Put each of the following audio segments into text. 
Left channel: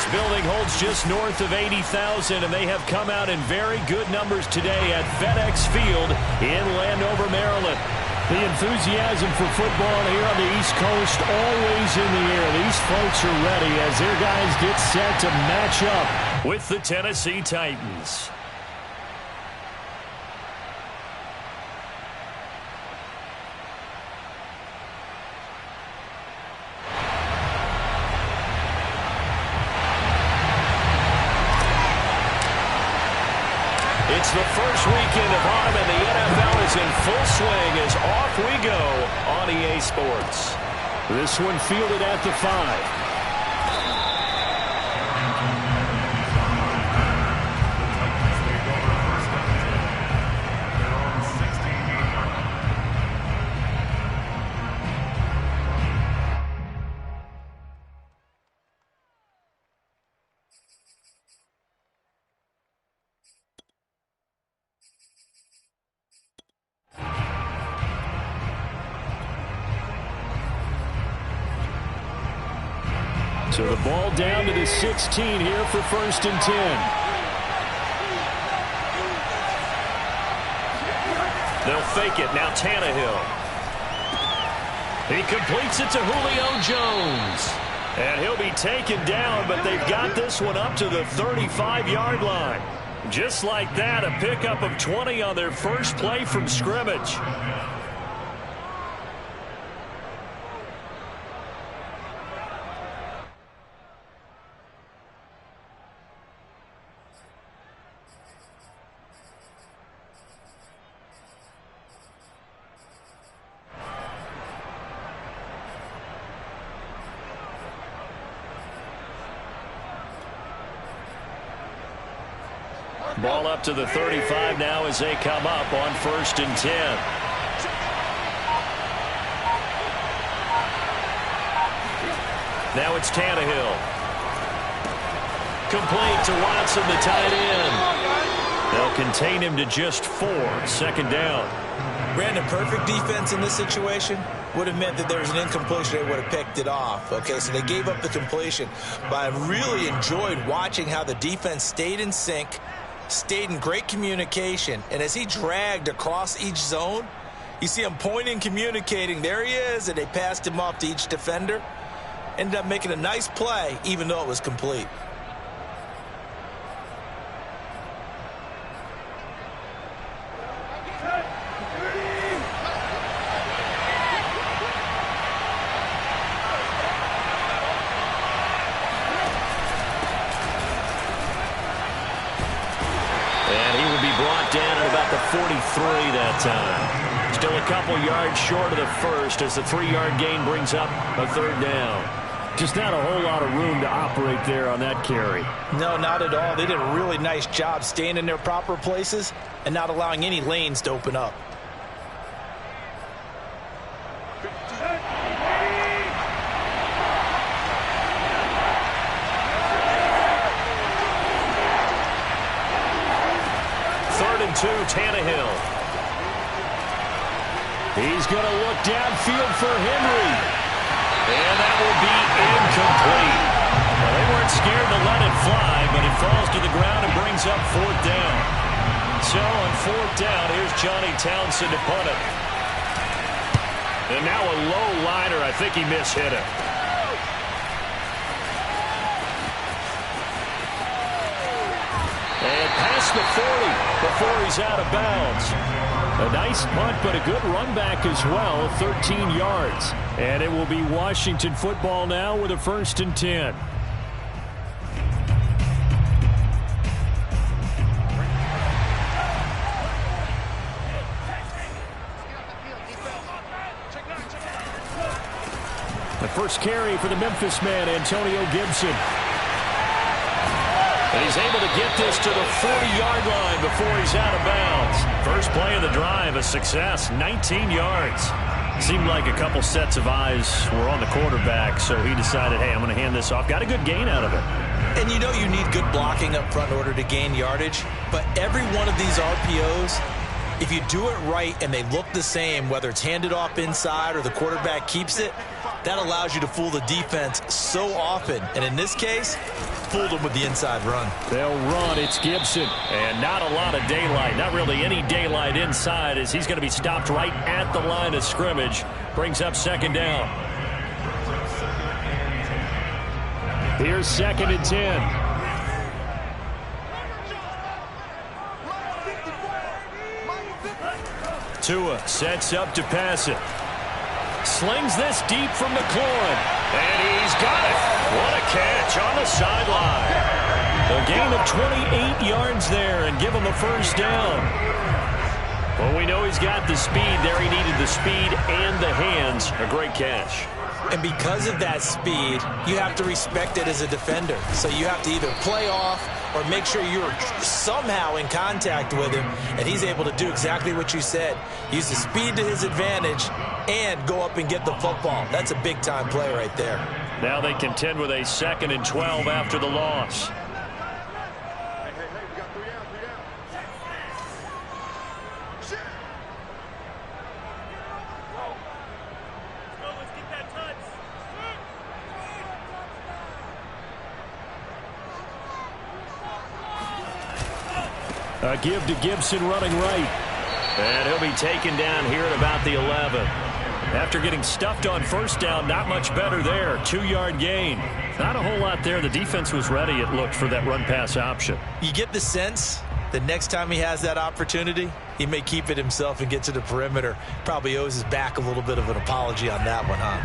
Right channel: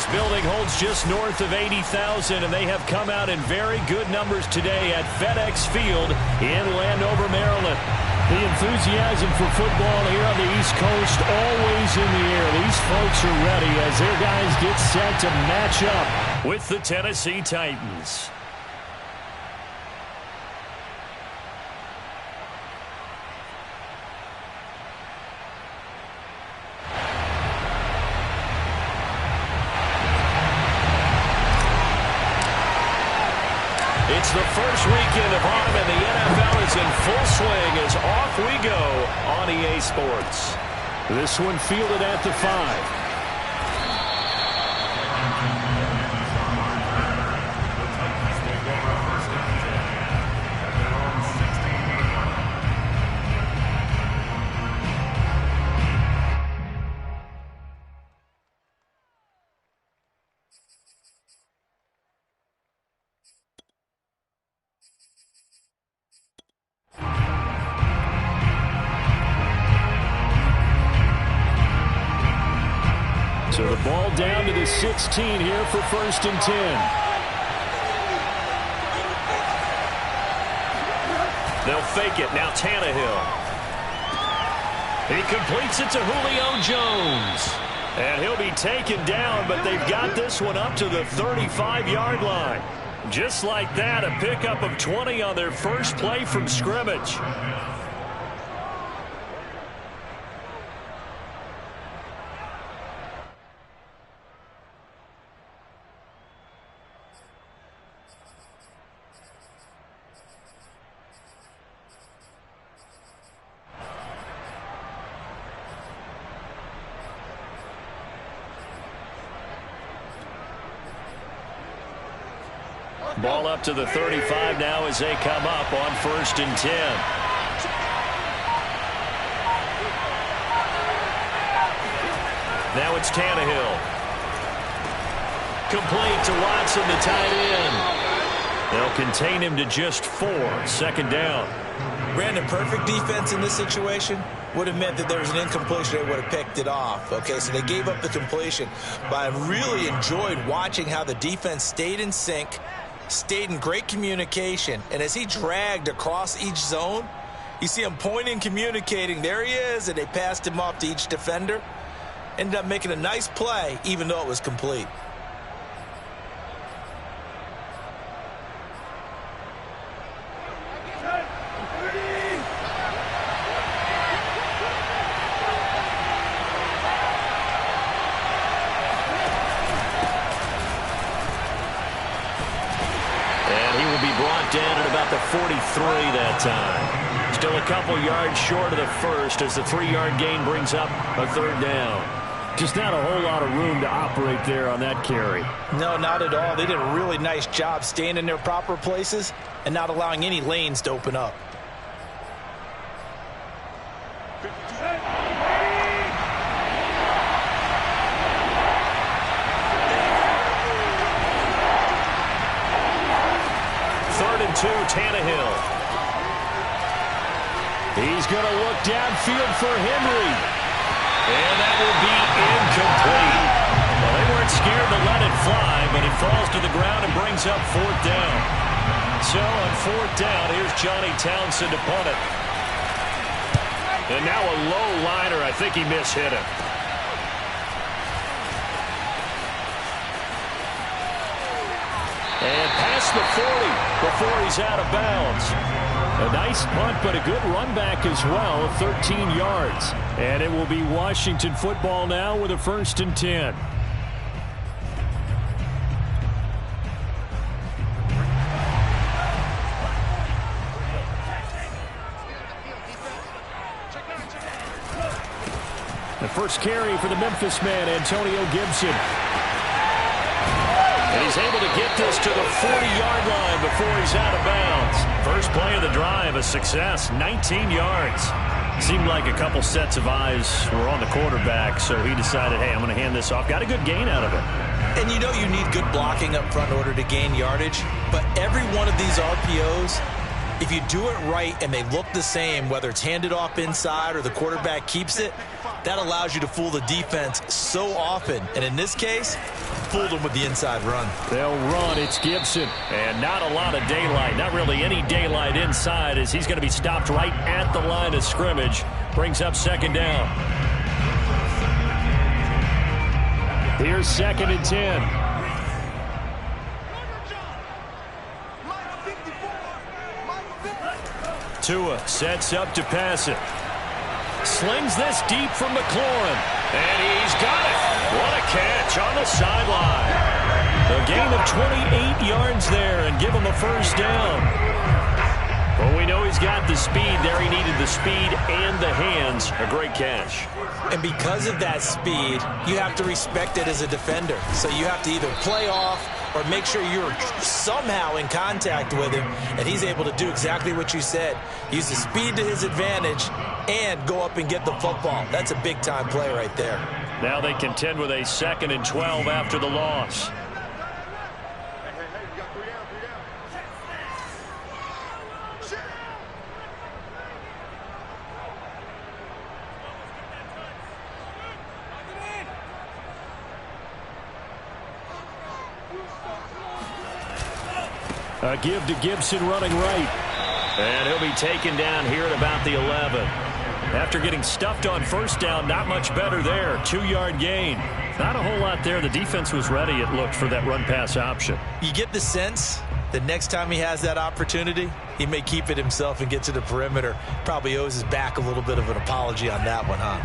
This building holds just north of 80,000, and they have come out in very good numbers today at FedEx Field in Landover, Maryland. The enthusiasm for football here on the East Coast always in the air. These folks are ready as their guys get set to match up with the Tennessee Titans. It's the first weekend of autumn, and the NFL is in full swing as off we go on EA Sports. This one fielded at the 5. So the ball down to the 16 here for 1st and 10. They'll fake it. Now Tannehill. He completes it to Julio Jones. And he'll be taken down, but they've got this one up to the 35-yard line. Just like that, a pickup of 20 on their first play from scrimmage. Ball up to the 35 now as they come up on 1st and 10. Now it's Tannehill. Complete to Watson, the tight end. They'll contain him to just 4. 2nd down. Brandon, perfect defense in this situation would have meant that there was an incompletion. They would have picked it off. Okay, so they gave up the completion. But I really enjoyed watching how the defense stayed in sync, stayed in great communication, and as he dragged across each zone, you see him pointing, communicating. There he is, and they passed him off to each defender. Ended up making a nice play, even though it was complete. Down at about the 43 that time. Still a couple yards short of the first as the 3-yard gain brings up a 3rd down. Just not a whole lot of room to operate there on that carry. No, not at all. They did a really nice job staying in their proper places and not allowing any lanes to open up. Tannehill. He's going to look downfield for Henry. And that will be incomplete. Well, they weren't scared to let it fly, but it falls to the ground and brings up 4th down. So on 4th down, here's Johnny Townsend to punt it. And now a low liner. I think he mishit it. And past the 40 before he's out of bounds. A nice punt, but a good run back as well, 13 yards. And it will be Washington football now with a 1st and 10. The first carry for the Memphis man, Antonio Gibson. And he's able to get this to the 40-yard line before he's out of bounds. First play of the drive, a success, 19 yards. Seemed like a couple sets of eyes were on the quarterback, so he decided, hey, I'm going to hand this off. Got a good gain out of it. And you know you need good blocking up front in order to gain yardage, but every one of these RPOs, if you do it right and they look the same, whether it's handed off inside or the quarterback keeps it, That allows you to fool the defense so often. And in this case, fooled them with the inside run. They'll run. It's Gibson. And not a lot of daylight. Not really any daylight inside as he's going to be stopped right at the line of scrimmage. Brings up second down. Here's 2nd and 10. Tua sets up to pass it. Slings this deep from McLaurin. And he's got it. What a catch on the sideline. A gain of 28 yards there and give him a first down. Well, we know he's got the speed there. He needed the speed and the hands. A great catch. And because of that speed, you have to respect it as a defender. So you have to either play off or make sure you're somehow in contact with him, and he's able to do exactly what you said. Use the speed to his advantage and go up and get the football. That's a big-time play right there. Now they contend with a 2nd and 12 after the loss. Hey, we got 3 down, 3 down. Shit. Let's get that touch. A give to Gibson running right. And he'll be taken down here at about the 11. After getting stuffed on first down, not much better there. 2-yard gain. Not a whole lot there. The defense was ready, it looked, for that run-pass option. You get the sense that next time he has that opportunity, he may keep it himself and get to the perimeter. Probably owes his back a little bit of an apology on that one, huh?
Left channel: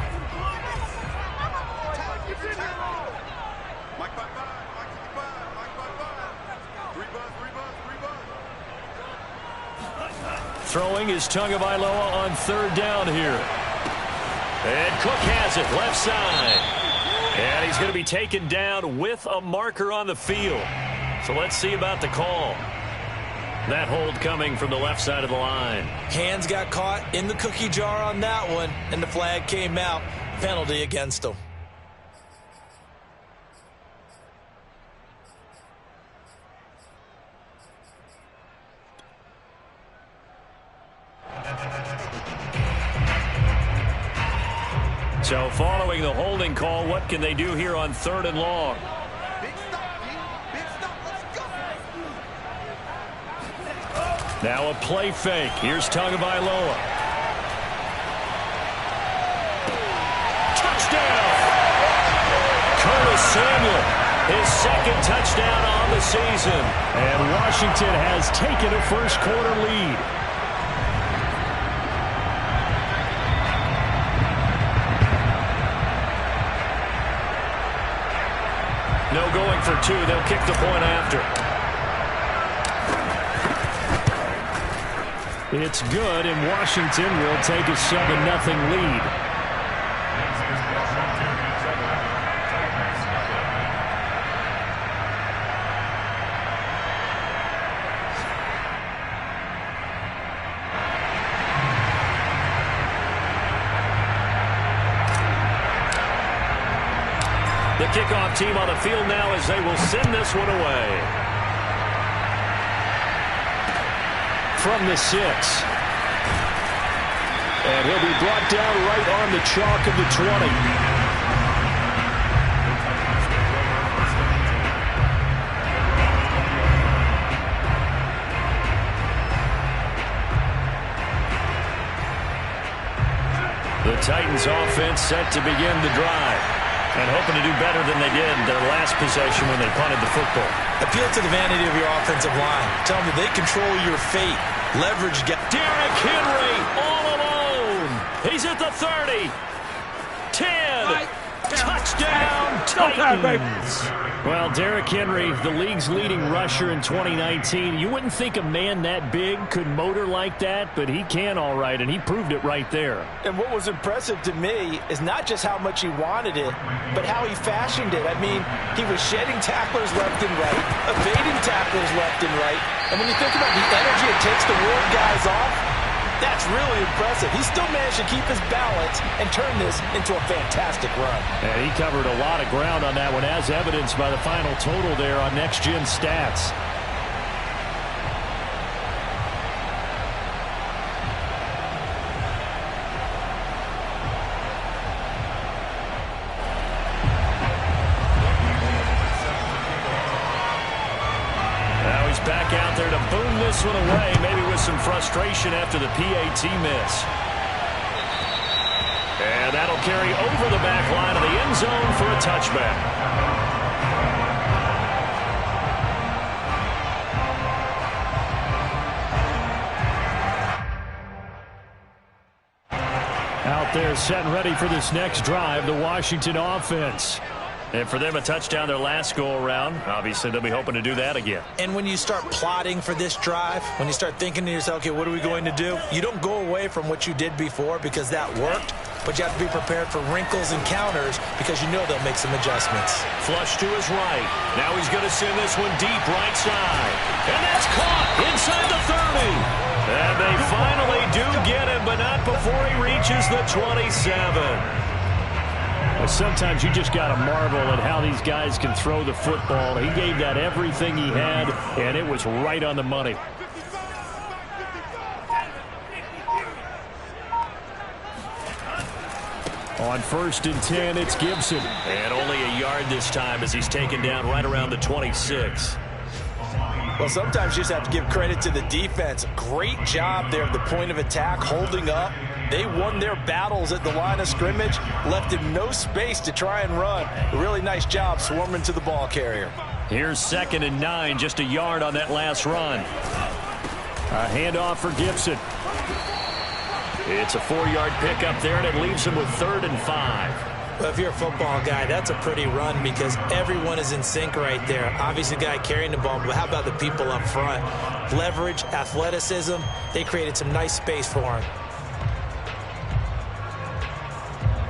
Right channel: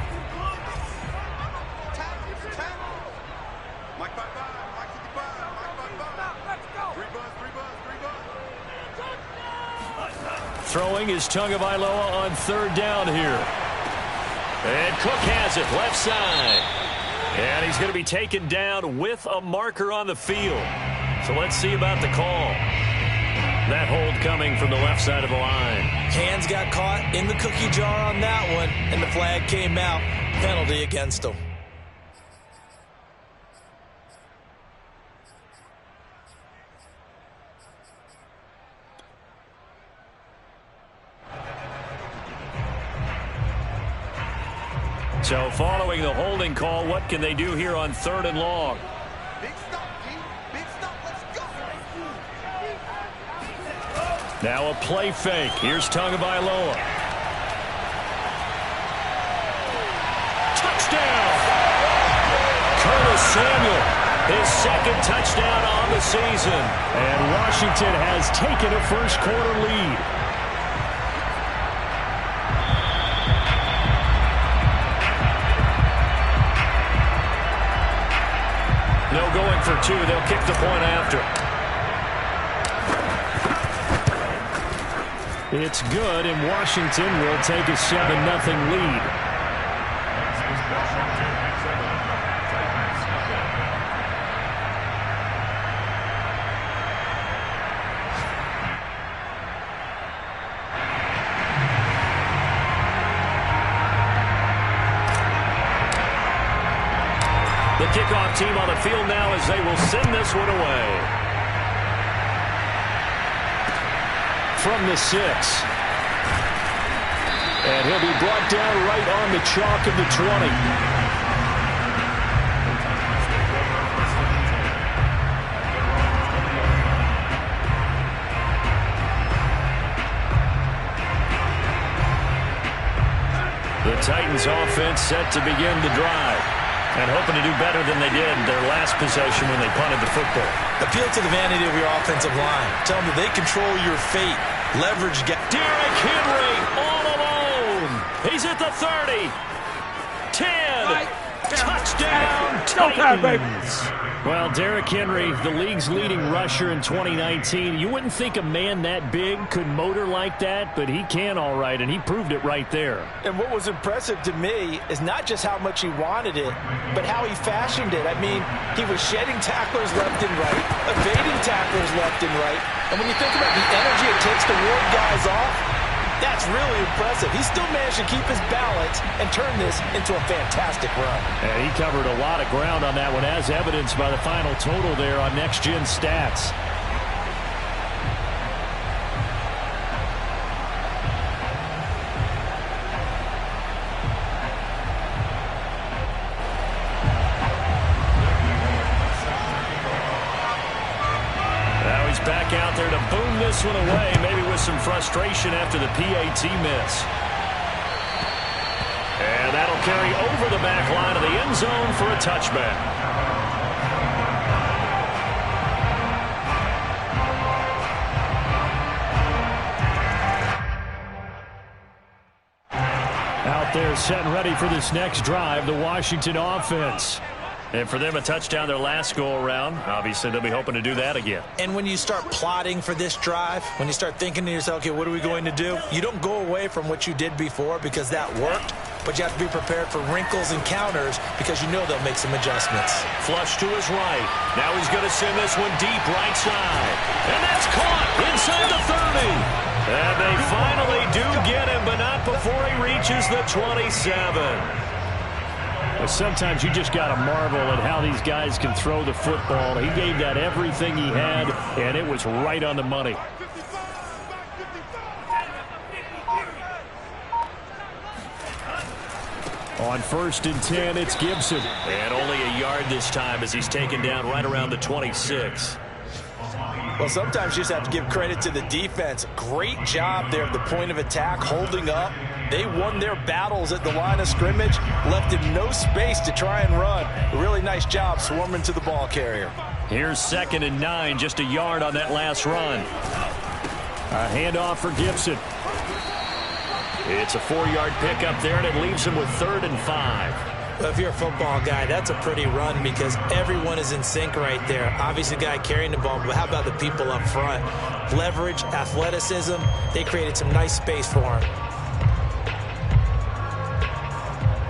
Mike 55, Mike 55, Mike 55. 3 buzz, 3 buzz, 3 buzz. Throwing is Tagovailoa on 3rd down here. And Cook has it, left side. And he's going to be taken down with a marker on the field. So let's see about the call. That hold coming from the left side of the line. Hands got caught in the cookie jar on that one, and the flag came out. Penalty against him. So following the holding call, what can they do here on 3rd and long? Big stop, D. Big stop. Let's go. Now a play fake. Here's Tagovailoa. Touchdown! Curtis Samuel, his 2nd touchdown on the season. And Washington has taken a first-quarter lead. No going for 2. They'll kick the point after. It's good, and Washington will take a 7-0 lead. The kickoff team on the field now as they will send this one away. From the 6. And he'll be brought down right on the chalk of the 20. The Titans offense set to begin the drive. And hoping to do better than they did their last possession when they punted the football. Appeal to the vanity of your offensive line. Tell them that they control your fate. Leverage. Derrick Henry all alone. He's at the 30. 10. Touchdown, Titans. Well, Derrick Henry, the league's leading rusher in 2019. You wouldn't think a man that big could motor like that, but he can all right, and he proved it right there. And what was impressive to me is not just how much he wanted it, but how he fashioned it. I mean, he was shedding tacklers left and right, evading tacklers left and right. And when you think about the energy it takes to ward guys off, that's really impressive. He still managed to keep his balance and turn this into a fantastic run. And he covered a lot of ground on that one, as evidenced by the final total there on Next Gen Stats. back out there to boom this one away, maybe with some frustration after the PAT miss. And that'll carry over the back line of the end zone for a touchback. Out there set and ready for this next drive, the Washington offense. And for them, a touchdown their last go-around. Obviously, they'll be hoping to do that again. And when you start plotting for this drive, when you start thinking to yourself, okay, what are we going to do? You don't go away from what you did before because that worked, but you have to be prepared for wrinkles and counters because you know they'll make some adjustments. Flush to his right. Now he's going to send this one deep right side. And that's caught inside the 30. And they finally do get him, but not before he reaches the 27. Well, sometimes you just got to marvel at how these guys can throw the football. He gave that everything he had, and it was right on the money. On 1st and 10, it's Gibson. And only a yard this time as he's taken down right around the 26. Well, sometimes you just have to give credit to the defense. Great job there at the point of attack, holding up. They won their battles at the line of scrimmage, left him no space to try and run. A really nice job swarming to the ball carrier. Here's 2nd and 9, just a yard on that last run. A handoff for Gibson. It's a 4-yard pickup there, and it leaves him with 3rd and 5. Well, if you're a football guy, that's a pretty run because everyone is in sync right there. Obviously, the guy carrying the ball, but how about the people up front? Leverage, athleticism, they created some nice space for him.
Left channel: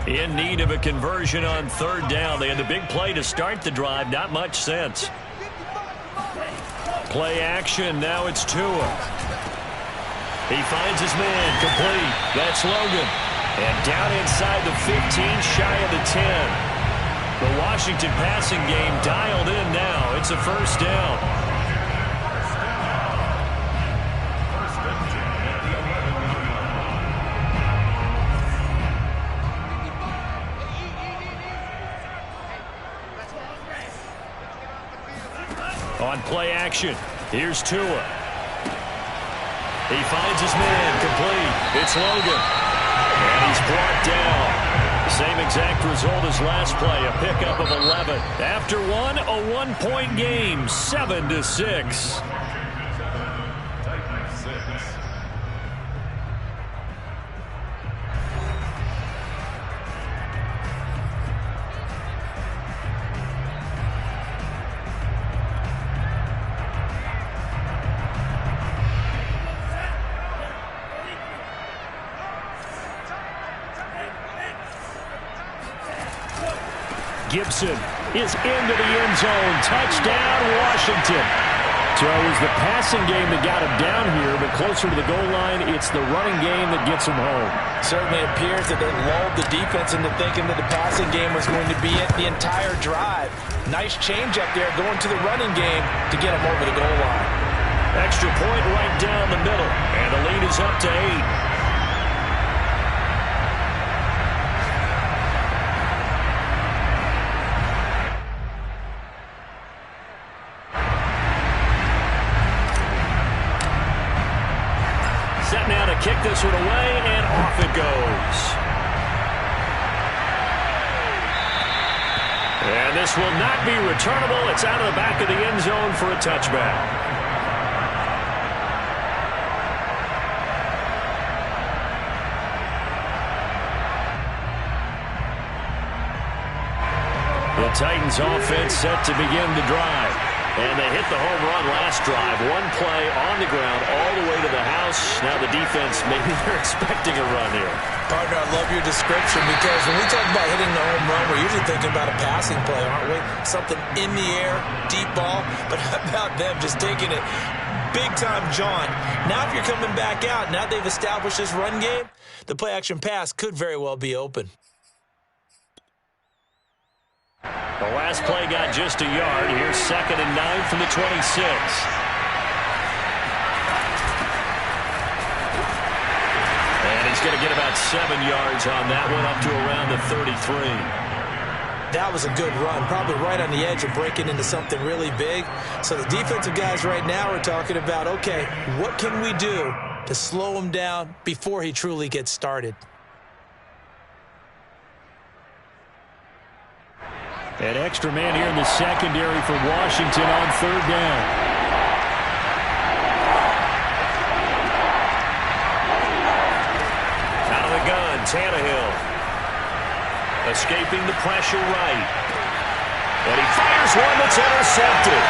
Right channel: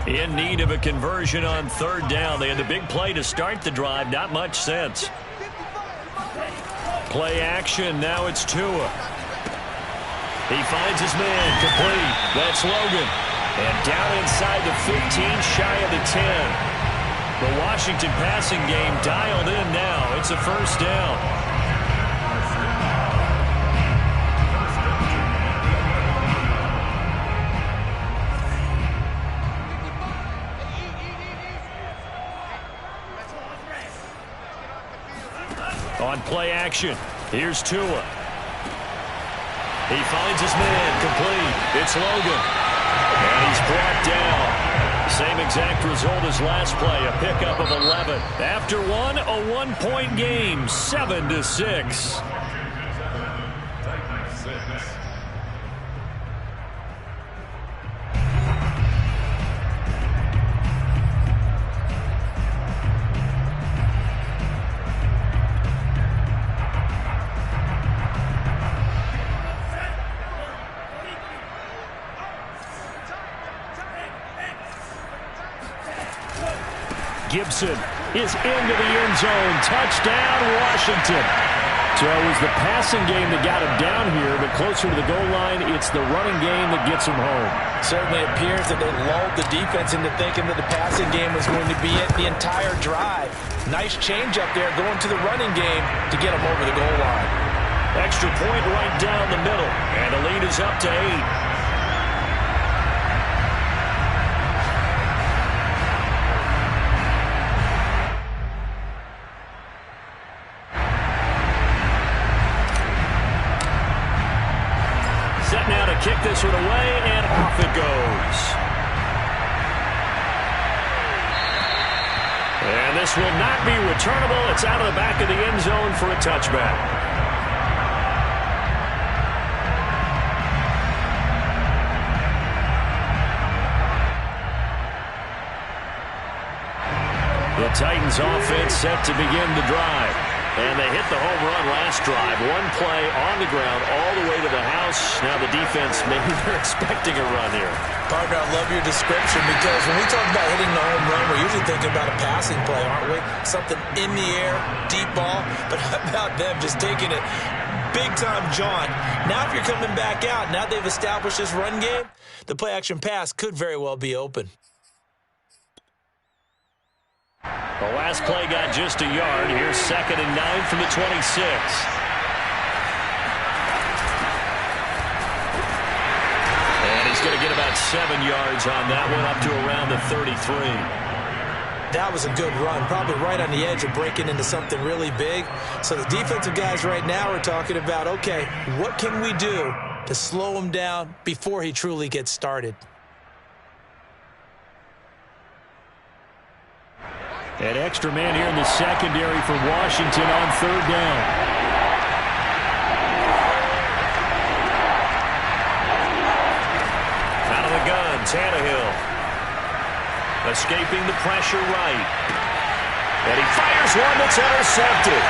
In need of a conversion on 3rd down. They had the big play to start the drive. Not much sense. Play action. Now it's Tua. He finds his man. Complete. That's Logan. And down inside the 15, shy of the 10. The Washington passing game dialed in now. It's a 1st down. On play action, here's Tua. He finds his man. Complete. It's Logan. And he's brought down. Same exact result as last play, a pickup of 11. After one, a 1-point game, 7-6. Gibson is into the end zone. Touchdown, Washington. So it was the passing game that got him down here, but closer to the goal line, it's the running game that gets him home. Certainly appears that they lulled the defense into thinking that the passing game was going to be it the entire drive. Nice change up there going to the running game to get him over the goal line. Extra point right down the middle, and the lead is up to 8. Now to kick this one away, and off it goes. And this will not be returnable. It's out of the back of the end zone for a touchback. The Titans offense set to begin the drive. And they hit the home run last drive. One play on the ground all the way to the house. Now the defense, maybe they're expecting a run here. Partner, I love your description because when we talk about hitting the home run, we're usually thinking about a passing play, aren't we? Something in the air, deep ball. But how about them just taking it big-time jaunt? Now if you're coming back out, now they've established this run game, the play-action pass could very well be open. The last play got just a yard. Here's 2nd and 9 from the 26. And he's going to get about 7 yards on that one, up to around the 33. That was a good run, probably right on the edge of breaking into something really big. So the defensive guys right now are talking about, okay, what can we do to slow him down before he truly gets started? An extra man here in the secondary for Washington on third down. Out of the gun, Tannehill. Escaping the pressure right. And he fires one that's intercepted.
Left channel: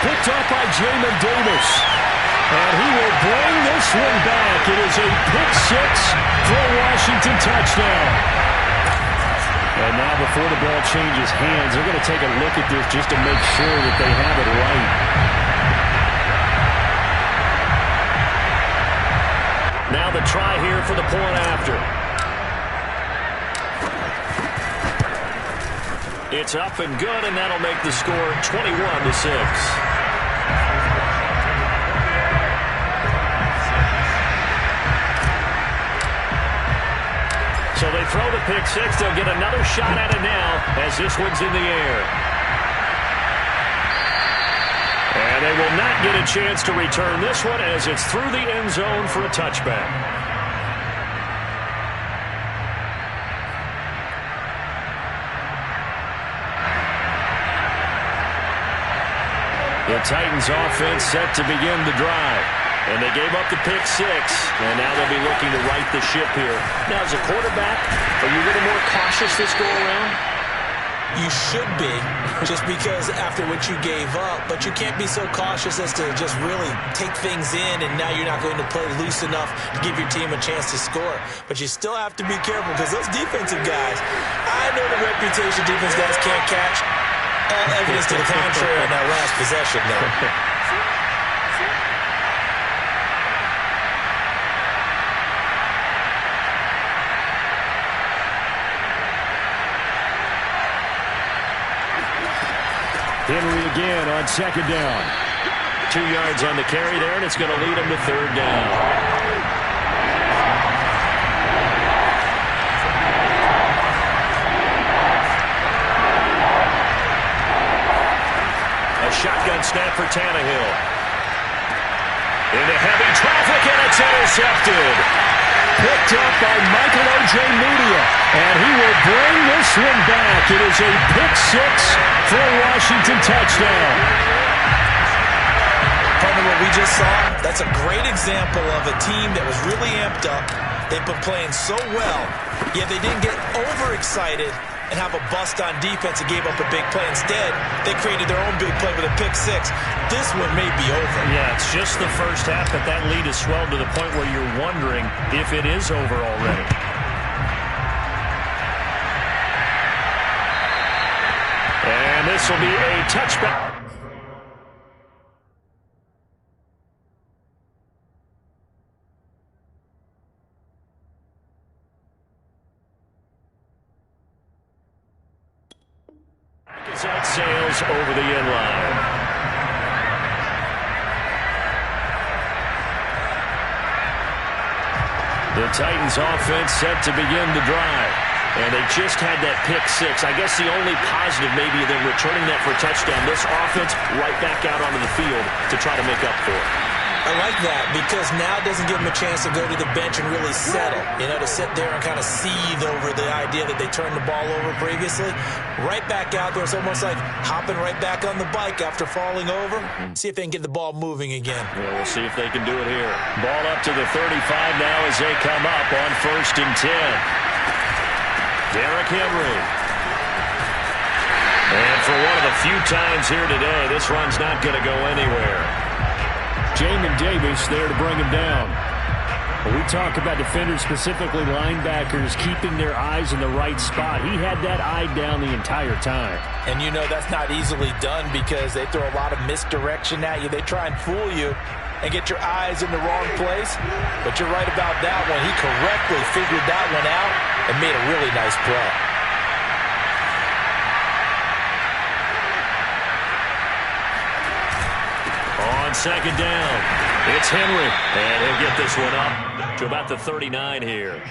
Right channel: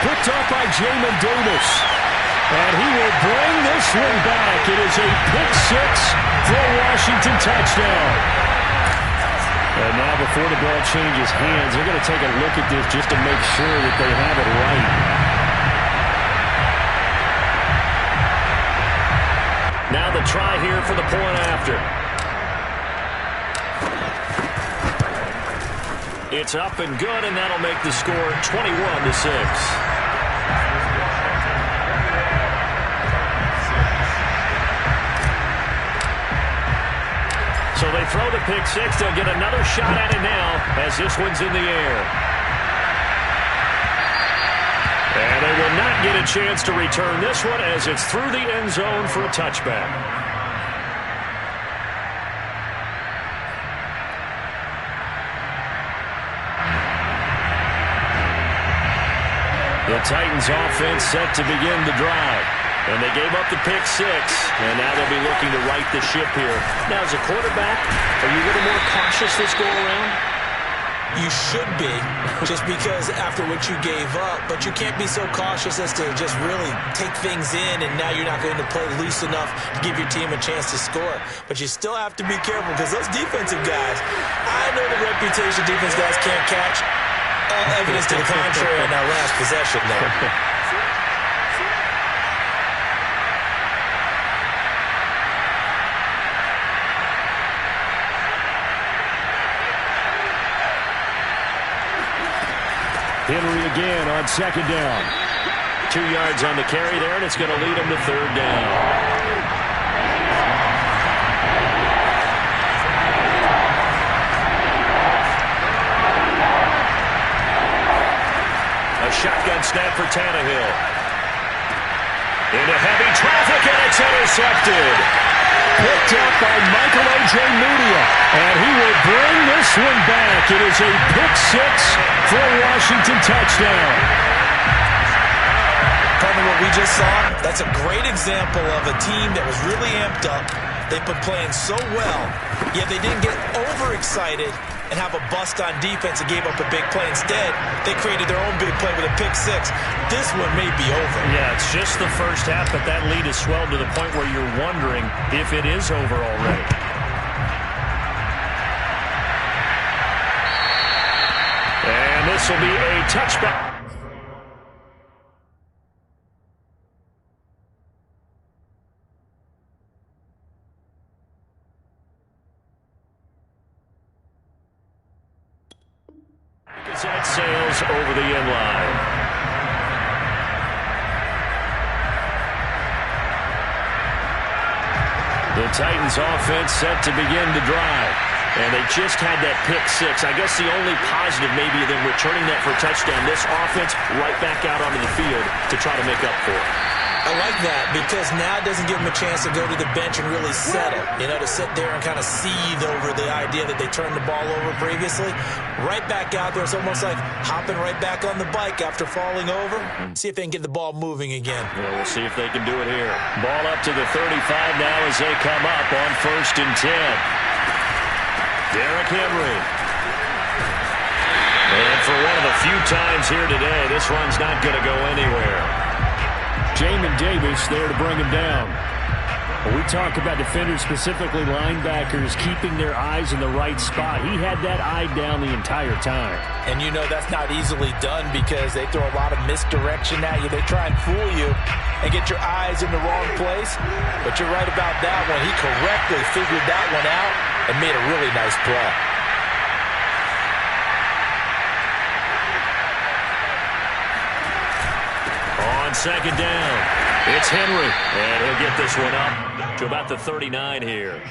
Picked up by Jamin Davis. And he will bring this one back. It is a pick six for a Washington touchdown. And now before the ball changes hands, they're going to take a look at this just to make sure that they have it right. Now the try here for the point after. It's up and good, and that'll make the score 21-6. So they throw the pick six. They'll get another shot at it now as this one's in the air. And they will not get a chance to return this one as it's through the end zone for a touchback. The Titans offense set to begin the drive. And they gave up the pick six, and now they'll be looking to right the ship here. Now, as a quarterback, are you a little more cautious this go-around? You should be, just because after what you gave up, but you can't be so cautious as to just really take things in, and now you're not going to play loose enough to give your team a chance to score. But you still have to be careful, because those defensive guys, I know the reputation defense guys can't catch. All evidence to the contrary on that last possession, though. Henry again on second down. 2 yards on the carry there, and it's going to lead him to third down. A shotgun snap for Tannehill. Into heavy traffic, and it's intercepted. Picked up by Michael Ojemudia, and he will bring this one back. It is a pick six for a Washington touchdown. Partner, what we just saw, that's a great example of a team that was really amped up. They've been playing so well, yet they didn't get overexcited and have a bust on defense and gave up a big play. Instead, they created their own big play with a pick six. This one may be over. Yeah, it's just the first half, but that lead has swelled to the point where you're wondering if it is over already. And this will be a touchback. That sails over the end line. The Titans offense set to begin the drive. And they just had that pick six. I guess the only positive maybe of them returning that for a touchdown. This offense right back out onto the field to try to make up for it. I like that because now it doesn't give them a chance to go to the bench and really settle, to sit there and kind of seethe over the idea that they turned the ball over previously. Right back out there. It's almost like hopping right back on the bike after falling over. See if they can get the ball moving again. Yeah, we'll see if they can do it here. Ball up to the 35 now as they come up on 1st and 10. Derrick Henry. And for one of the few times here today, this run's not going to go anywhere. Jamin Davis there to bring him down. When we talk about defenders, specifically linebackers, keeping their eyes in the right spot, he had that eye down the entire time. And that's not easily done because they throw a lot of misdirection at you. They try and fool you and get your eyes in the wrong place. But you're right about that one. He correctly figured that one out and made a really nice play. On second down, It's Henry, and he'll get this one up to about the 39 here.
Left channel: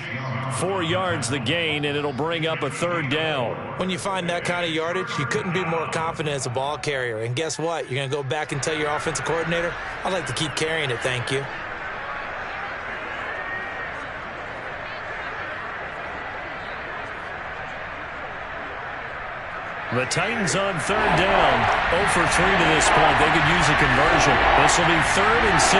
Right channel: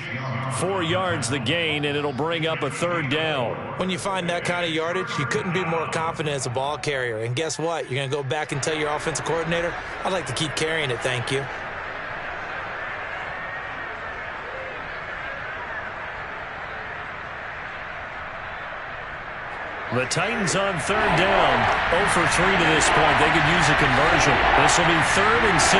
4 yards the gain, and it'll bring up a third down. When you find that kind of yardage, you couldn't be more confident as a ball carrier. And guess what? You're going to go back and tell your offensive coordinator, I'd like to keep carrying it, thank you. The Titans on third down. 0 for 3 to this point. They could use a conversion. This will be 3rd and 6.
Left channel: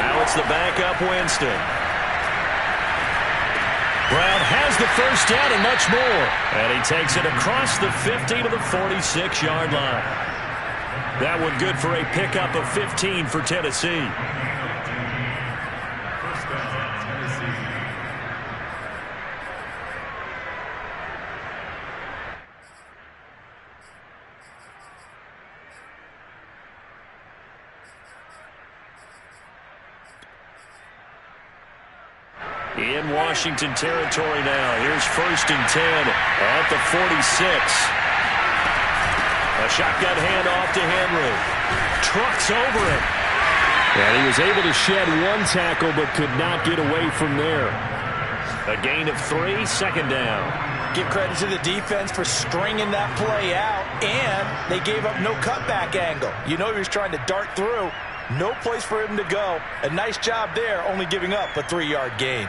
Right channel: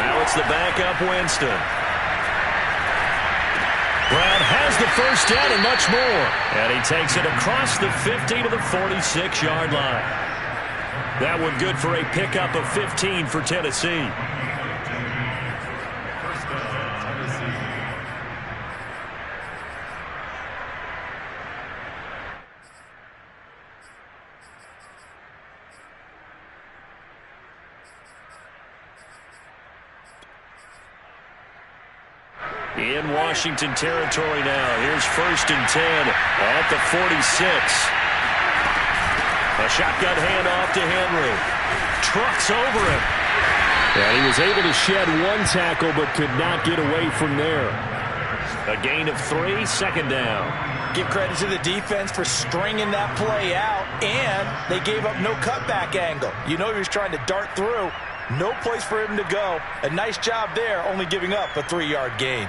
Now it's the backup Winston. Brown has the first down and much more. And he takes it across the 50 to the 46-yard line. That one good for a pickup of 15 for Tennessee. In Washington territory now. Here's 1st and 10 at the 46. A shotgun handoff to Henry. Trucks over him. And he was able to shed 1 tackle but could not get away from there. A gain of 3, 2nd down. Give credit to the defense for stringing that play out, and they gave up no cutback angle. You know he was trying to dart through. No place for him to go. A nice job there, only giving up a 3-yard gain.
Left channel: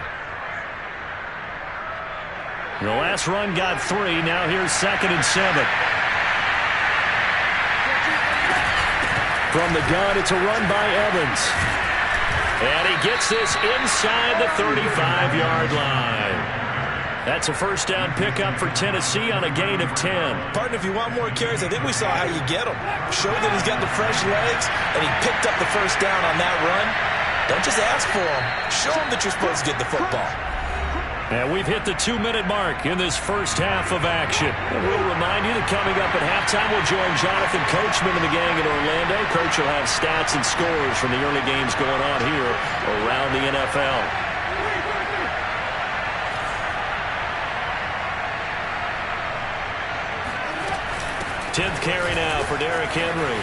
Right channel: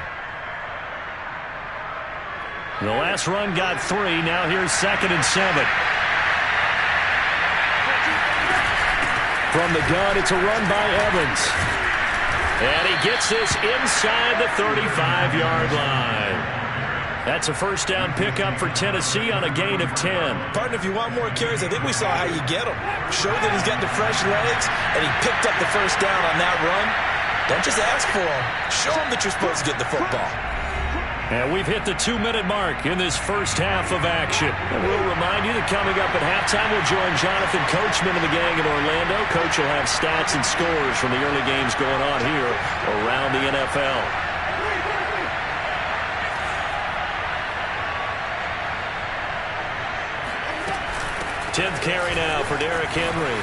The last run got 3. Now here's 2nd and 7. From the gun, it's a run by Evans. And he gets this inside the 35-yard line. That's a first down pickup for Tennessee on a gain of 10. Partner, if you want more carries, I think we saw how you get them. Show that he's got the fresh legs, and he picked up the first down on that run. Don't just ask for him. Show him that you're supposed to get the football. And we've hit the 2-minute mark in this first half of action. And we'll remind you that coming up at halftime, we'll join Jonathan Coachman and the gang in Orlando. Coach will have stats and scores from the early games going on here around the NFL. Tenth carry now for Derrick Henry.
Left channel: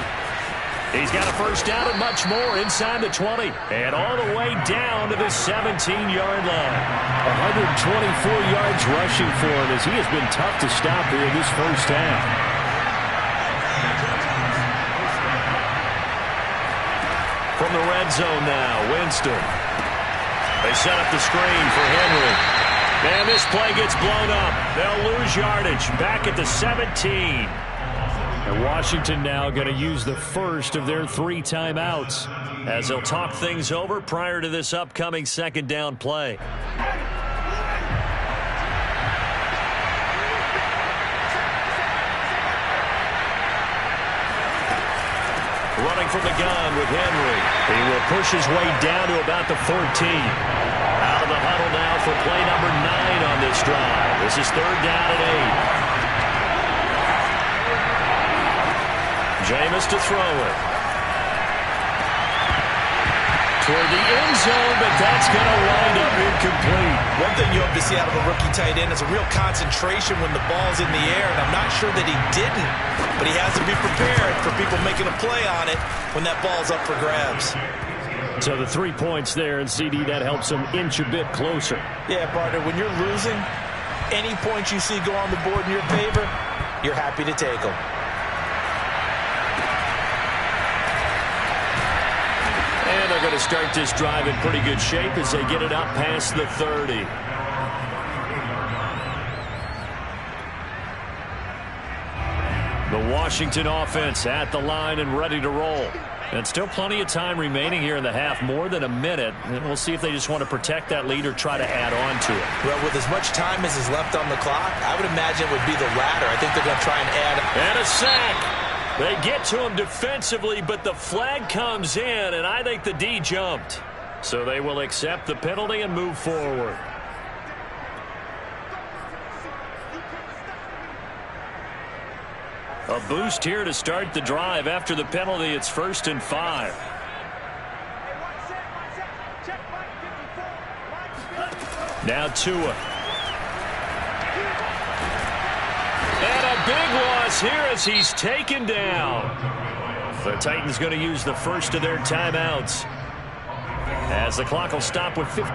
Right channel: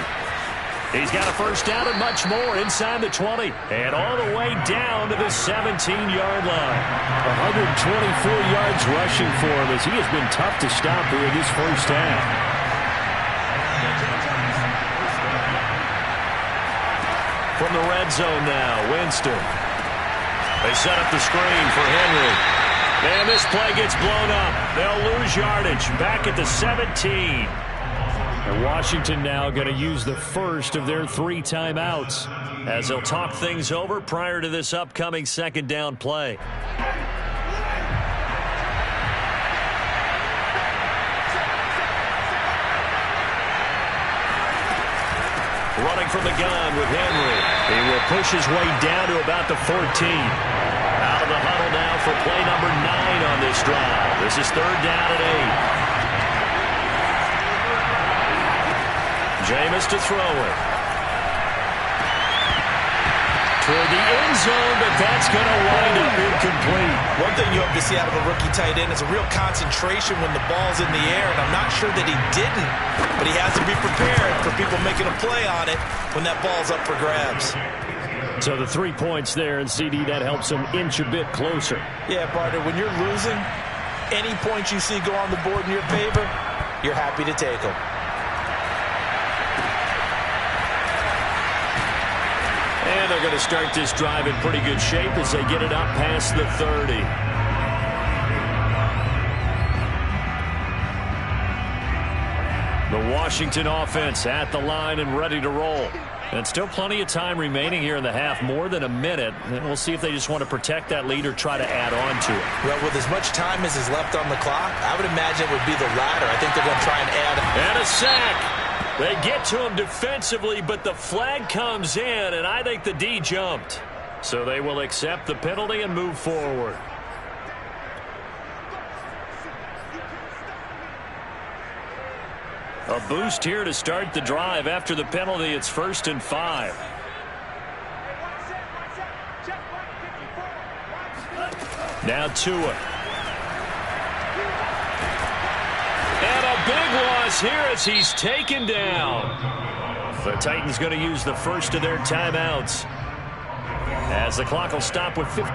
He's got a first down and much more inside the 20. And all the way down to the 17-yard line. 124 yards rushing for him as he has been tough to stop here in this first half. From the red zone now, Winston. They set up the screen for Henry. And this play gets blown up. They'll lose yardage back at the 17. And Washington now going to use the first of their 3 timeouts as they'll talk things over prior to this upcoming 2nd down play. Running from the gun with Henry. He will push his way down to about the 14. Out of the huddle now for play number 9 on this drive. This is 3rd down and 8. Jameis to throw it. Toward the end zone, but that's going to wind up incomplete. One thing you hope to see out of a rookie tight end is a real concentration when the ball's in the air, and I'm not sure that he didn't, but he has to be prepared for people making a play on it when that ball's up for grabs. So the 3 points there, and CD, that helps him inch a bit closer. Yeah, partner, when you're losing, any points you see go on the board in your favor, you're happy to take them. And they're going to start this drive in pretty good shape as they get it up past the 30. The Washington offense at the line and ready to roll. And still plenty of time remaining here in the half, more than a minute. And we'll see if they just want to protect that lead or try to add on to it. Well, with as much time as is left on the clock, I would imagine it would be the latter. I think they're going to try and add. And a sack. They get to him defensively, but the flag comes in, and I think the D jumped. So they will accept the penalty and move forward. A boost here to start the drive. After the penalty, it's 1st and 5. Now Tua. And a big loss here as he's taken down. The Titans going to use the first of their timeouts as the clock will stop with 50.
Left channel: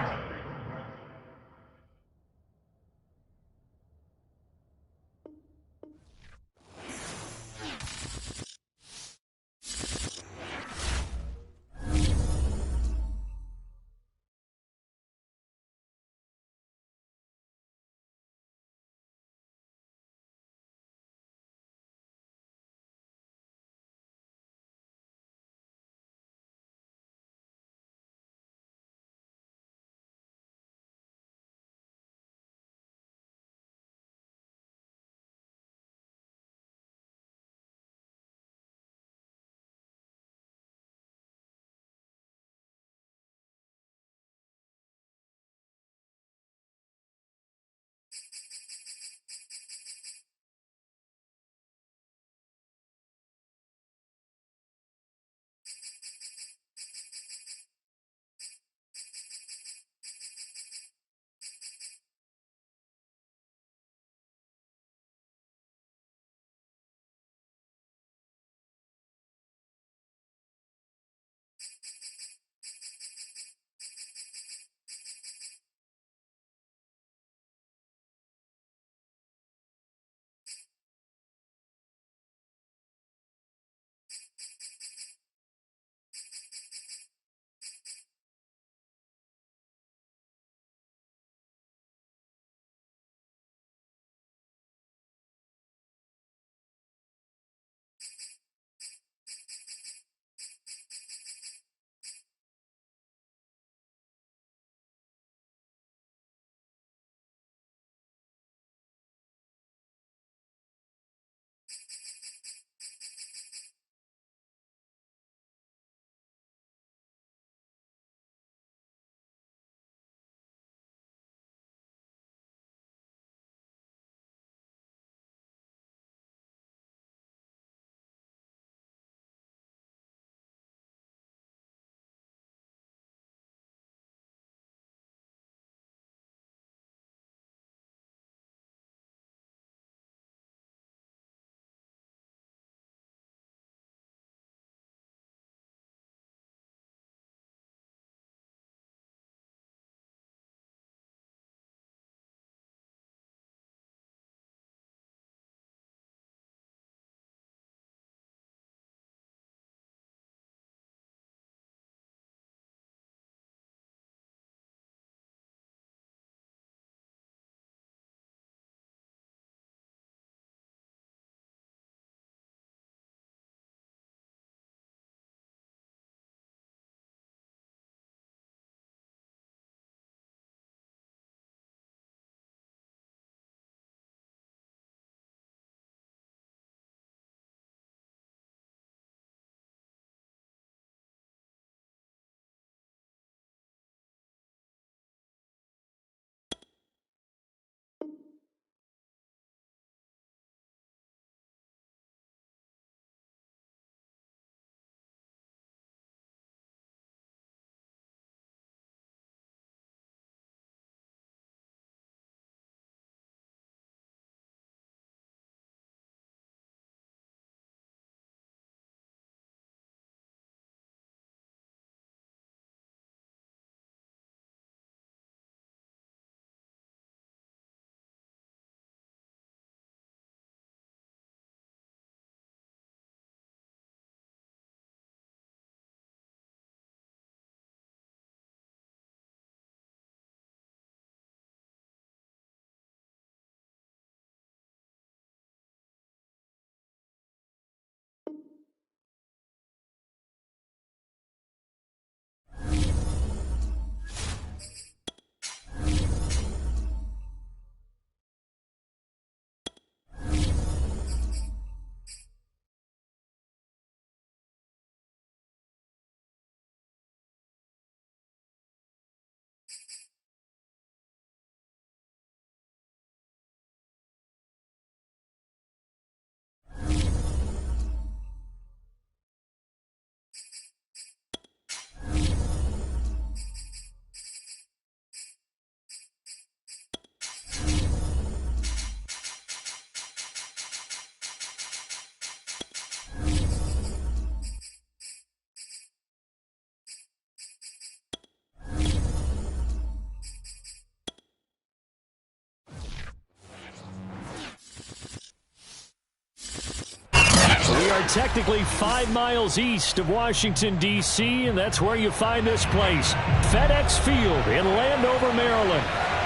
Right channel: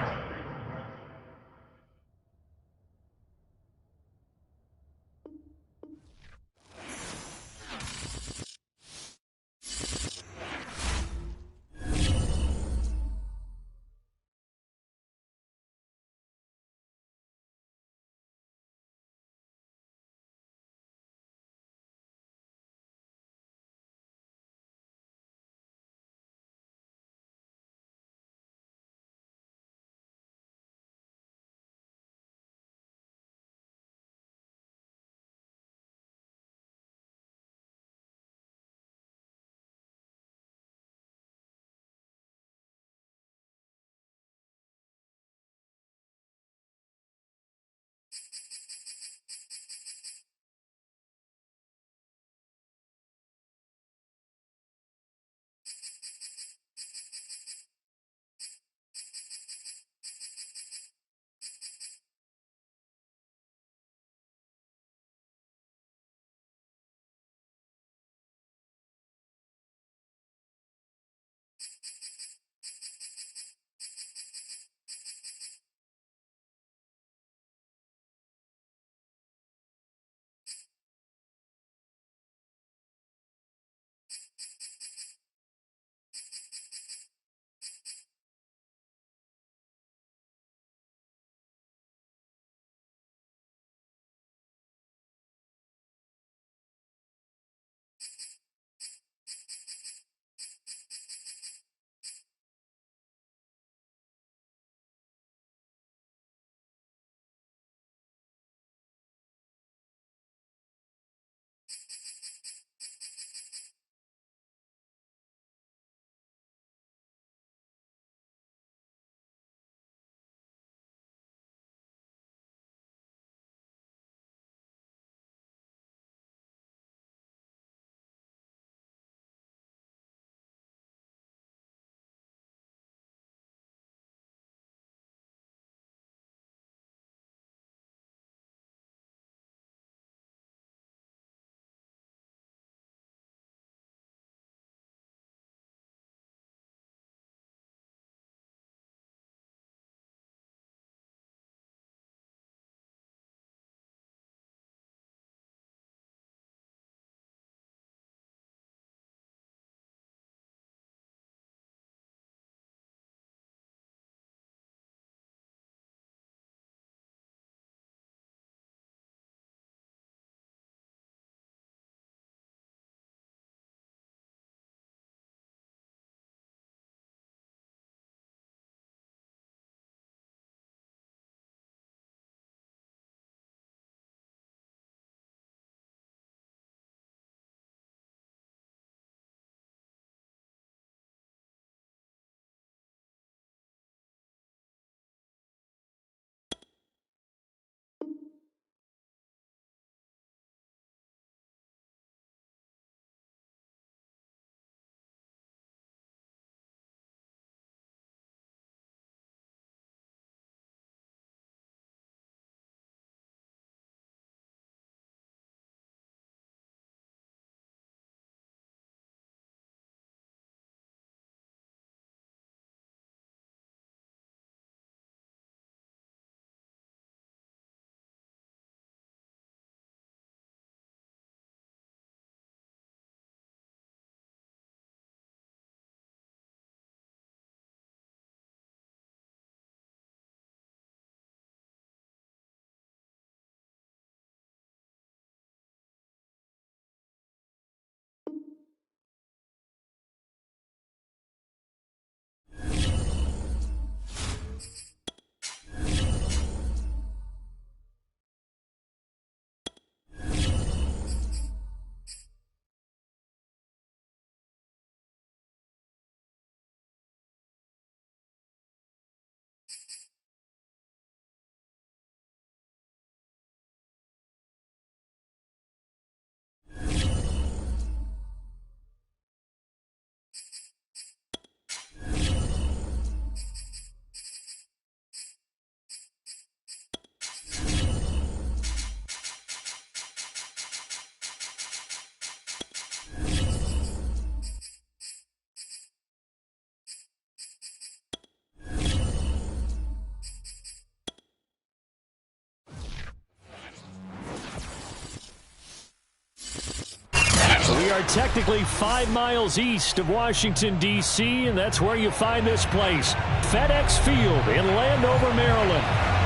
are technically 5 miles east of Washington, D.C., and that's where you find this place, FedEx Field in Landover, Maryland.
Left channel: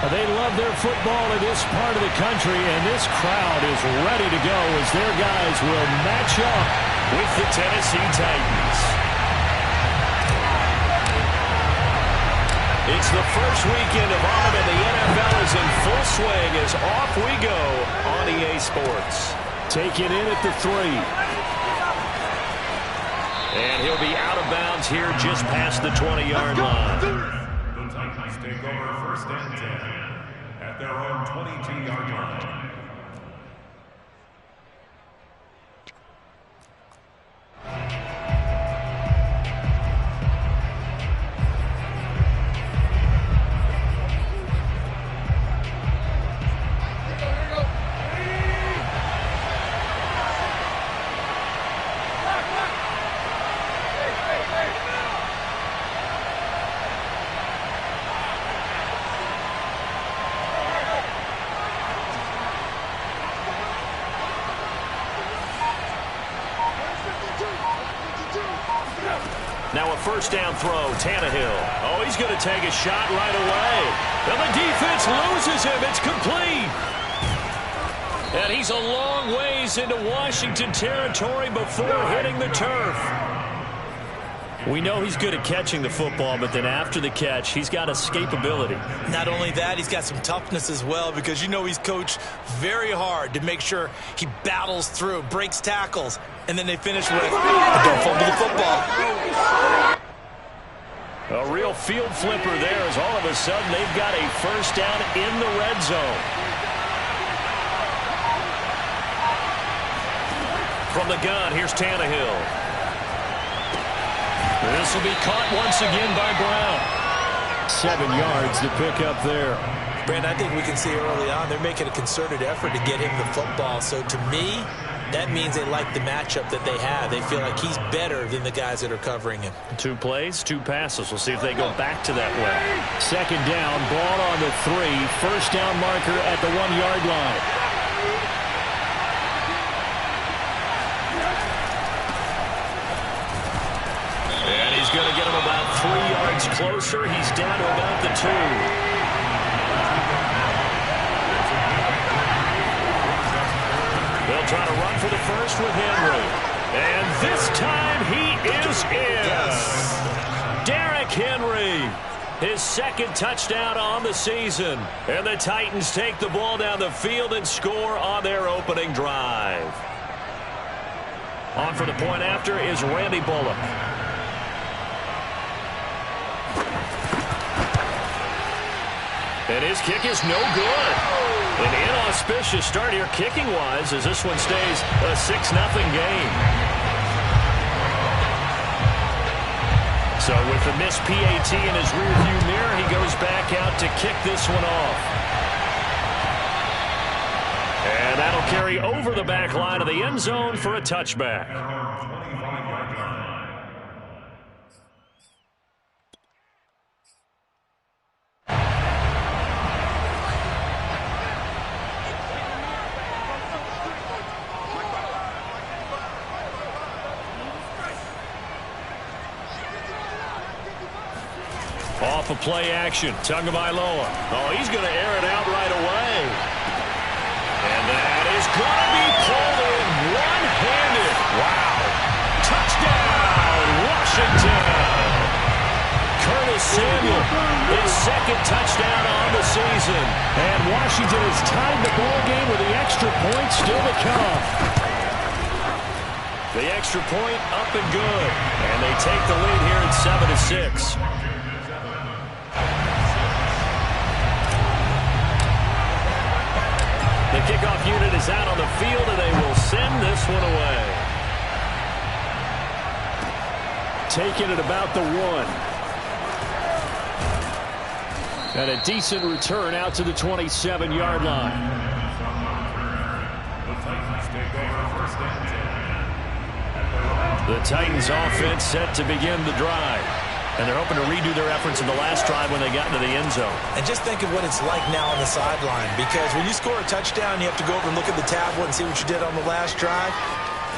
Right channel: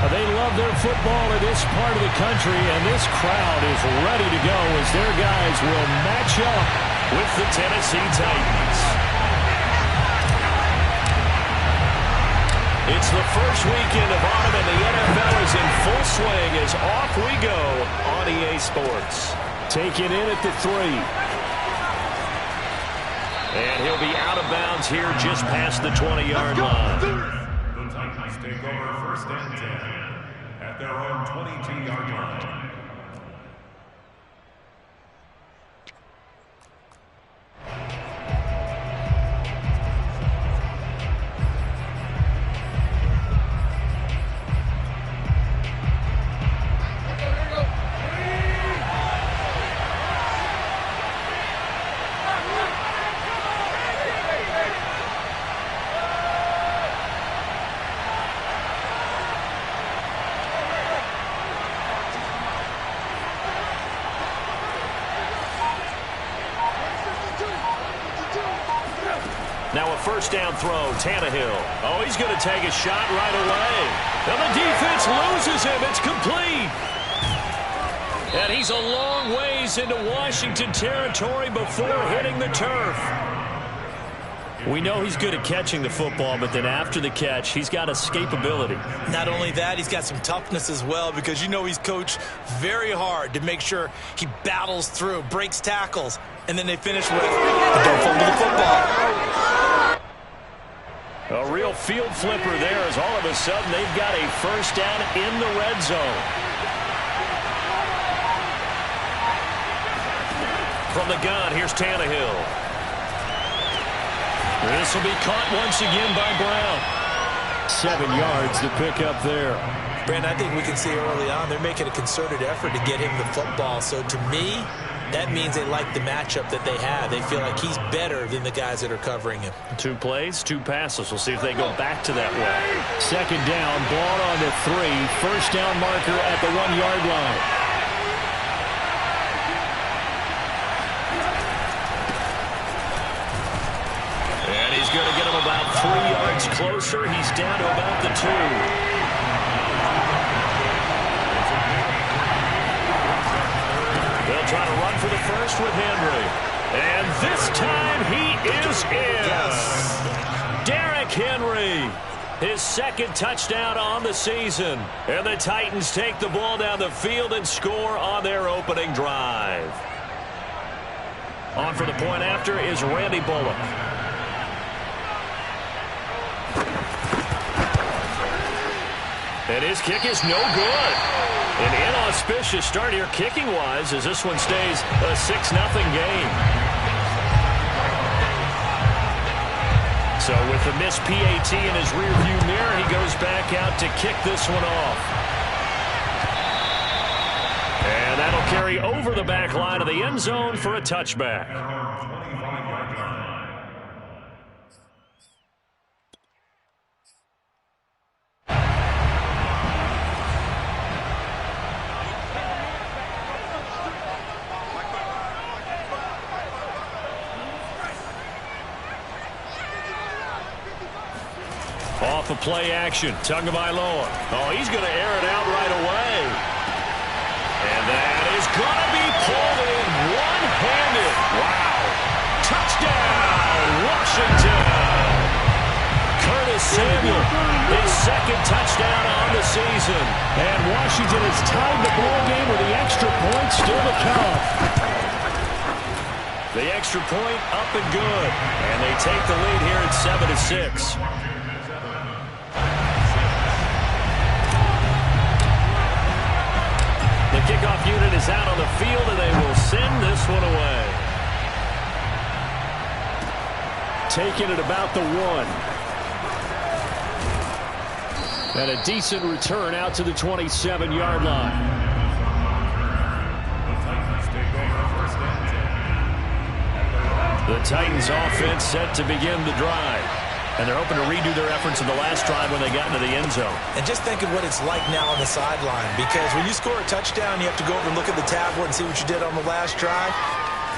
They love their football in this part of the country, and this crowd is ready to go as their guys will match up with the Tennessee Titans. It's the first weekend of autumn, and the NFL is in full swing as off we go on EA Sports. Taken in at the 3. And he'll be out of bounds here just past the 20-yard line. The Titans take over first and 10 at their own 22-yard line. Now a first down throw, Tannehill. Oh, he's going to take a shot right away. And the defense loses him. It's complete. And he's a long ways into Washington territory before hitting the turf. We know he's good at catching the football, but then after the catch, he's got escapability. Not only that, he's got some toughness as well, because you know he's coached very hard to make sure he battles through, breaks tackles, and then they finish with, don't fumble the football. A real field flipper there as all of a sudden they've got a first down in the red zone. From the gun, here's Tannehill. This will be caught once again by Brown. 7 yards to pick up there. Brandon, I think we can see early on they're making a concerted effort to get him the football. So to me, that means they like the matchup that they have. They feel like he's better than the guys that are covering him. 2 plays, 2 passes. We'll see if they go back to that well. Second down, ball on the 3. First down marker at the 1-yard line. And he's going to get him about 3 yards closer. He's down to about the 2. They'll try to run for the first with Henry. And this time he is in. Yes. Derrick Henry, his second touchdown on the season. And the Titans take the ball down the field and score on their opening drive. On for the point after is Randy Bullock. And his kick is no good. An inauspicious start here kicking-wise as this one stays a 6-0 game. So with the missed PAT in his rearview mirror, he goes back out to kick this one off. And that'll carry over the back line of the end zone for a touchback. Off of play action, Tagovailoa. Oh, he's going to air it out right away. And that is going to be pulled in one-handed. Wow. Touchdown, Washington. Curtis Samuel, his second touchdown on the season. And Washington has tied the ball game with the extra point still to come. The extra point up and good. And they take the lead here at 7-6. The kickoff unit is out on the field, and they will send this one away. Taken at about the 1. And a decent return out to the 27-yard line. The Titans offense set to begin the drive. And they're hoping to redo their efforts in the last drive when they got into the end zone. And just think of what it's like now on the sideline, because when you score a touchdown, you have to go over and look at the tablet and see what you did on the last drive.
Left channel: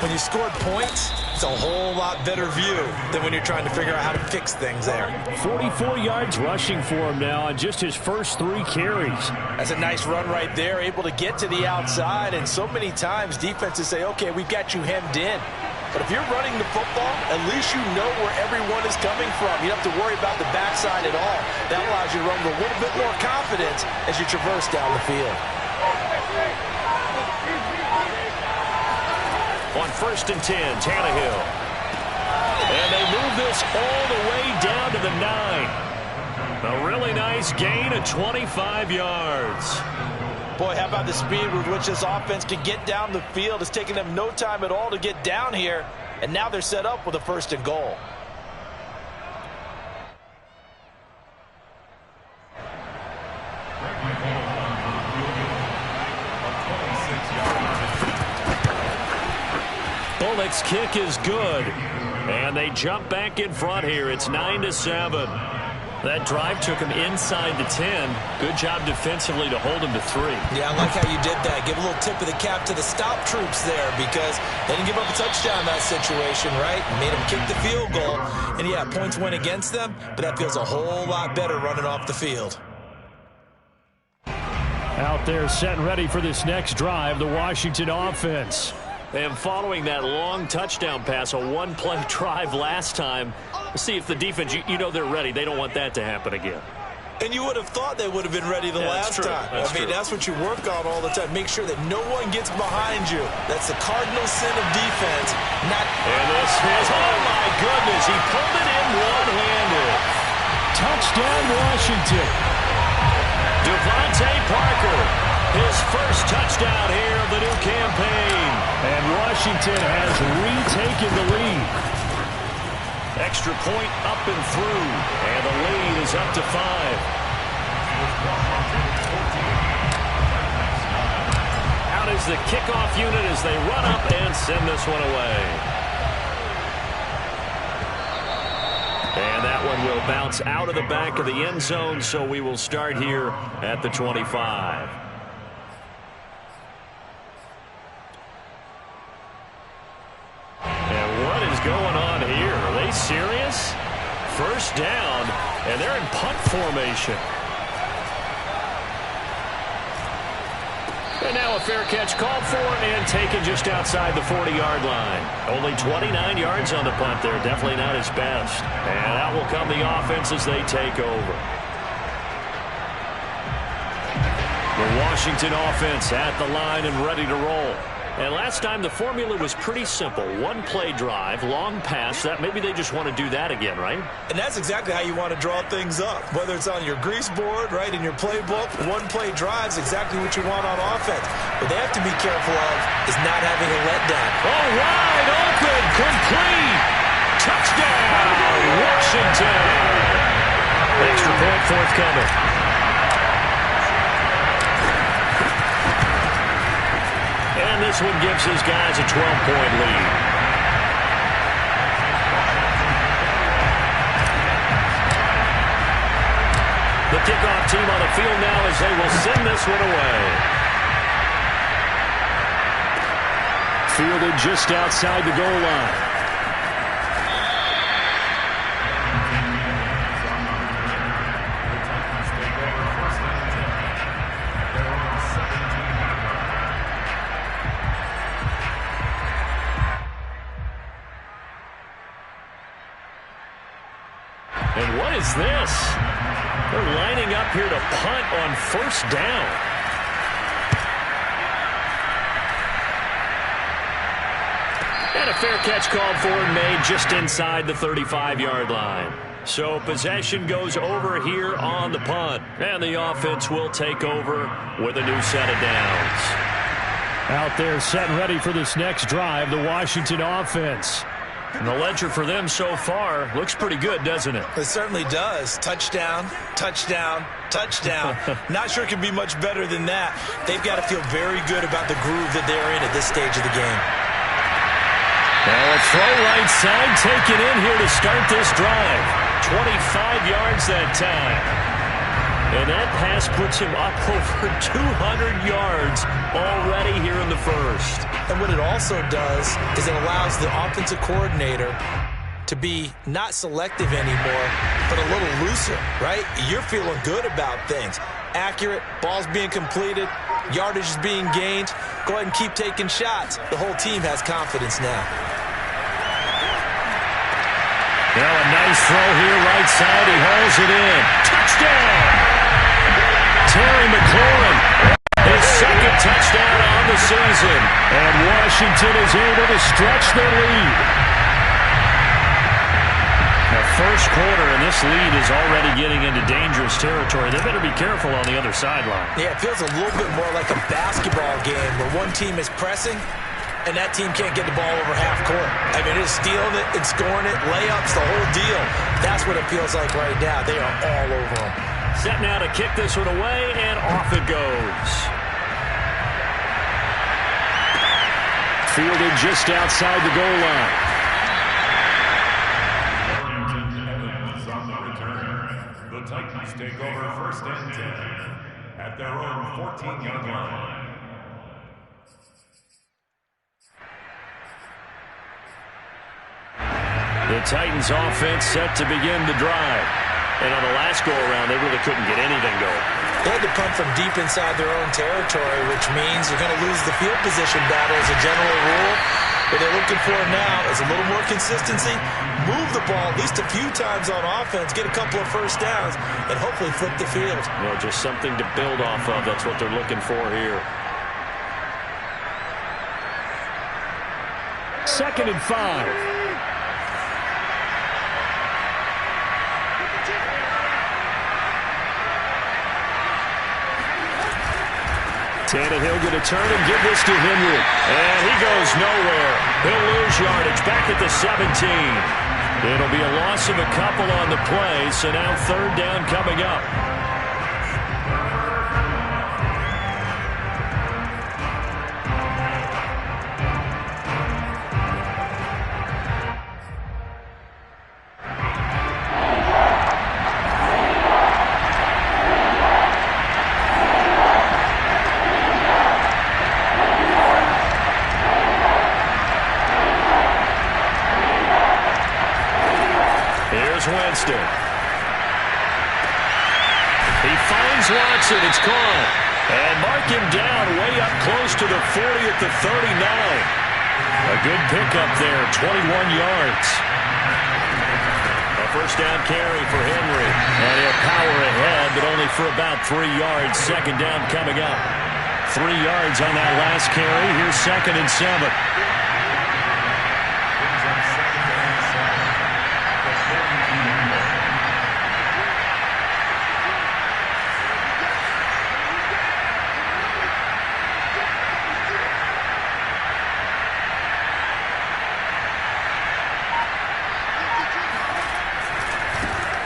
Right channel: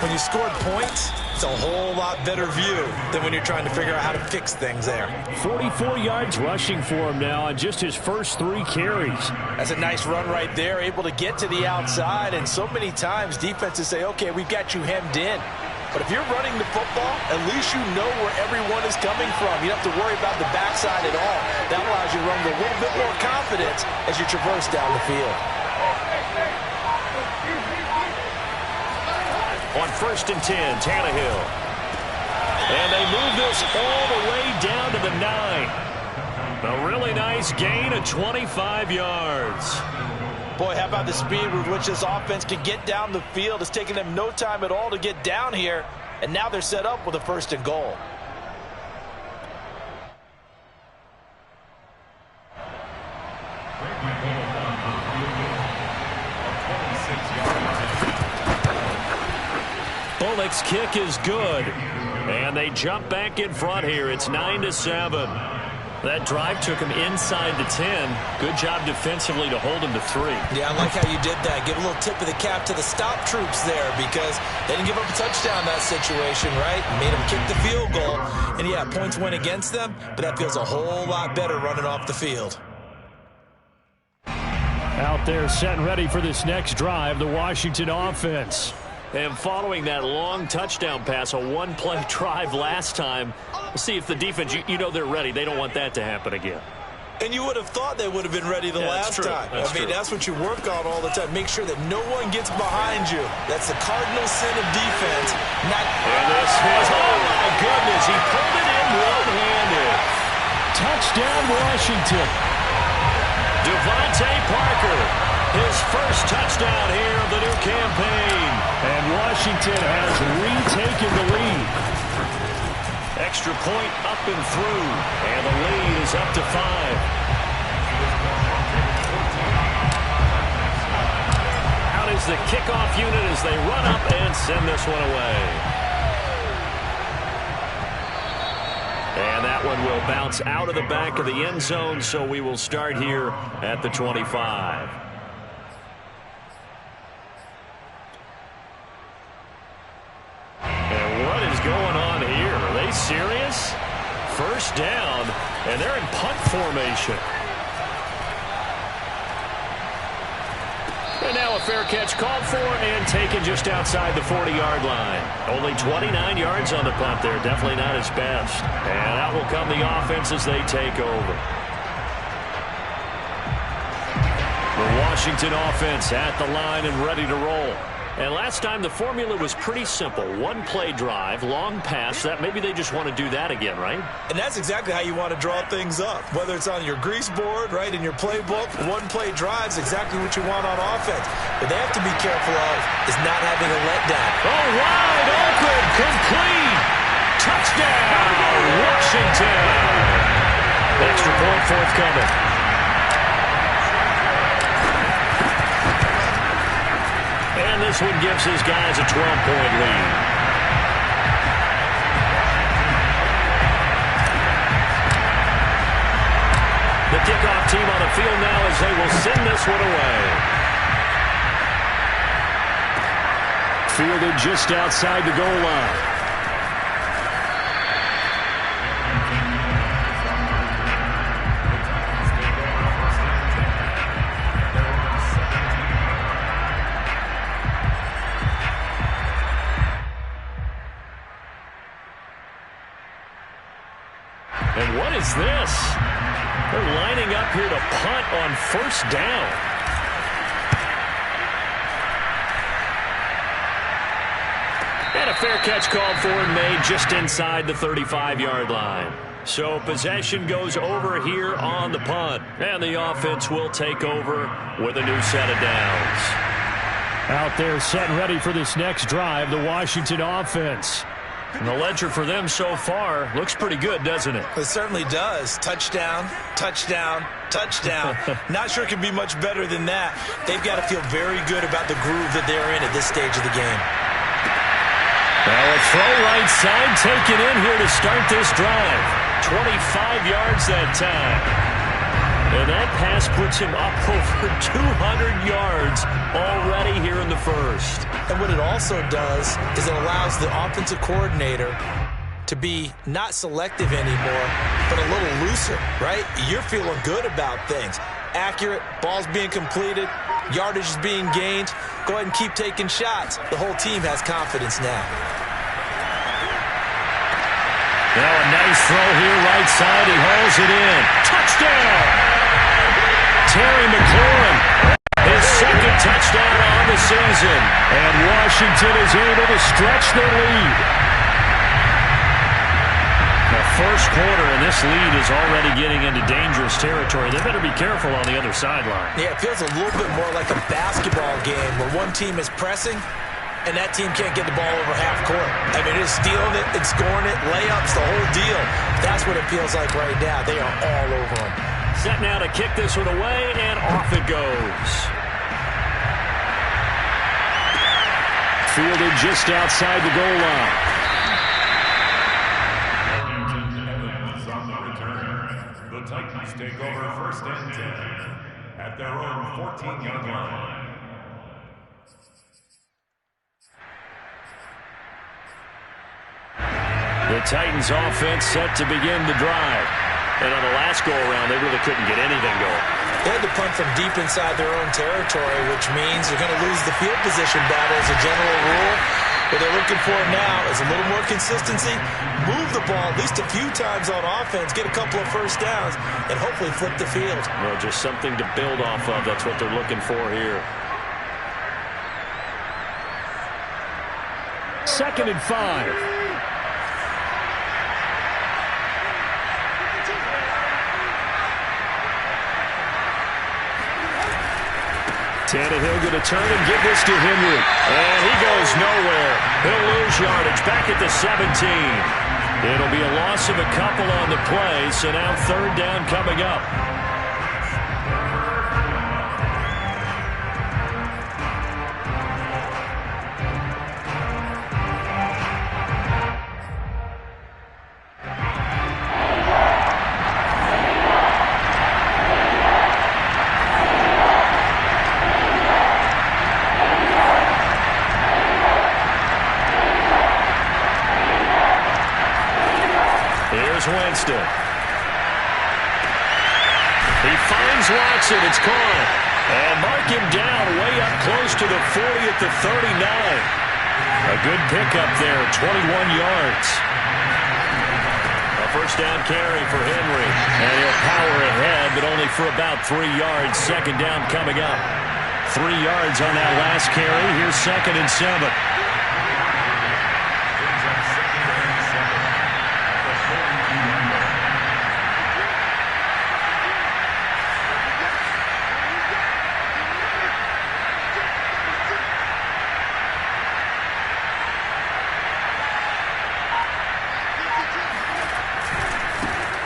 When you scored points, it's a whole lot better view than when you're trying to figure out how to fix things there. 44 yards rushing for him now on just his first 3 carries. That's a nice run right there, able to get to the outside. And so many times defenses say, okay, we've got you hemmed in. But if you're running the football, at least you know where everyone is coming from. You don't have to worry about the backside at all. That allows you to run with a little bit more confidence as you traverse down the field. On 1st and 10, Tannehill. And they move this all the way down to the 9. A really nice gain of 25 yards. Boy, how about the speed with which this offense can get down the field? It's taking them no time at all to get down here. And now they're set up with a 1st and goal. Bullock's kick is good. And they jump back in front here. It's 9-7. That drive took him inside the 10. Good job defensively to hold him to 3. Yeah, I like how you did that. Give a little tip of the cap to the stop troops there because they didn't give up a touchdown in that situation, right? Made them kick the field goal. And, yeah, points went against them, but that feels a whole lot better running off the field. Out there set and ready for this next drive, the Washington offense. And following that long touchdown pass, a one-play drive last time, we'll see if the defense, you know they're ready. They don't want that to happen again. And you would have thought they would have been ready the last time. I mean, that's what you work on all the time. Make sure that no one gets behind you. That's the cardinal sin of defense. And this is, oh my goodness, he pulled it in one-handed. Touchdown, Washington. Devontae Parker, his first touchdown here of the new campaign. And Washington has retaken the lead. Extra point up and through. And the lead is up to 5. Out is the kickoff unit as they run up and send this one away. And that one will bounce out of the back of the end zone, so we will start here at the 25. And what is going on here? Are they serious? First down, and they're in punt formation. And now a fair catch called for and taken just outside the 40-yard line. Only 29 yards on the punt there. Definitely not his best. And out will come the offense as they take over. The Washington offense at the line and ready to roll. And last time the formula was pretty simple. One-play drive, long pass. That maybe they just want to do that again, right? And that's exactly how you want to draw things up. Whether it's on your grease board, right, in your playbook, one-play drive is exactly what you want on offense. What they have to be careful of is not having a letdown. Oh, wide open, complete. Touchdown, Washington. Extra point forthcoming. And this one gives his guys a 12-point lead. The kickoff team on the field now as they will send this one away. Fielded just outside the goal line. And what is this? They're lining up here to punt on first down. And a fair catch called for and made just inside the 35-yard line. So possession goes over here on the punt. And the offense will take over with a new set of downs. Out there set and ready for this next drive, the Washington offense. And the ledger for them so far looks pretty good, doesn't it? It certainly does. Touchdown, touchdown, touchdown. Not sure it can be much better than that. They've got to feel very good about the groove that they're in at this stage of the game. Now a throw right side taken in here to start this drive. 25 yards that time. And that pass puts him up over 200 yards already here in the first. And what it also does is it allows the offensive coordinator to be not selective anymore, but a little looser, right? You're feeling good about things. Accurate, balls being completed, yardage is being gained. Go ahead and keep taking shots. The whole team has confidence now. Now a nice throw here, right side. He hauls it in. Touchdown! Terry McLaurin, his second touchdown on the season. And Washington is able to stretch their lead. Now, first quarter, and this lead is already getting into dangerous territory. They better be careful on the other sideline. Yeah, it feels a little bit more like a basketball game where one team is pressing and that team can't get the ball over half court. I mean, it's stealing it and scoring it, layups, the whole deal. That's what it feels like right now. They are all over them. Set now to kick this one away, and off it goes. Fielded just outside the goal line. The Titans take over first and 10 at their own 14-yard line. The Titans offense set to begin the drive. And on the last go-around, they really couldn't get anything going. They had to punt from deep inside their own territory, which means they're going to lose the field position battle as a general rule. What they're looking for now is a little more consistency, move the ball at least a few times on offense, get a couple of first downs, and hopefully flip the field. Well, just something to build off of. That's what they're looking for here. 2nd and 5. Tannehill going to turn and give this to Henry. And he goes nowhere. He'll lose yardage back at the 17. It'll be a loss of a couple on the play, so now 3rd down coming up. Winston. He finds Watson. It's caught. And mark him down way up close to the 40 at the 39. A good pickup there, 21 yards. A first down carry for Henry. And he'll power ahead, but only for about 3 yards. 2nd down coming up. 3 yards on that last carry. Here's 2nd and 7.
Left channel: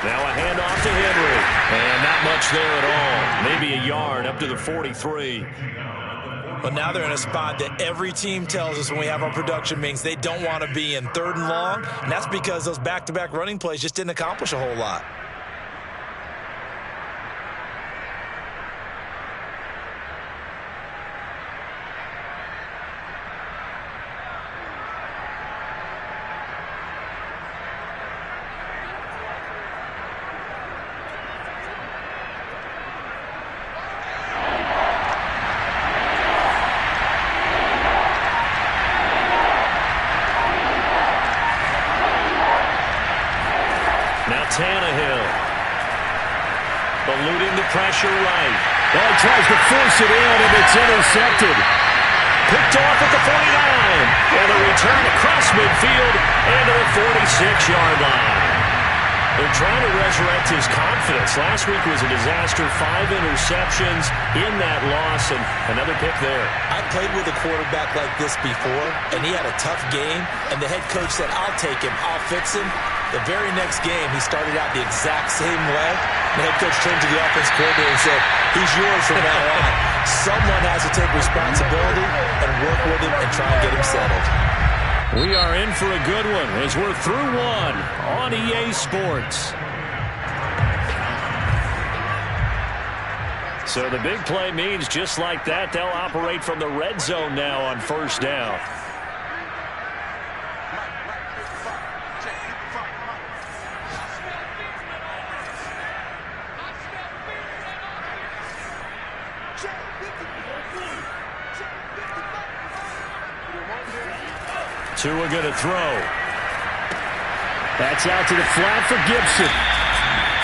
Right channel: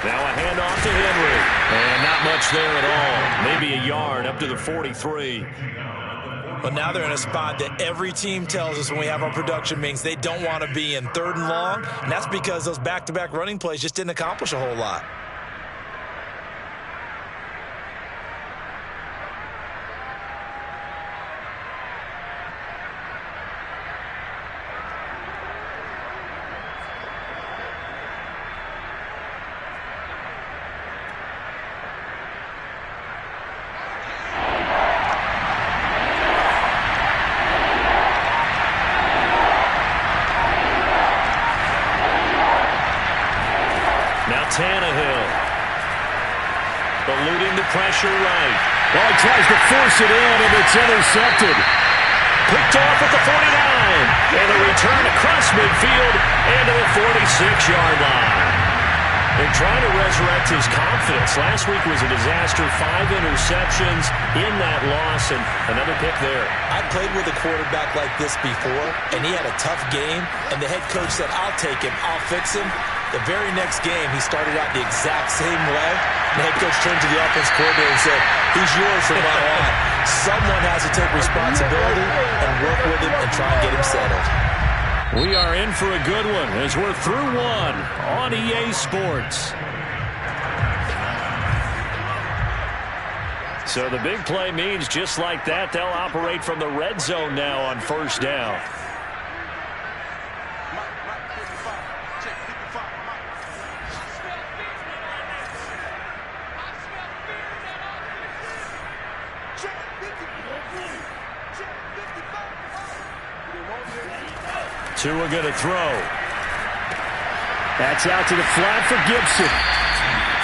Now a handoff to Henry. And not much there at all. Maybe a yard up to the 43. But now they're in a spot that every team tells us when we have our production meetings they don't want to be in, 3rd and long. And that's because those back-to-back running plays just didn't accomplish a whole lot. Tannehill eluding the pressure right. Oh, he tries to force it in, and it's intercepted. Picked off at the 49. And a return across midfield and to the 46-yard line. They're trying to resurrect his confidence. Last week was a disaster. 5 interceptions in that loss, and another pick there. I played with a quarterback like this before, and he had a tough game, and the head coach said, I'll take him, I'll fix him. The very next game, he started out the exact same way. The head coach turned to the offense coordinator and said, he's yours from now on. Someone has to take responsibility and work with him and try and get him settled. We are in for a good one as we're through one on EA Sports. So the big play means just like that, they'll operate from the red zone now on first down. Tua going to throw. That's out to the flat for Gibson.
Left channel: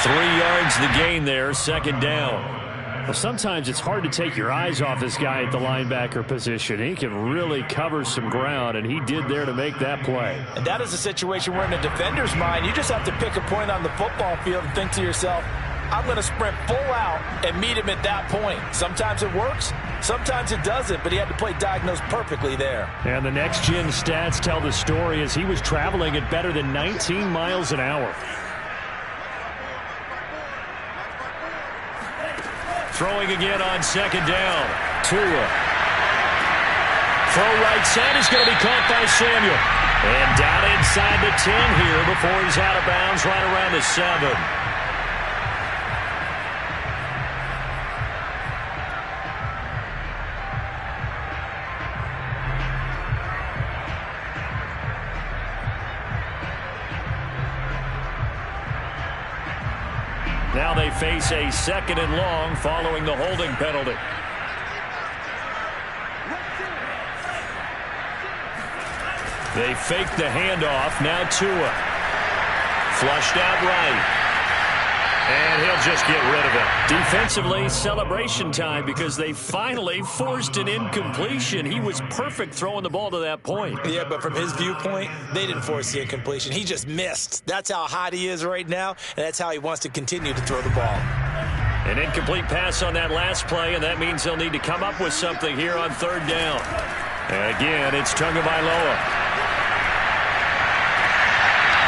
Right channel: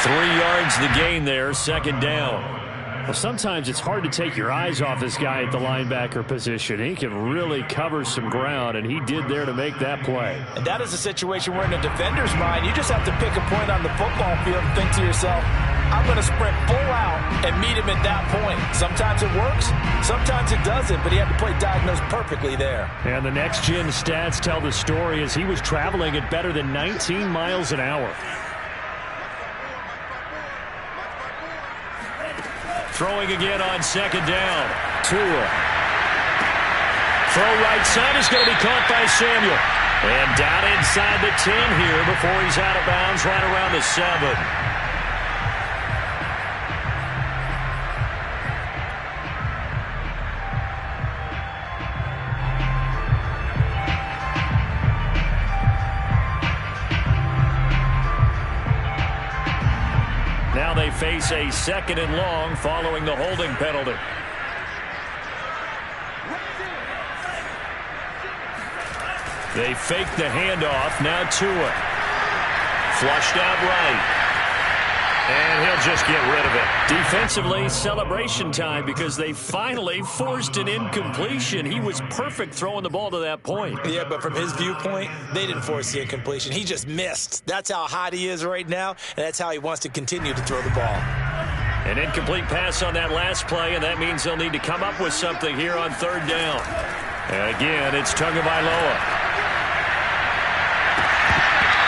3 yards the gain there, second down. Well, sometimes it's hard to take your eyes off this guy at the linebacker position. He can really cover some ground, and he did there to make that play. And that is a situation where in a defender's mind, you just have to pick a point on the football field and think to yourself, I'm going to sprint full out and meet him at that point. Sometimes it works, sometimes it doesn't, but he had to play diagnosed perfectly there. And the next-gen stats tell the story as he was traveling at better than 19 miles an hour. Throwing again on second down. Tua. Throw right side is going to be caught by Samuel. And down inside the 10 here before he's out of bounds right around the 7. Now they face a second and long following the holding penalty. They fake the handoff. Now Tua. Flushed out right. And he'll just get rid of it. Defensively, celebration time because they finally forced an incompletion. He was perfect throwing the ball to that point. Yeah, but from his viewpoint, they didn't force the incompletion. He just missed. That's how hot he is right now, and that's how he wants to continue to throw the ball. An incomplete pass on that last play, and that means they'll need to come up with something here on third down. And again, it's Tagovailoa.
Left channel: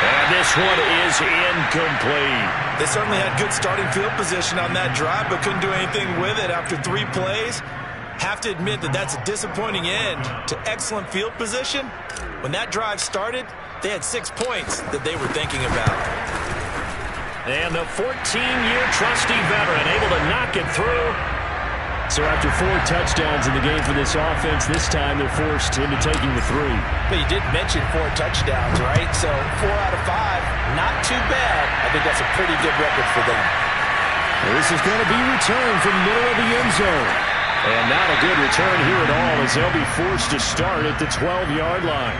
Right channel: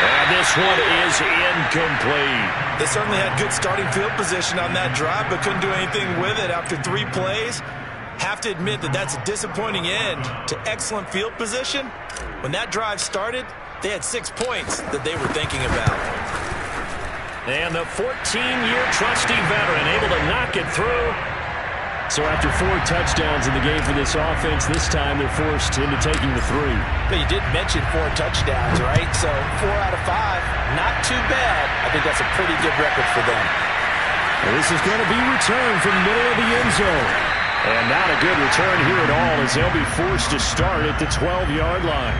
And this one is incomplete. They certainly had good starting field position on that drive, but couldn't do anything with it after 3 plays. Have to admit that that's a disappointing end to excellent field position. When that drive started, they had 6 points that they were thinking about. And the 14-year trusty veteran able to knock it through. So after 4 touchdowns in the game for this offense, this time they're forced into taking the 3. But you did mention 4 touchdowns, right? So 4 out of 5, not too bad. I think that's a pretty good record for them. Well, this is going to be returned from the middle of the end zone. And not a good return here at all as they'll be forced to start at the 12-yard line.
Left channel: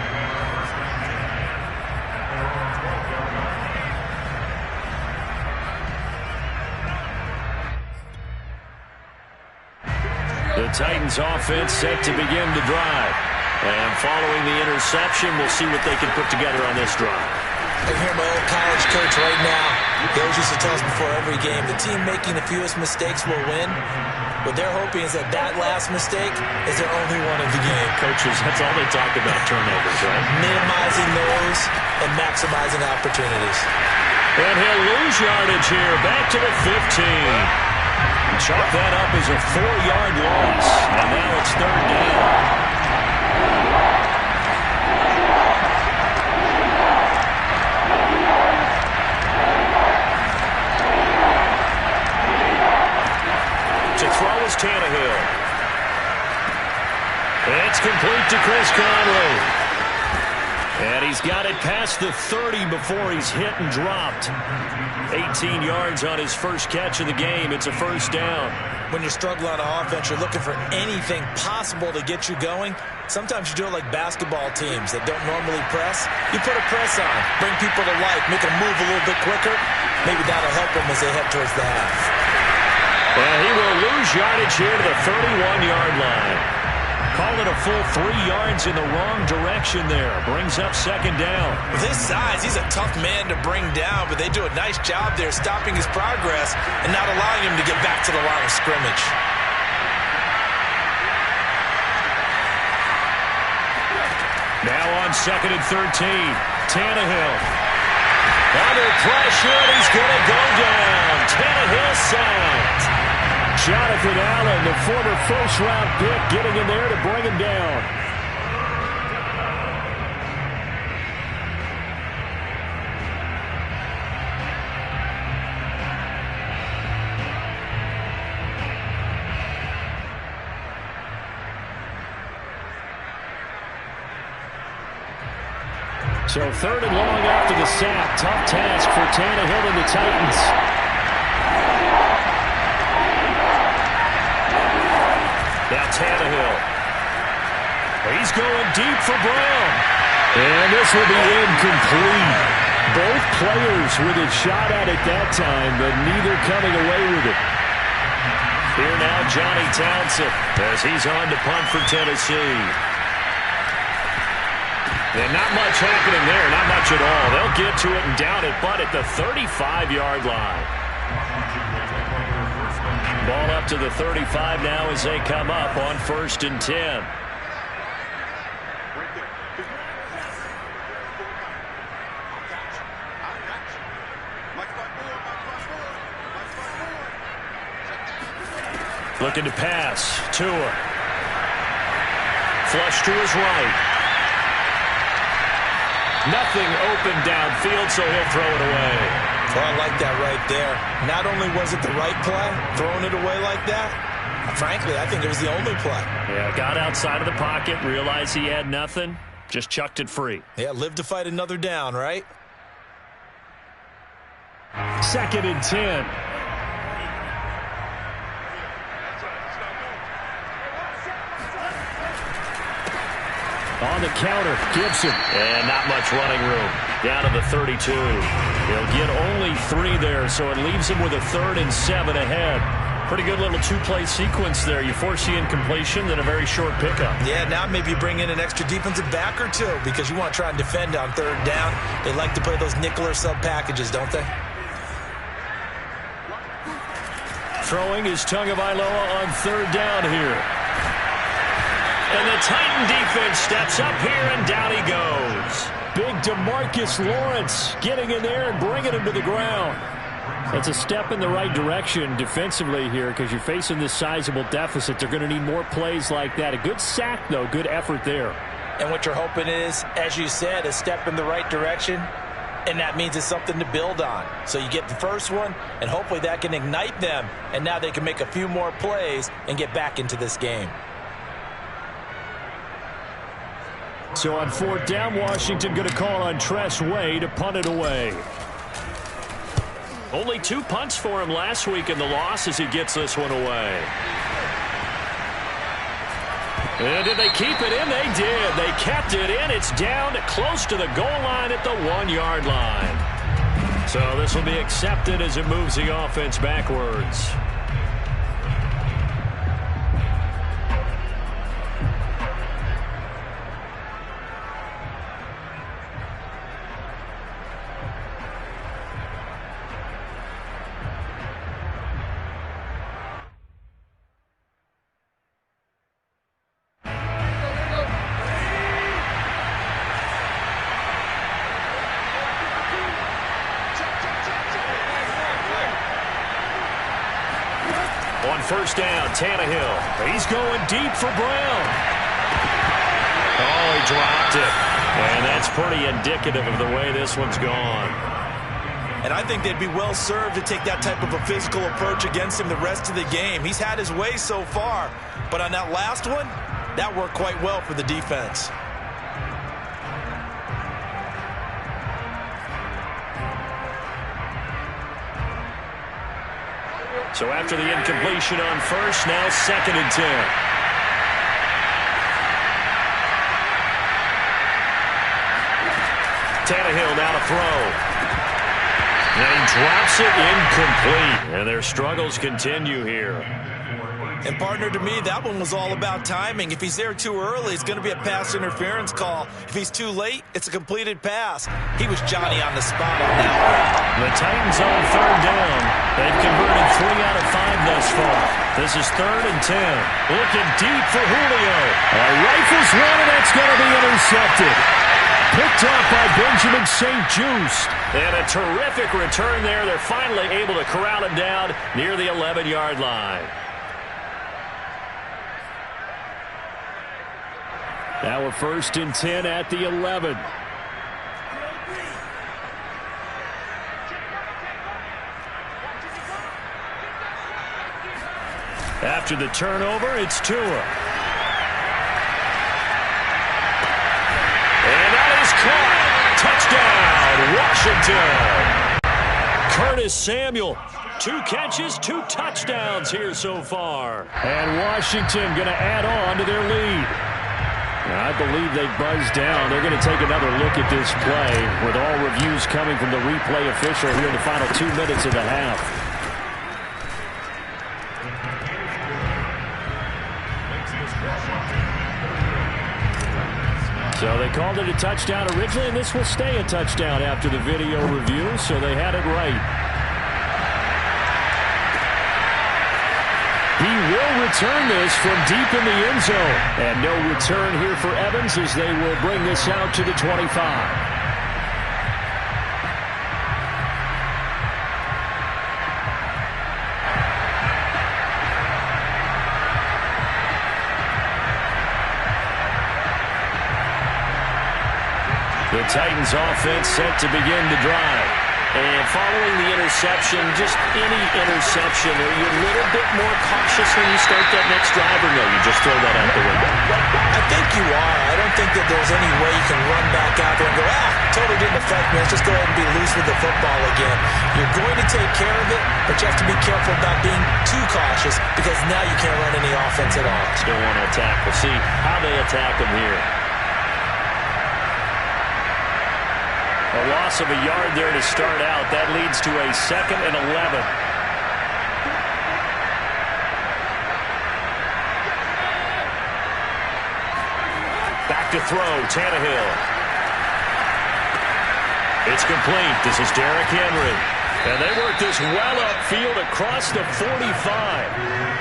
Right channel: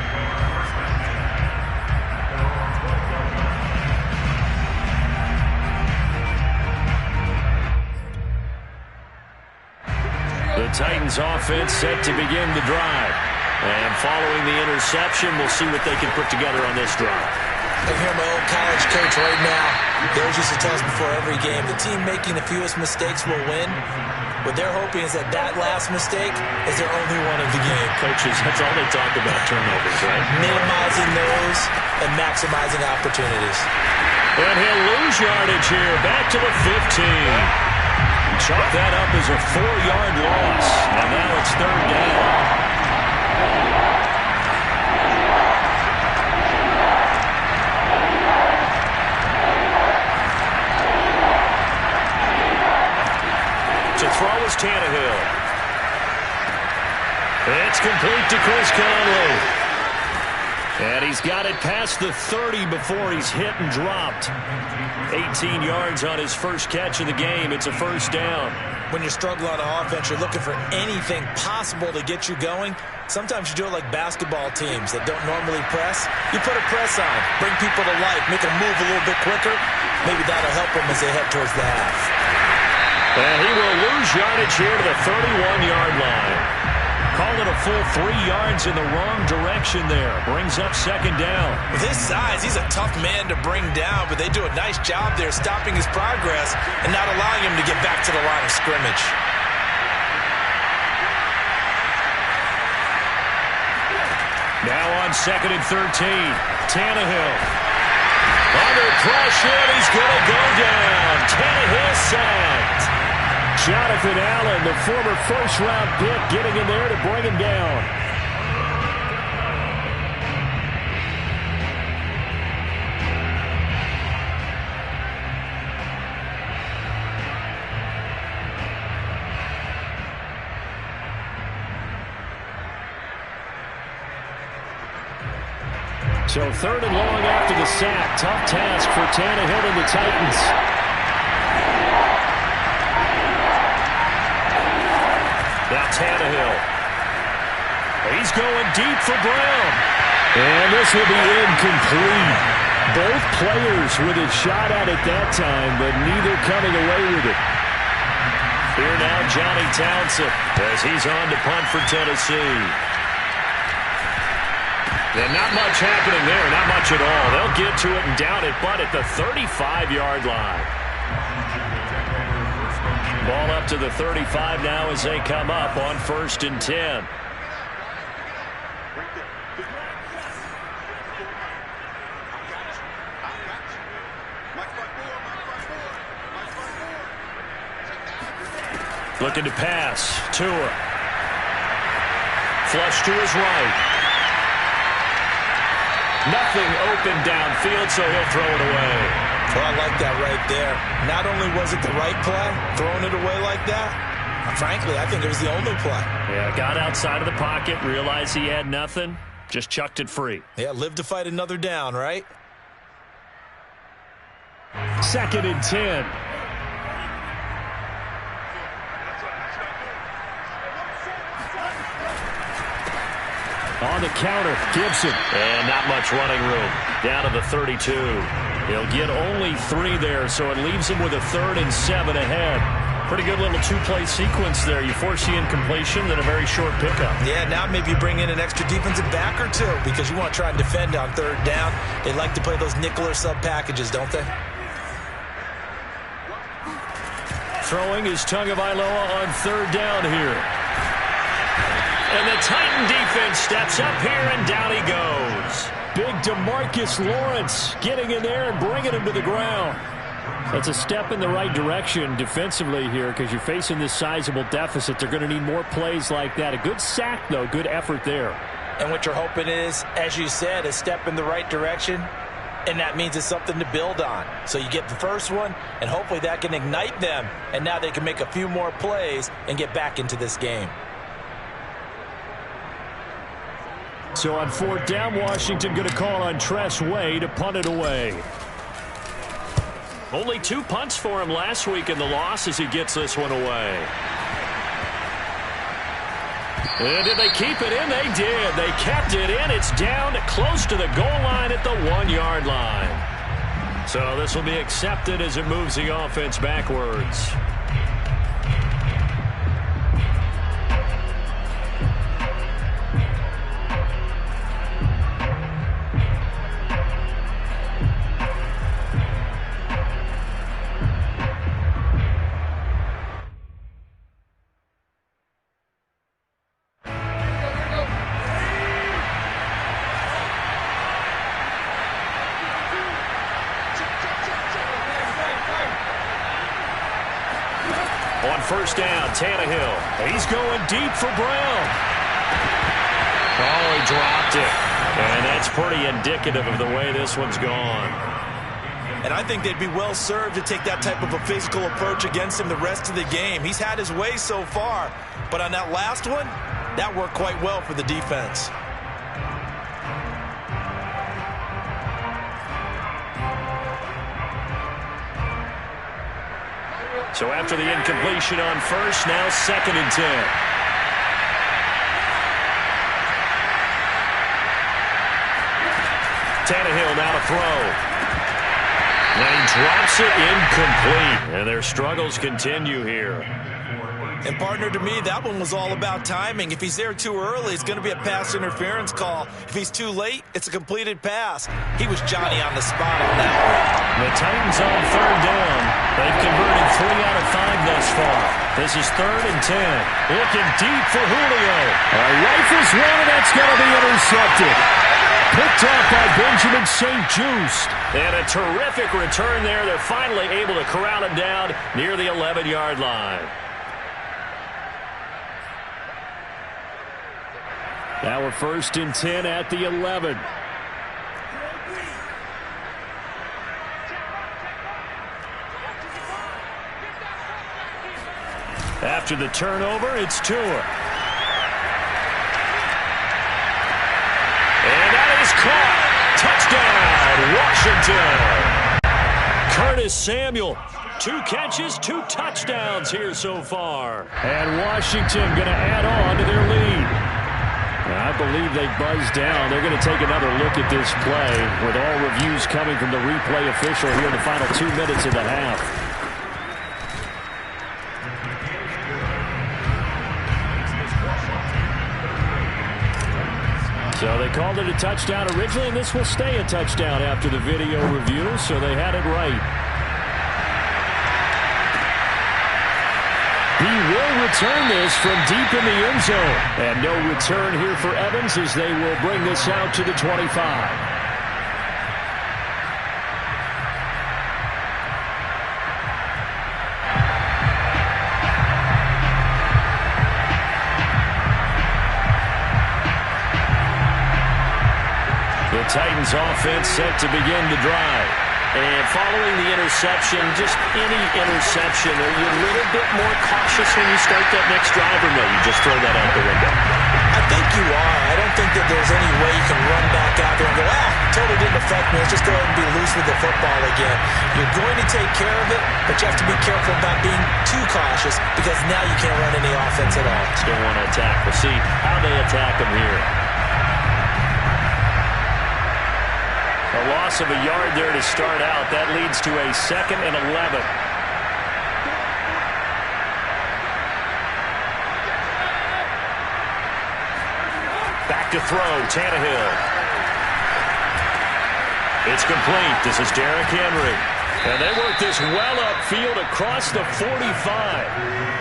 The Titans offense set to begin the drive. And following the interception, we'll see what they can put together on this drive. I hear my old college coach right now. He always used to tell us before every game, the team making the fewest mistakes will win. What they're hoping is that that last mistake is their only one of the game. Coaches, that's all they talk about, turnovers, right? Minimizing those and maximizing opportunities. And he'll lose yardage here, back to the 15. Chalk that up as a 4-yard loss. And now it's third down. To throw is Tannehill. It's complete to Chris Conley. And he's got it past the 30 before he's hit and dropped. 18 yards on his first catch of the game. It's a first down. When you're struggling on offense, you're looking for anything possible to get you going. Sometimes you do it like basketball teams that don't normally press. You put a press on, bring people to life, make them move a little bit quicker. Maybe that'll help them as they head towards the half. And he will lose yardage here to the 31-yard line. Call it a full 3 yards in the wrong direction there. Brings up second down. With his size, he's a tough man to bring down, but they do a nice job there stopping his progress and not allowing him to get back to the line of scrimmage. Now on second and 13, Tannehill. Under pressure, and he's going to go down. Tannehill sacked. Jonathan Allen, the former first-round pick, getting in there to bring him down. So 3rd and long after the sack. Tough task for Tannehill and the Titans. Now Tannehill. He's going deep for Brown. And this will be incomplete. Both players with a shot at it that time, but neither coming away with it. Here now Johnny Townsend as he's on to punt for Tennessee. And not much happening there, not much at all. They'll get to it and down it, but at the 35-yard line. Ball up to the 35 now as they come up on 1st and 10. Looking to pass. Tua. Flush to his right. Nothing open downfield, so he'll throw it away. Well, I like that right there. Not only was it the right play, throwing it away like that, frankly, I think it was the only play. Yeah, got outside of the pocket, realized he had nothing, just chucked it free. Yeah, live to fight another down, right? 2nd and 10. On the counter, Gibson. And not much running room. Down to the 32. He'll get only 3 there, so it leaves him with a 3rd and 7 ahead. Pretty good little 2-play sequence there. You force the incompletion, then a very short pickup. Yeah, now maybe you bring in an extra defensive back or 2 because you want to try and defend on 3rd down. They like to play those nickel or sub packages, don't they? Throwing is Tagovailoa on 3rd down here. And the Titan defense steps up here, and down he goes. Big DeMarcus Lawrence getting in there and bringing him to the ground. That's a step in the right direction defensively here because you're facing this sizable deficit. They're going to need more plays like that. A good sack, though. Good effort there. And what you're hoping is, as you said, a step in the right direction, and that means it's something to build on. So you get the first one, and hopefully that can ignite them, and now they can make a few more plays and get back into this game. So on 4th down, Washington going to call on Tress Way to punt it away. Only 2 punts for him last week in the loss as he gets this one away. And did they keep it in? They did. They kept it in. It's down close to the goal line at the 1-yard line. So this will be accepted as it moves the offense backwards. On 1st down, Tannehill. He's going deep for Brown. Oh, he dropped it. And that's pretty indicative of the way this one's gone. And I think they'd be well served to take that type of a physical approach against him the rest of the game. He's had his way so far, but on that last one, that worked quite well for the defense. So after the incompletion on 1st, now 2nd and 10. Tannehill now to throw. And he drops it incomplete. And their struggles continue here. And, partner, to me, that one was all about timing. If he's there too early, it's going to be a pass interference call. If he's too late, it's a completed pass. He was Johnny on the spot on that one. The Titans on 3rd down. They've converted 3 out of 5 thus far. This is 3rd and 10. Looking deep for Julio. Rifles one, and that's going to be intercepted. Picked off by Benjamin St-Juste. And a terrific return there. They're finally able to corral him down near the 11-yard line. Now we're 1st and 10 at the 11. After the turnover, it's Tua. And that is caught. Touchdown, Washington. Curtis Samuel. 2 catches, 2 touchdowns here so far. And Washington going to add on to their lead. I believe they buzzed down. They're going to take another look at this play with all reviews coming from the replay official here in the final 2 minutes of the half. So they called it a touchdown originally, and this will stay a touchdown after the video review, so they had it right. He will return this from deep in the end zone. And no return here for Evans as they will bring this out to the 25. The Titans offense set to begin the drive. And following the interception, just any interception, are you a little bit more cautious when you start that next drive, or no, you just throw that out the window? I think you are. I don't think that there's any way you can run back out there and go, totally didn't affect me. Let's just go ahead and be loose with the football again. You're going to take care of it, but you have to be careful about being too cautious because now you can't run any offense at all. Still want to attack. We'll see how they attack them here. A loss of a yard there to start out. That leads to a 2nd and 11. Back to throw, Tannehill. It's complete. This is Derrick Henry. And they work this well upfield across the 45.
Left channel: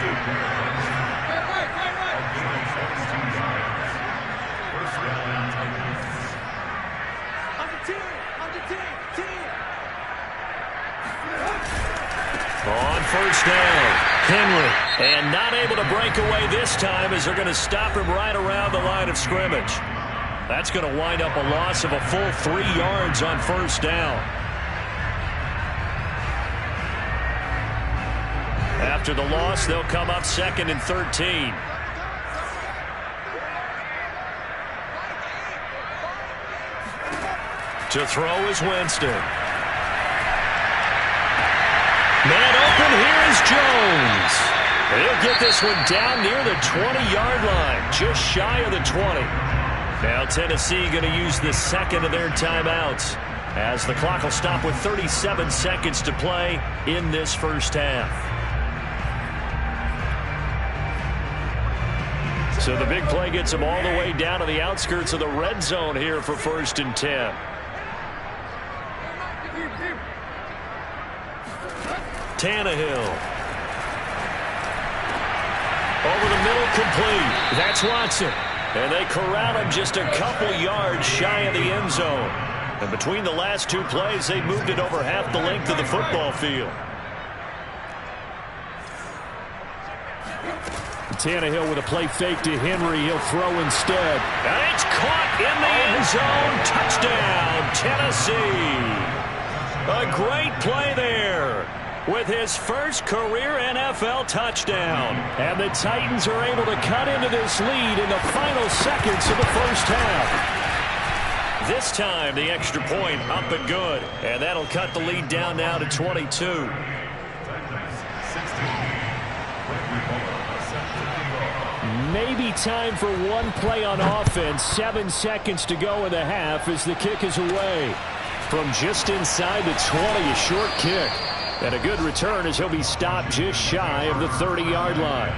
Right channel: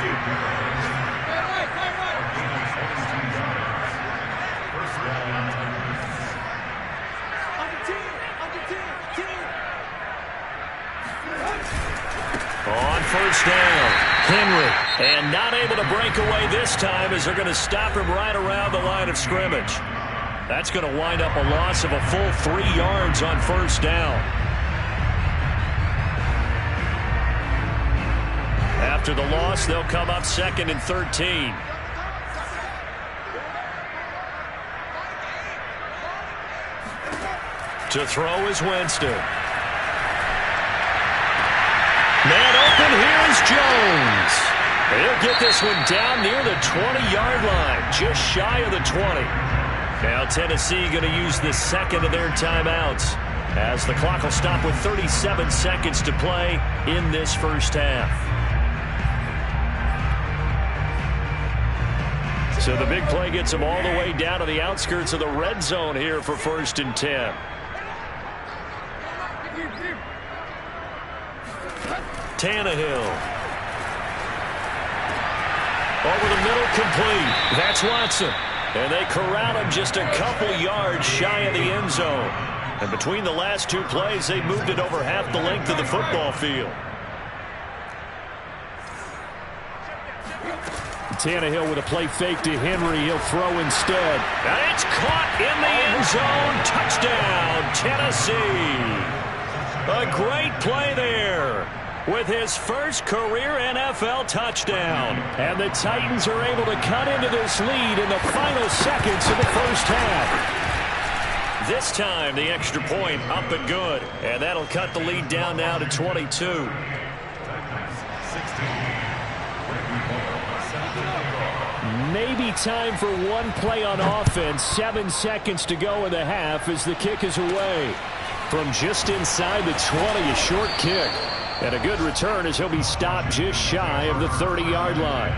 On first down, Henry. And not able to break away this time as they're going to stop him right around the line of scrimmage. That's going to wind up a loss of a full 3 yards on first down. After the loss, they'll come up 2nd and 13. To throw is Winston. Man open, here is Jones. He'll get this one down near the 20-yard line, just shy of the 20. Now Tennessee going to use the 2nd of their timeouts as the clock will stop with 37 seconds to play in this first half. So the big play gets them all the way down to the outskirts of the red zone here for 1st and 10. Tannehill. Over the middle, complete. That's Watson. And they corral him just a couple yards shy of the end zone. And between the last 2 plays, they moved it over half the length of the football field. Tannehill with a play fake to Henry. He'll throw instead. And it's caught in the end zone. Touchdown, Tennessee. A great play there with his first career NFL touchdown. And the Titans are able to cut into this lead in the final seconds of the first half. This time, the extra point up and good. And that'll cut the lead down now to 22. Maybe time for one play on offense. 7 seconds to go in the half as the kick is away. From just inside the 20, a short kick. And a good return as he'll be stopped just shy of the 30-yard line.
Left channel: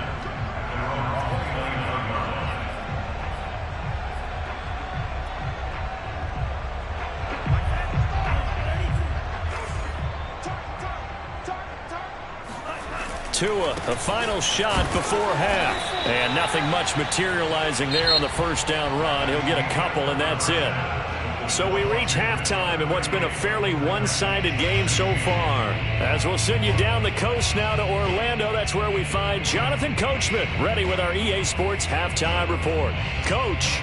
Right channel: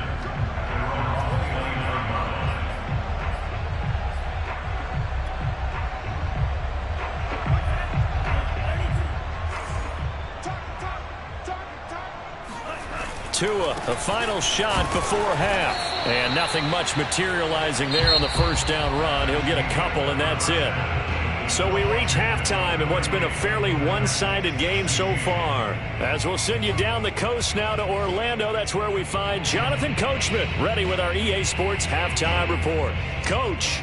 Tua, a final shot before half. And nothing much materializing there on the first down run. He'll get a couple, and that's it. So we reach halftime in what's been a fairly one-sided game so far. As we'll send you down the coast now to Orlando, that's where we find Jonathan Coachman ready with our EA Sports Halftime Report. Coach.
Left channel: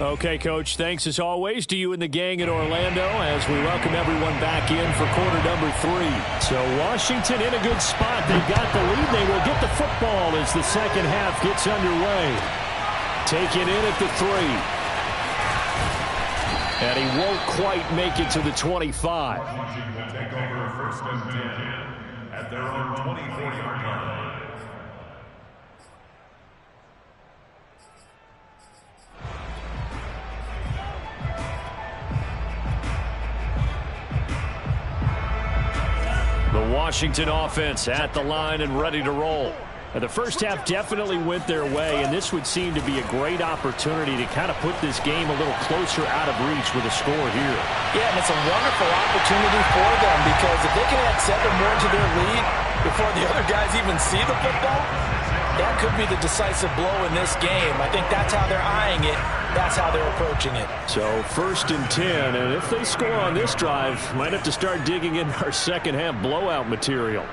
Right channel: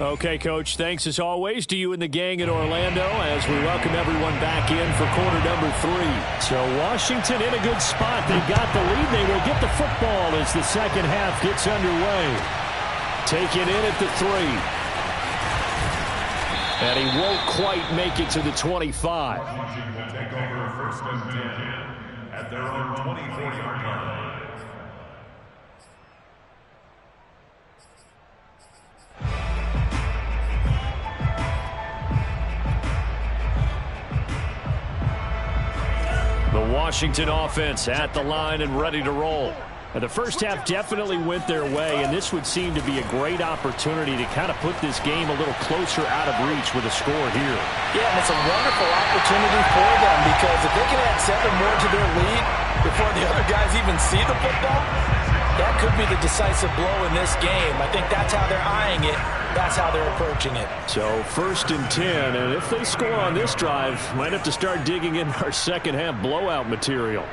Okay, Coach, thanks as always to you and the gang in Orlando as we welcome everyone back in for quarter number 3. So Washington in a good spot. They've got the lead. They will get the football as the second half gets underway. Take it in at the 3. And he won't quite make it to the 25. Washington will take over first and 10 at their own 24-yard line. The Washington offense at the line and ready to roll. And the first half definitely went their way, and this would seem to be a great opportunity to kind of put this game a little closer out of reach with a score here. Yeah, and it's a wonderful opportunity for them, because if they can add 7 more to their lead before the other guys even see the football, that could be the decisive blow in this game. I think that's how they're eyeing it. That's how they're approaching it. So first and 10, and if they score on this drive, might have to start digging in our second half blowout material.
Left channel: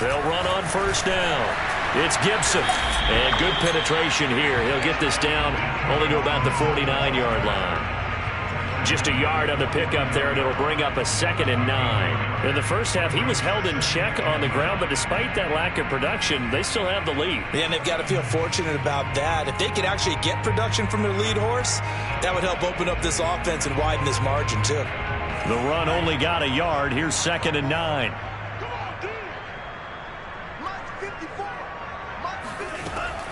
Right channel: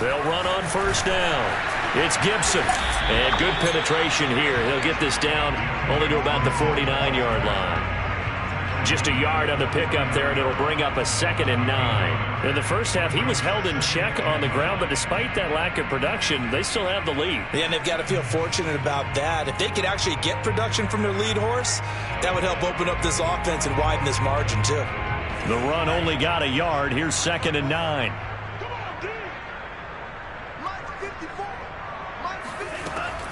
They'll run on first down. It's Gibson. And good penetration here. He'll get this down only to about the 49-yard line. Just a yard on the pickup there, and it'll bring up a 2nd and 9. In the first half, he was held in check on the ground, but despite that lack of production, they still have the lead. Yeah, and they've got to feel fortunate about that. If they could actually get production from their lead horse, that would help open up this offense and widen this margin, too. The run only got a yard. Here's 2nd and 9.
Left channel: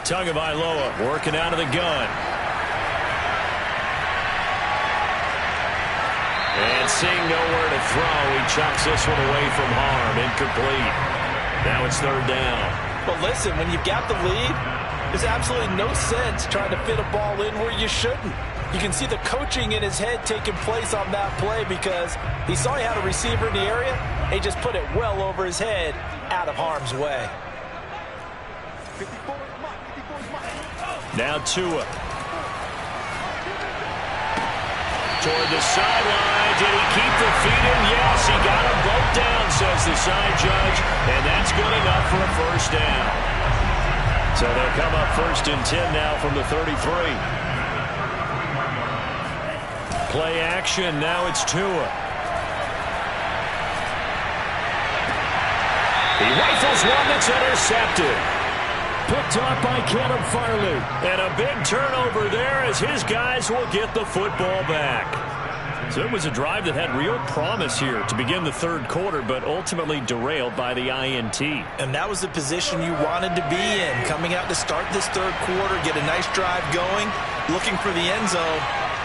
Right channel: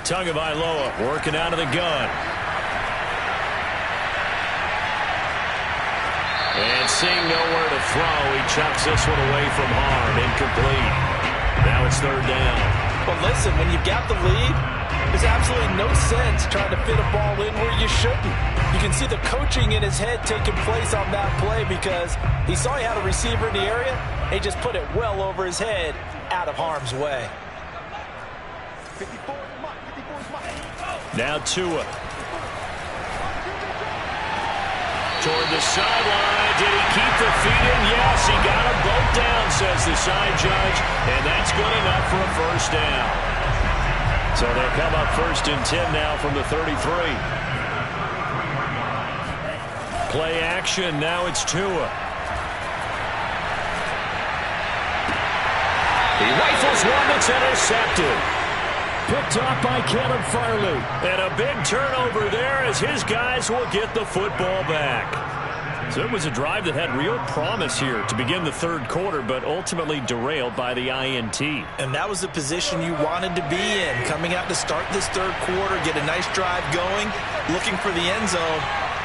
Tagovailoa working out of the gun. And seeing nowhere to throw, he chucks this one away from harm. Incomplete. Now it's 3rd down. But listen, when you've got the lead, there's absolutely no sense trying to fit a ball in where you shouldn't. You can see the coaching in his head taking place on that play, because he saw he had a receiver in the area. He just put it well over his head, out of harm's way. Now Tua. Toward the sideline. Did he keep the feet in? Yes, he got them both down, says the side judge. And that's good enough for a first down. So they'll come up 1st and 10 now from the 33. Play action. Now it's Tua. He rifles one that's intercepted. Picked off by Caleb Farley. And a big turnover there as his guys will get the football back. So it was a drive that had real promise here to begin the 3rd quarter, but ultimately derailed by the INT. And that was the position you wanted to be in. Coming out to start this 3rd quarter, get a nice drive going, looking for the end zone.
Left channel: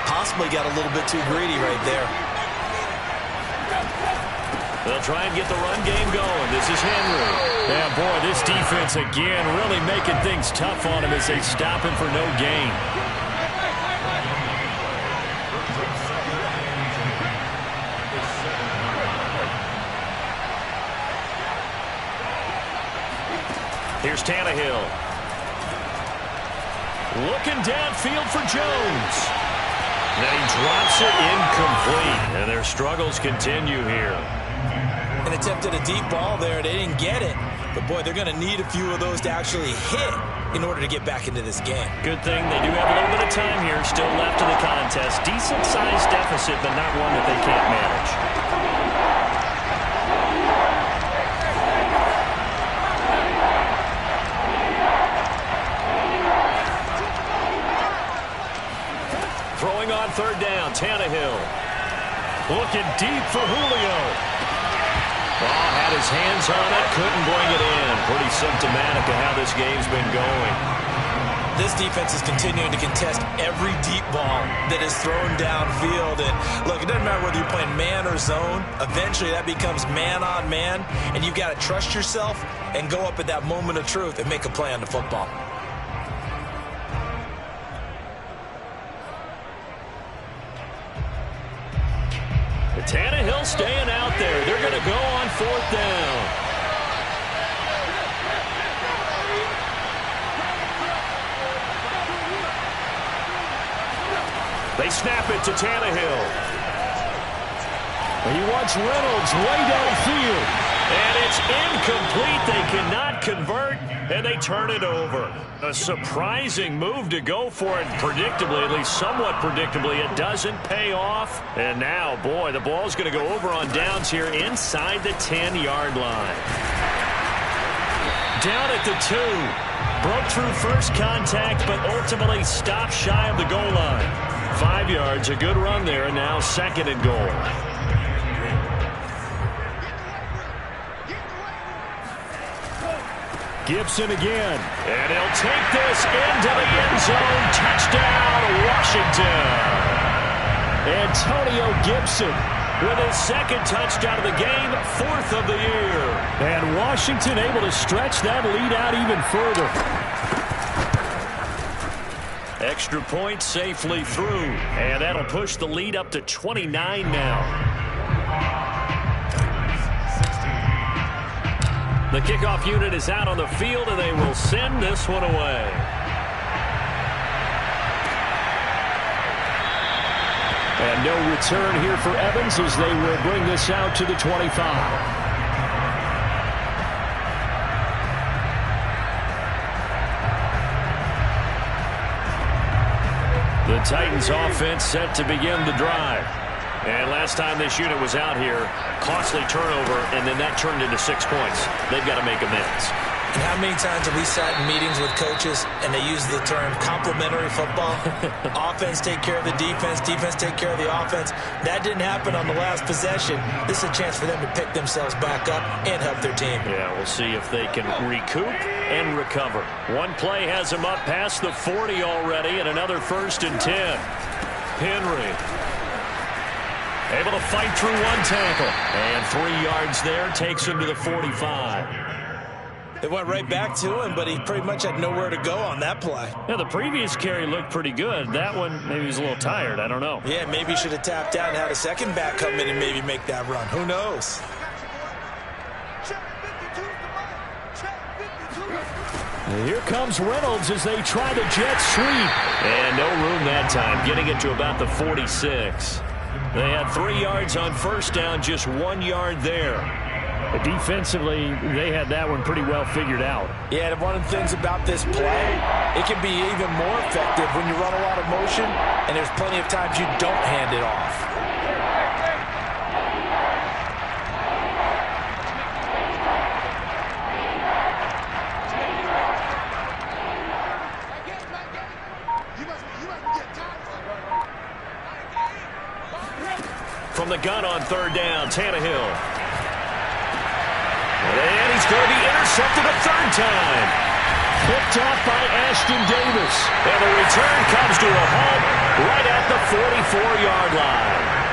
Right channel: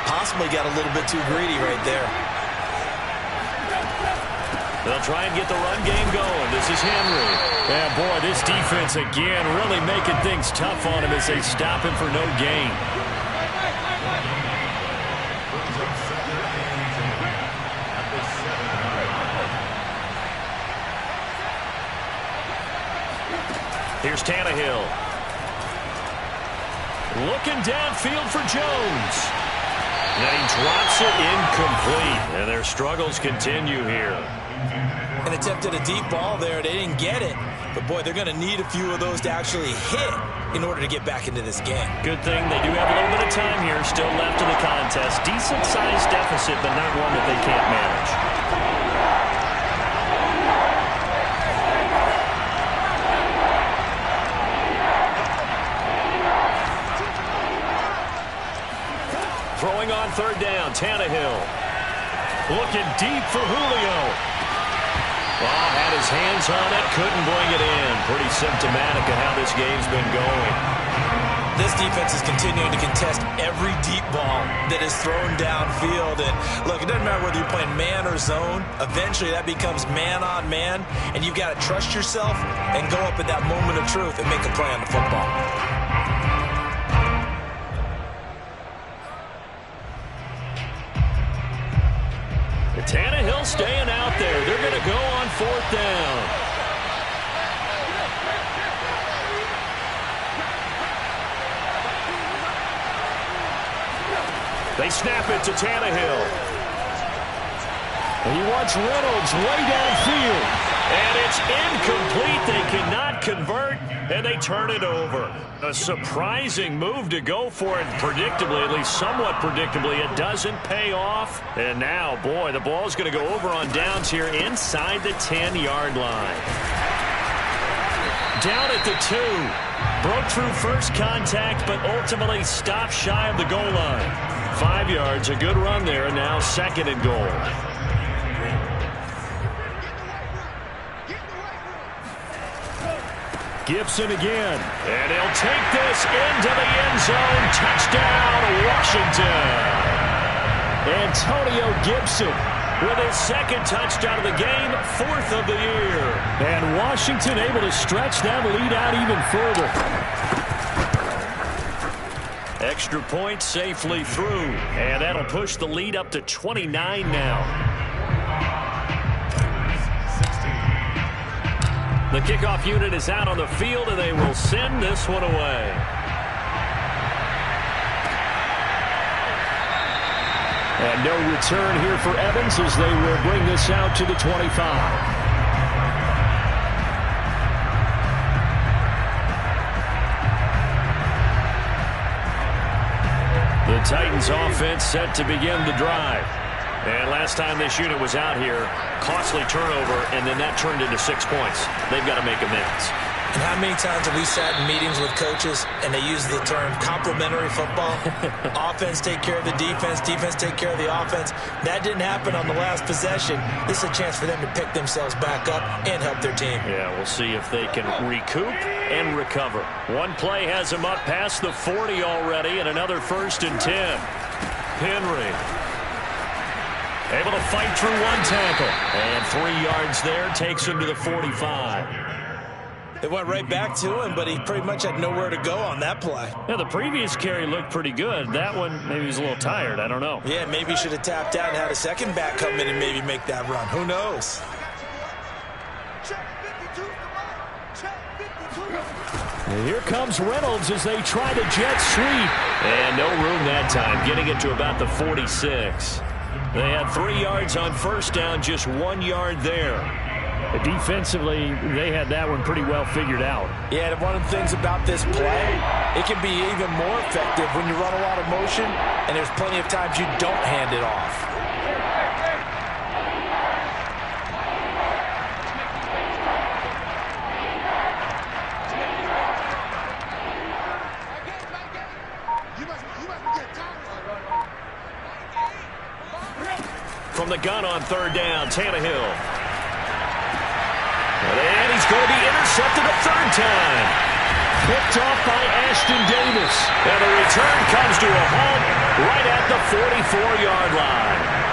Possibly got a little bit too greedy right there. They'll try and get the run game going. This is Henry. Yeah, boy, this defense again really making things tough on him as they stop him for no gain. Here's Tannehill. Looking downfield for Jones. And he drops it incomplete. And their struggles continue here. And attempted a deep ball there. They didn't get it. But, boy, they're going to need a few of those to actually hit in order to get back into this game. Good thing they do have a little bit of time here still left in the contest. Decent-sized deficit, but not one that they can't manage. Throwing on 3rd down, Tannehill. Looking deep for Julio. Well, had his hands on it, couldn't bring it in. Pretty symptomatic of how this game's been going. This defense is continuing to contest every deep ball that is thrown downfield. And, look, it doesn't matter whether you're playing man or zone. Eventually, that becomes man on man. And you've got to trust yourself and go up at that moment of truth and make a play on the football. Tannehill staying out there. They're going to go on 4th down. They snap it to Tannehill. And he wants Reynolds way downfield. And it's incomplete. They cannot convert, and they turn it over. A surprising move to go for it. Predictably, at least somewhat predictably, it doesn't pay off. And now, boy, the ball's going to go over on downs here inside the 10-yard line. Down at the 2. Broke through first contact, but ultimately stopped shy of the goal line. 5 yards, a good run there, and now 2nd and goal. Gibson again, and he'll take this into the end zone. Touchdown, Washington. Antonio Gibson with his 2nd touchdown of the game, 4th of the year. And Washington able to stretch that lead out even further. Extra point safely through, and that'll push the lead up to 29 now. The kickoff unit is out on the field, and they will send this one away. And no return here for Evans as they will bring this out to the 25. The Titans offense set to begin the drive. And last time this unit was out here, costly turnover, and then that turned into 6 points. They've got to make amends. And how many times have we sat in meetings with coaches and they use the term complementary football? Offense take care of the defense, defense take care of the offense. That didn't happen on the last possession. This is a chance for them to pick themselves back up and help their team. Yeah, we'll see if they can recoup and recover. One play has them up past the 40 already, and another 1st and 10. Henry able to fight through one tackle. And 3 yards there takes him to the 45. They went right back to him, but he pretty much had nowhere to go on that play. Yeah, the previous carry looked pretty good. That one, maybe he was a little tired. I don't know. Yeah, maybe he should have tapped out and had a second back come in and maybe make that run. Who knows? And here comes Reynolds as they try the jet sweep. And no room that time, getting it to about the 46. They had 3 yards on 1st down, just 1 yard there. Defensively, they had that one pretty well figured out. Yeah, and one of the things about this play, it can be even more effective when you run a lot of motion, and there's plenty of times you don't hand it off. From the gun on 3rd down, Tannehill. And he's going to be intercepted a 3rd time. Picked off by Ashton Davis. And the return comes to a halt right at the 44-yard line.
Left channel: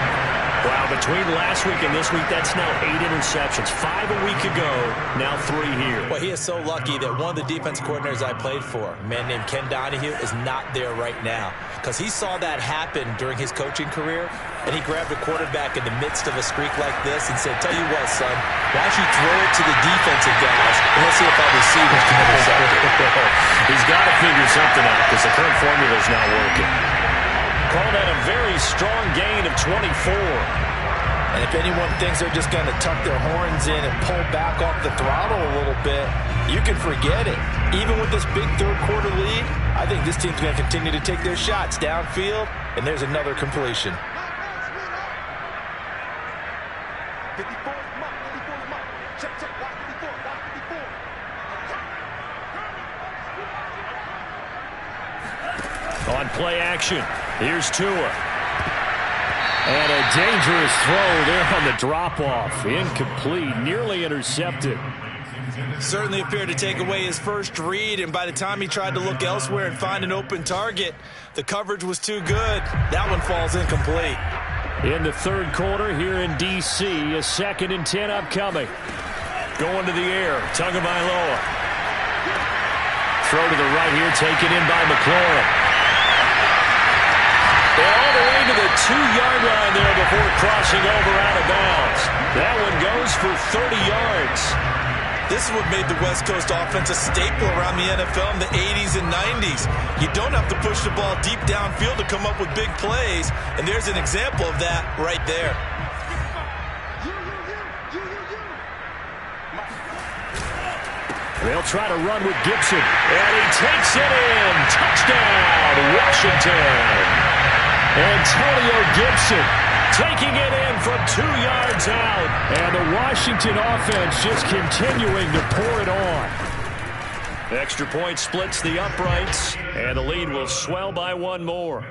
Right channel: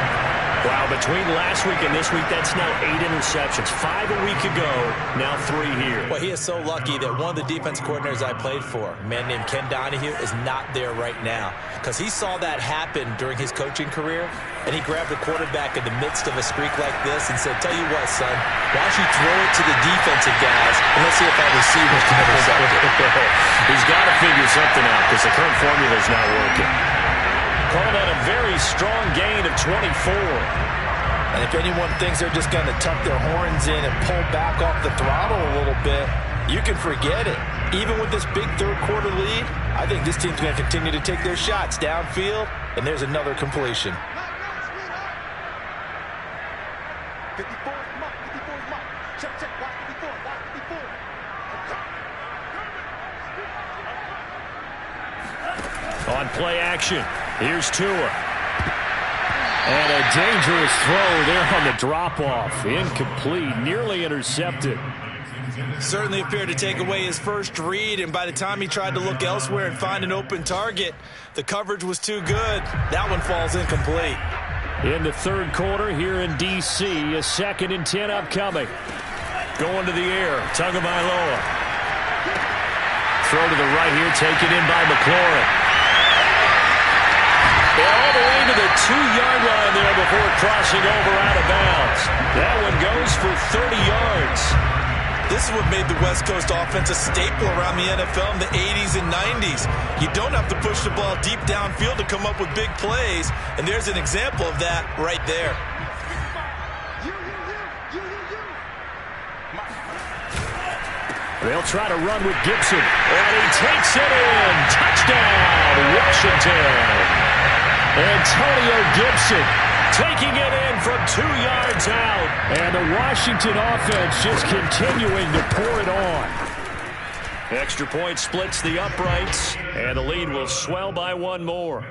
Wow, between last week and this week, that's now 8 interceptions. 5 a week ago, now 3 here. Well, he is so lucky that one of the defense coordinators I played for, a man named Ken Donahue, is not there right now. Because he saw that happen during his coaching career, and he grabbed a quarterback in the midst of a streak like this and said, tell you what, son, why don't you throw it to the defensive guys, and let's see if our receivers can intercept it. He's got to figure something out because the current formula is not working. Call that a very strong gain of 24. And if anyone thinks they're just going to tuck their horns in and pull back off the throttle a little bit, you can forget it. Even with this big 3rd quarter lead, I think this team's going to continue to take their shots downfield, and there's another completion. 54 is Mike. 54 is Mike. Check, check. Watch 54. Watch 54. On play action, here's Tua. And a dangerous throw there on the drop-off. Incomplete, nearly intercepted. Certainly appeared to take away his first read, and by the time he tried to look elsewhere and find an open target, the coverage was too good. That one falls incomplete. In the 3rd quarter here in D.C., a 2nd and 10 upcoming. Going to the air, Tagovailoa. Throw to the right here, taken in by McLaurin. And all the way to the 2-yard line there before crossing over out of bounds. That one goes for 30 yards. This is what made the West Coast offense a staple around the NFL in the 80s and 90s. You don't have to push the ball deep downfield to come up with big plays, and there's an example of that right there. They'll try to run with Gibson, and he takes it in. Touchdown, Washington. Antonio Gibson taking it in from 2 yards out. And the Washington offense just continuing to pour it on. Extra point splits the uprights, and the lead will swell by one more.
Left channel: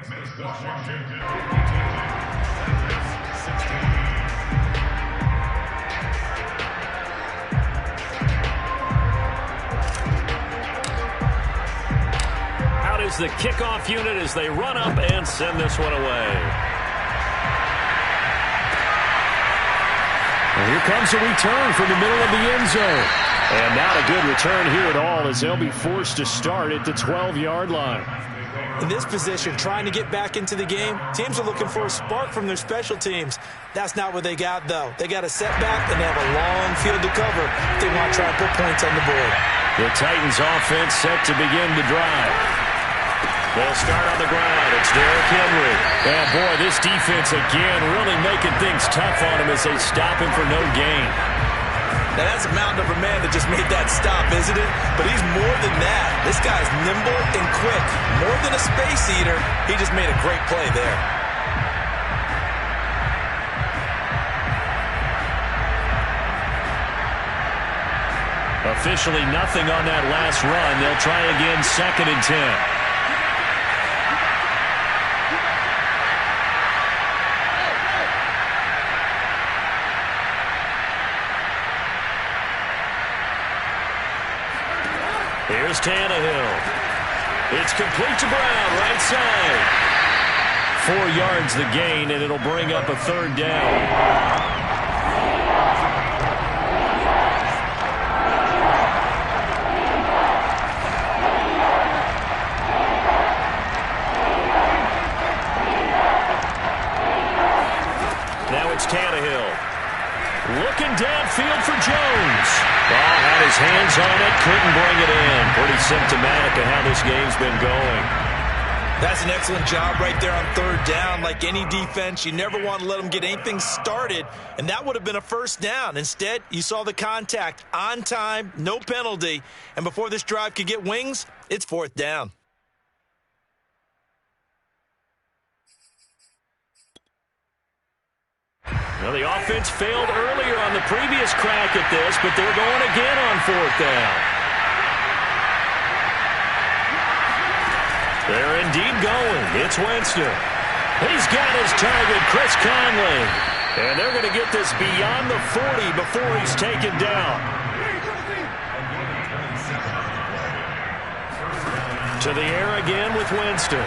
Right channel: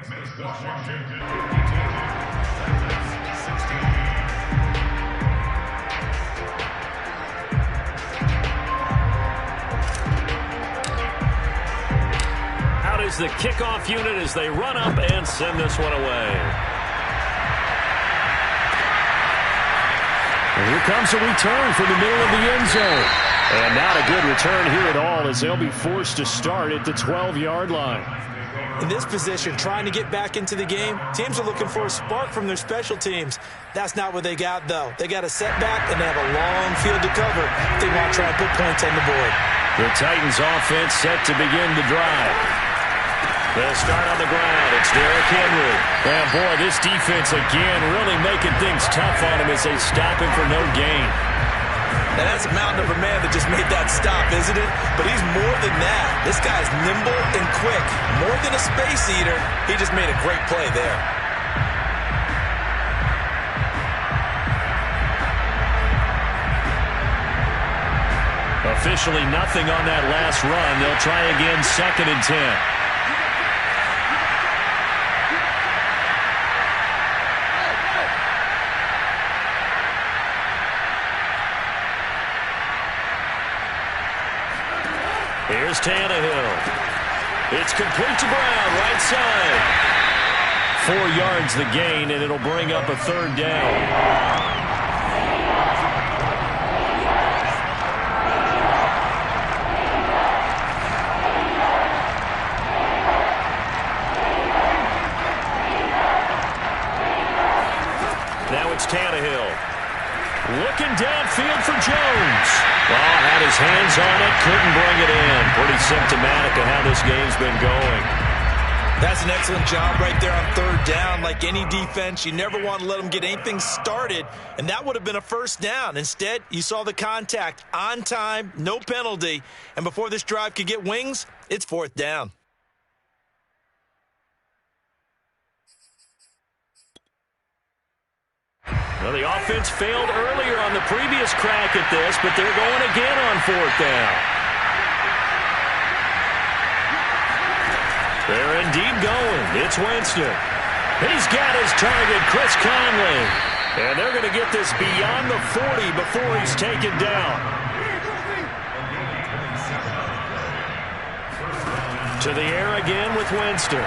Out is the kickoff unit as they run up and send this one away. And here comes a return from the middle of the end zone. And not a good return here at all as they'll be forced to start at the 12-yard line. In this position, trying to get back into the game, teams are looking for a spark from their special teams. That's not what they got, though. They got a setback, and they have a long field to cover if they want to try and put points on the board. The Titans offense set to begin the drive. They'll start on the ground. It's Derrick Henry. And, boy, this defense again really making things tough on him as they stop him for no gain. Now, that's a mountain of a man that just made that stop, isn't it? But he's more than that. This guy's nimble and quick. More than a space eater, he just made a great play there. Officially nothing on that last run. They'll try again, 2nd and 10. Here's Tannehill. It's complete to Brown, right side. 4 yards the gain, and it'll bring up a 3rd down. Now it's Tannehill. Looking downfield for Jones. Oh, had his hands on it, couldn't bring it in. Pretty symptomatic of how this game's been going. That's an excellent job right there on 3rd down. Like any defense, you never want to let them get anything started, and that would have been a 1st down. Instead, you saw the contact on time, no penalty, and before this drive could get wings, it's 4th down. Well, the offense failed earlier on the previous crack at this, but they're going again on 4th down. They're indeed going. It's Winston. He's got his target, Chris Conley. And they're going to get this beyond the 40 before he's taken down. To the air again with Winston.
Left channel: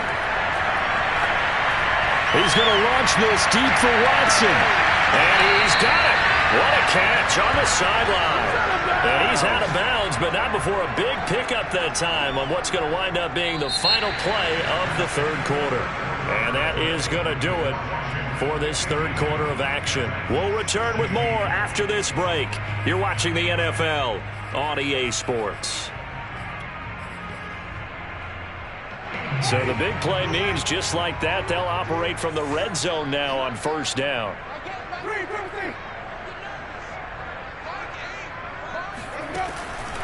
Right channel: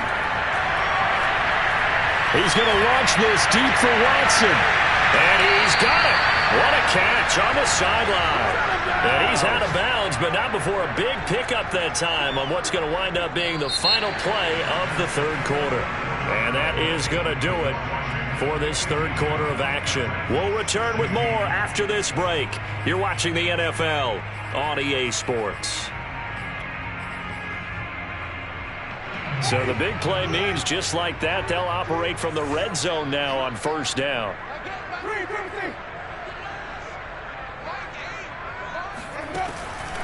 He's going to launch this deep for Watson. And he's got it. What a catch on the sideline. And he's out of bounds, but not before a big pickup that time on what's going to wind up being the final play of the 3rd quarter. And that is going to do it for this 3rd quarter of action. We'll return with more after this break. You're watching the NFL on EA Sports. So the big play means just like that, they'll operate from the red zone now on 1st down.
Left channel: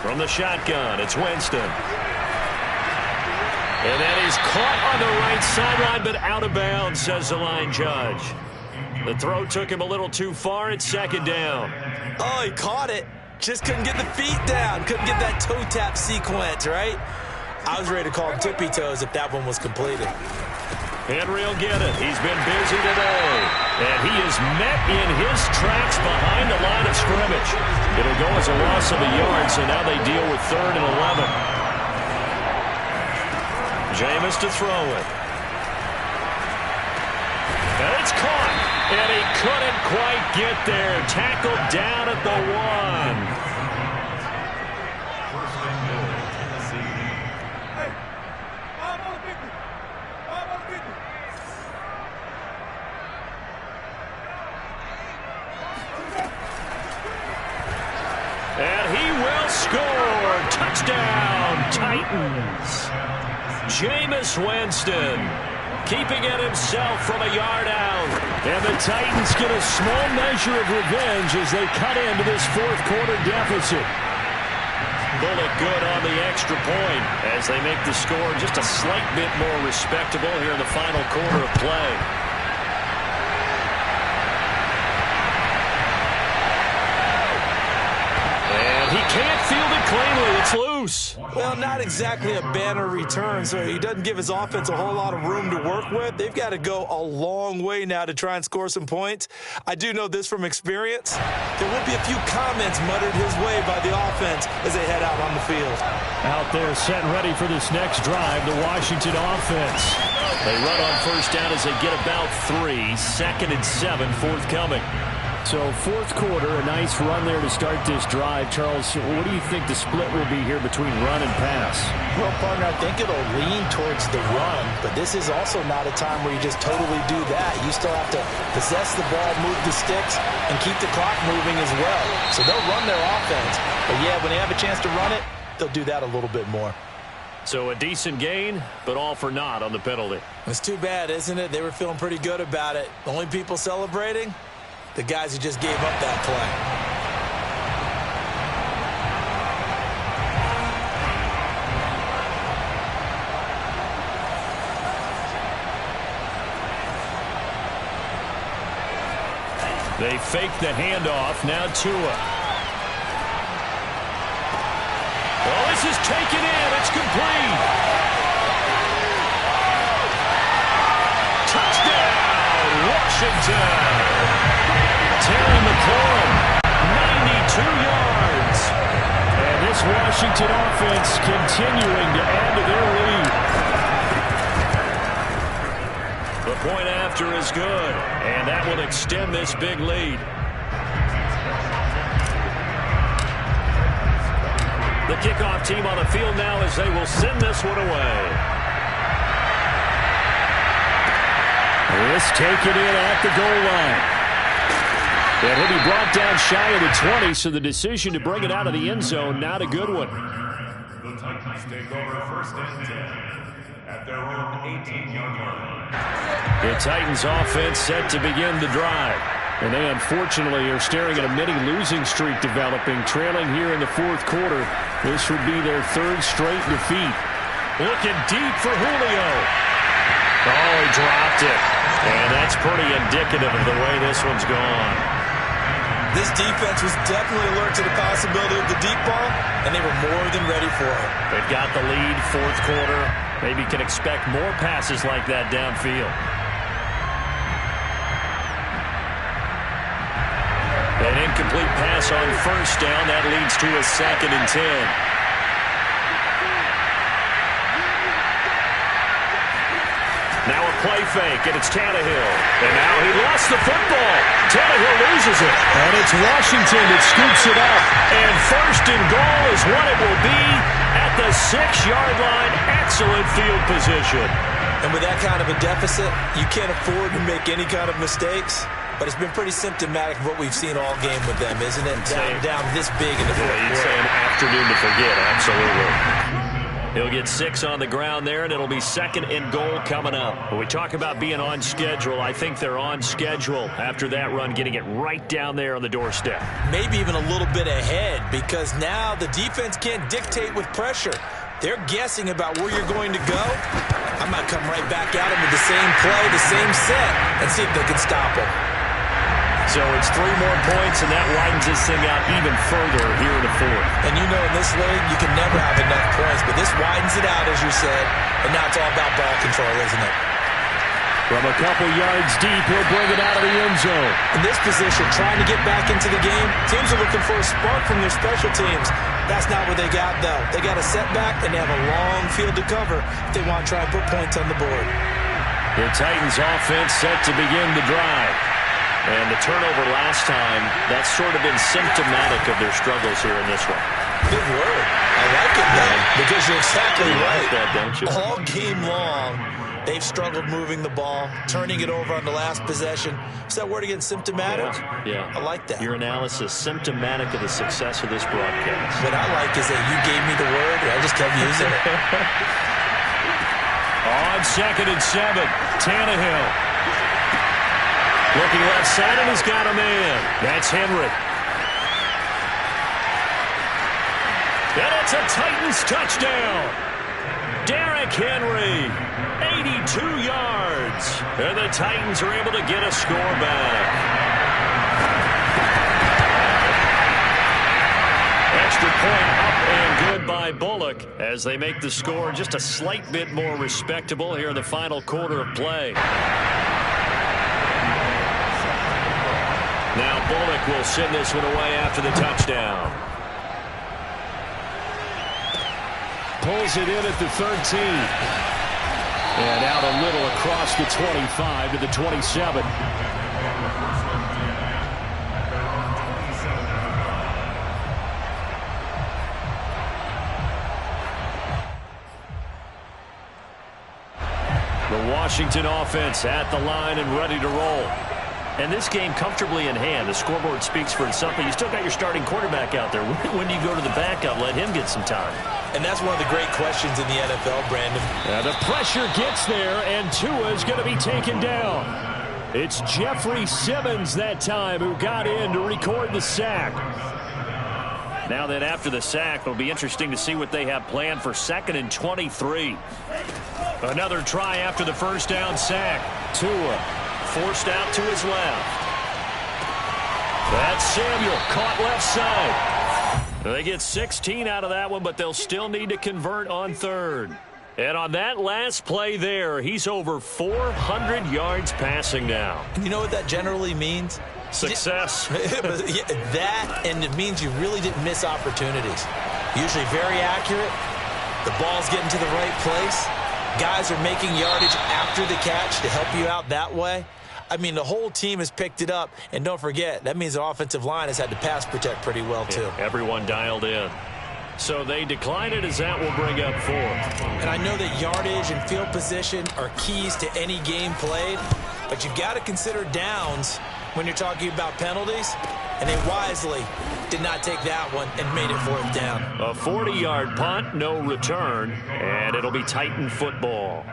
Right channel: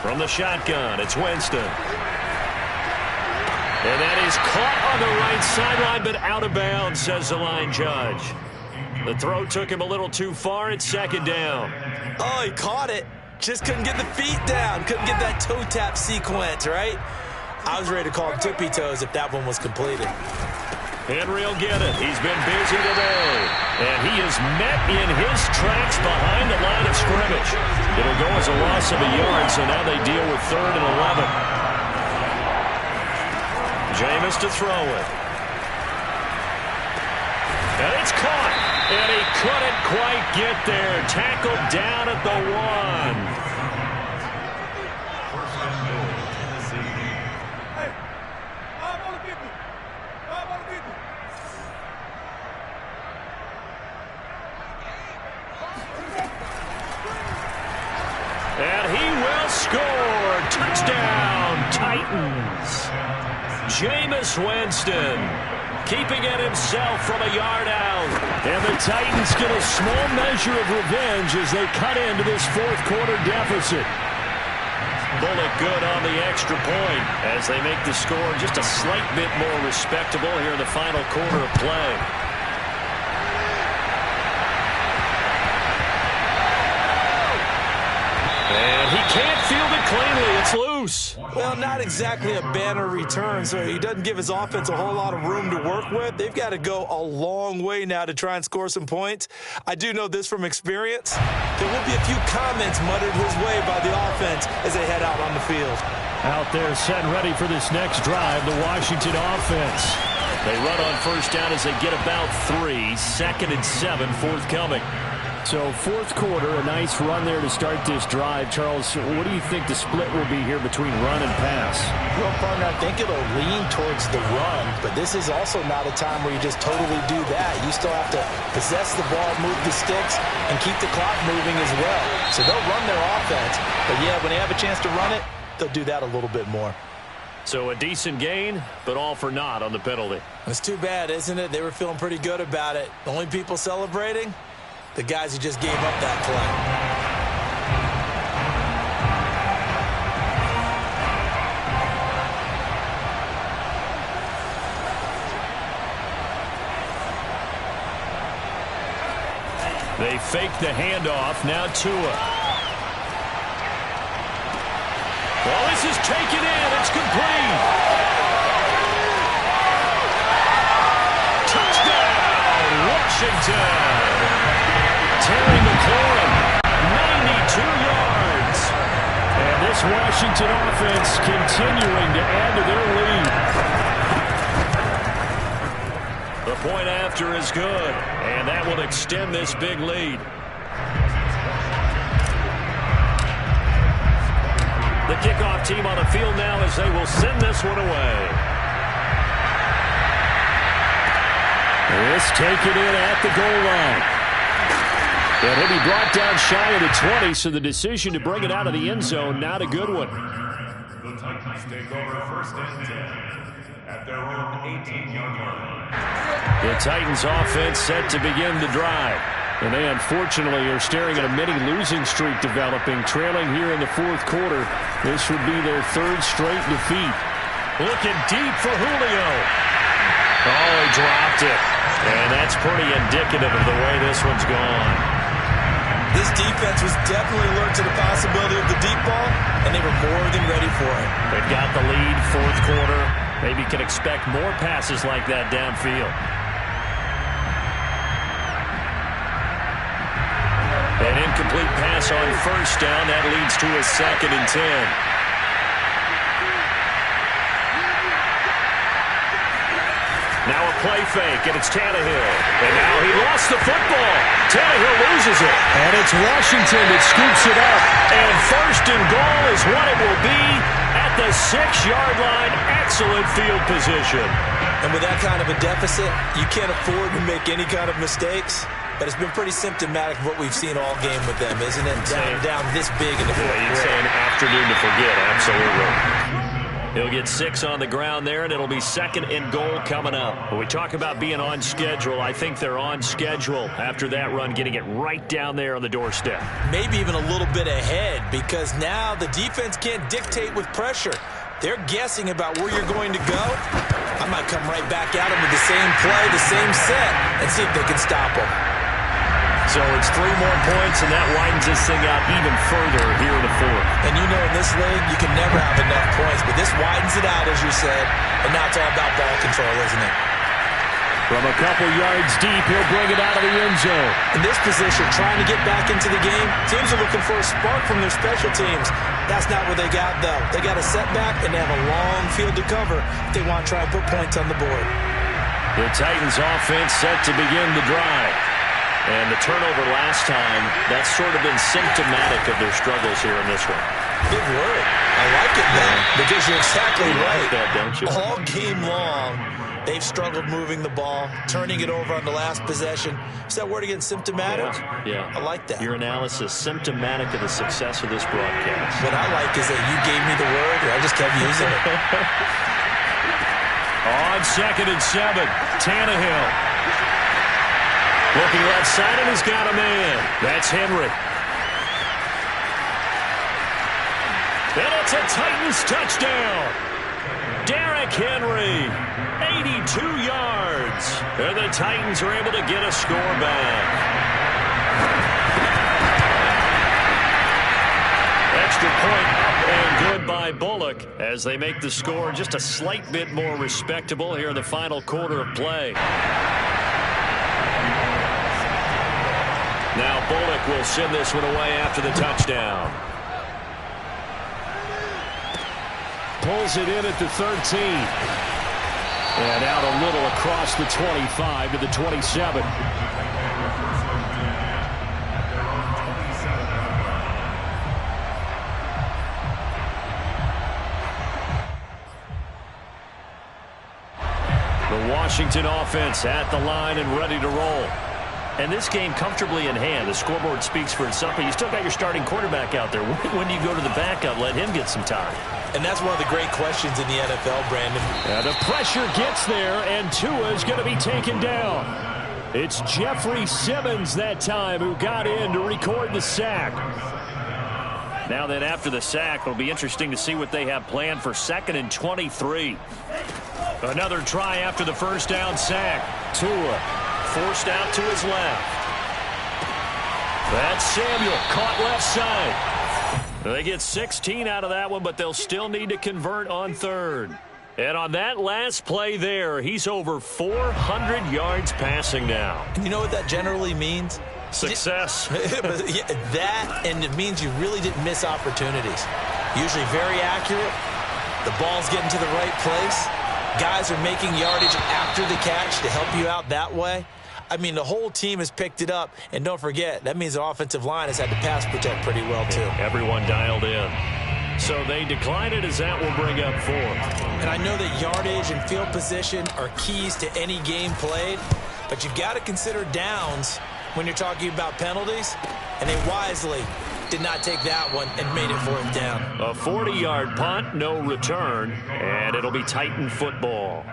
From the shotgun, it's Winston. And that is caught on the right sideline, but out of bounds, says the line judge. The throw took him a little too far. It's 2nd down. Oh, he caught it. Just couldn't get the feet down. Couldn't get that toe tap sequence, right? I was ready to call him tippy toes if that one was completed. Henry will get it. He's been busy today. And he is met in his tracks behind the line of scrimmage. It'll go as a loss of a yard, so now they deal with 3rd and 11. Jameis to throw it. And it's caught. And he couldn't quite get there. Tackled down at the 1. And he will score. Touchdown, Titans. Jameis Winston keeping it himself from a yard out. And the Titans get a small measure of revenge as they cut into this 4th quarter deficit. Bullet good on the extra point as they make the score just a slight bit more respectable here in the final quarter of play. And he can't field it cleanly. It's loose. Well, not exactly a banner return, so he doesn't give his offense a whole lot of room to work with. They've got to go a long way now to try and score some points. I do know this from experience. There will be a few comments muttered his way by the offense as they head out on the field. Out there set and ready for this next drive, the Washington offense. They run on first down as they get about 3. 2nd and 7 forthcoming. So fourth quarter, a nice run there to start this drive. Charles, what do you think the split will be here between run and pass? Well, partner, I think it'll lean towards the run, but this is also not a time where you just totally do that. You still have to possess the ball, move the sticks, and keep the clock moving as well. So they'll run their offense, but yeah, when they have a chance to run it, they'll do that a little bit more. So a decent gain, but all for naught on the penalty. It's too bad, isn't it? They were feeling pretty good about it. The only people celebrating? The guys who just gave up that play. They fake the handoff. Now Tua. Well, this is taken in. It's complete. Touchdown, Washington. Terry McLaurin, 92 yards. And this Washington offense continuing to add to their lead. The point after is good, and that will extend this big lead. The kickoff team on the field now as they will send this one away. This taken in at the goal line. And he'll be brought down shy of the 20, so the decision to bring it out of the end zone, not a good one. The Titans take over 1st and 10 at their own 18-yard line. The Titans offense set to begin the drive. And they unfortunately are staring at a mini losing streak developing, trailing here in the fourth quarter. This would be their 3rd straight defeat. Looking deep for Julio. Oh, he dropped it. And that's pretty indicative of the way this one's gone. This defense was definitely alert to the possibility of the deep ball, and they were more than ready for it. They've got the lead, fourth quarter. Maybe can expect more passes like that downfield. An incomplete pass on first down. That leads to a 2nd and 10. Now a play fake, and it's Tannehill. And now he lost the football. Tannehill loses it. And it's Washington that scoops it up. And 1st and goal is what it will be at the 6-yard line. Excellent field position. And with that kind of a deficit, you can't afford to make any kind of mistakes. But it's been pretty symptomatic of what we've seen all game with them, isn't it? Down this big in the fourth quarter. You'd say an afternoon to forget, absolutely. He'll get 6 on the ground there, and it'll be 2nd and goal coming up. When we talk about being on schedule, I think they're on schedule after that run, getting it right down there on the doorstep. Maybe even a little bit ahead, because now the defense can't dictate with pressure. They're guessing about where you're going to go. I might come right back at them with the same play, the same set, and see if they can stop them. So it's 3 more points, and that widens this thing out even further here in the fourth. And you know in this league, you can never have enough points, but this widens it out, as you said, and now it's all about ball control, isn't it? From a couple yards deep, he'll bring it out of the end zone. In this position, trying to get back into the game, teams are looking for a spark from their special teams. That's not what they got, though. They got a setback, and they have a long field to cover if they want to try and put points on the board. The Titans offense set to begin the drive. And the turnover last time, that's sort of been symptomatic of their struggles here in this one. Good word. I like it, though, because you're exactly right. Like that, don't you? All game long, they've struggled moving the ball, turning it over on the last possession. Is that word again, symptomatic? Yeah. I like that. Your analysis, symptomatic of the success of this broadcast. What I like is that you gave me the word, and I just kept using it. On 2nd and 7, Tannehill. Looking left side, and he's got a man. That's Henry. And it's a Titans touchdown. Derrick Henry, 82 yards. And the Titans are able to get a score back. extra point up and good by Bullock as they make the score just a slight bit more respectable here in the final quarter of play. Now Bullock will send this one away after the touchdown. Pulls it in at the 13. And out a little across the 25 to the 27. The Washington offense at the line and ready to roll. And this game comfortably in hand. The scoreboard speaks for itself, but you still got your starting quarterback out there. When do you go to the backup? Let him get some time. And that's one of the great questions in the NFL, Brandon. The pressure gets there, and Tua is going to be taken down. It's Jeffrey Simmons that time who got in to record the sack. Now then, after the sack, it'll be interesting to see what they have planned for 2nd and 23. Another try after the first down sack. Tua forced out to his left. That's Samuel, caught left side. They get 16 out of that one, but they'll still need to convert on 3rd. And on that last play there, he's over 400 yards passing now. You know what that generally means? Success. That, and it means you really didn't miss opportunities. Usually very accurate. The ball's getting to the right place. Guys are making yardage after the catch to help you out that way. I mean, the whole team has picked it up. And don't forget, that means the offensive line has had to pass protect pretty well, too. Yeah, everyone dialed in. So they decline it as that will bring up 4. And I know that yardage and field position are keys to any game played. But you've got to consider downs when you're talking about penalties. And they wisely did not take that one and made it 4th down. A 40-yard punt, no return. And it'll be Titan football.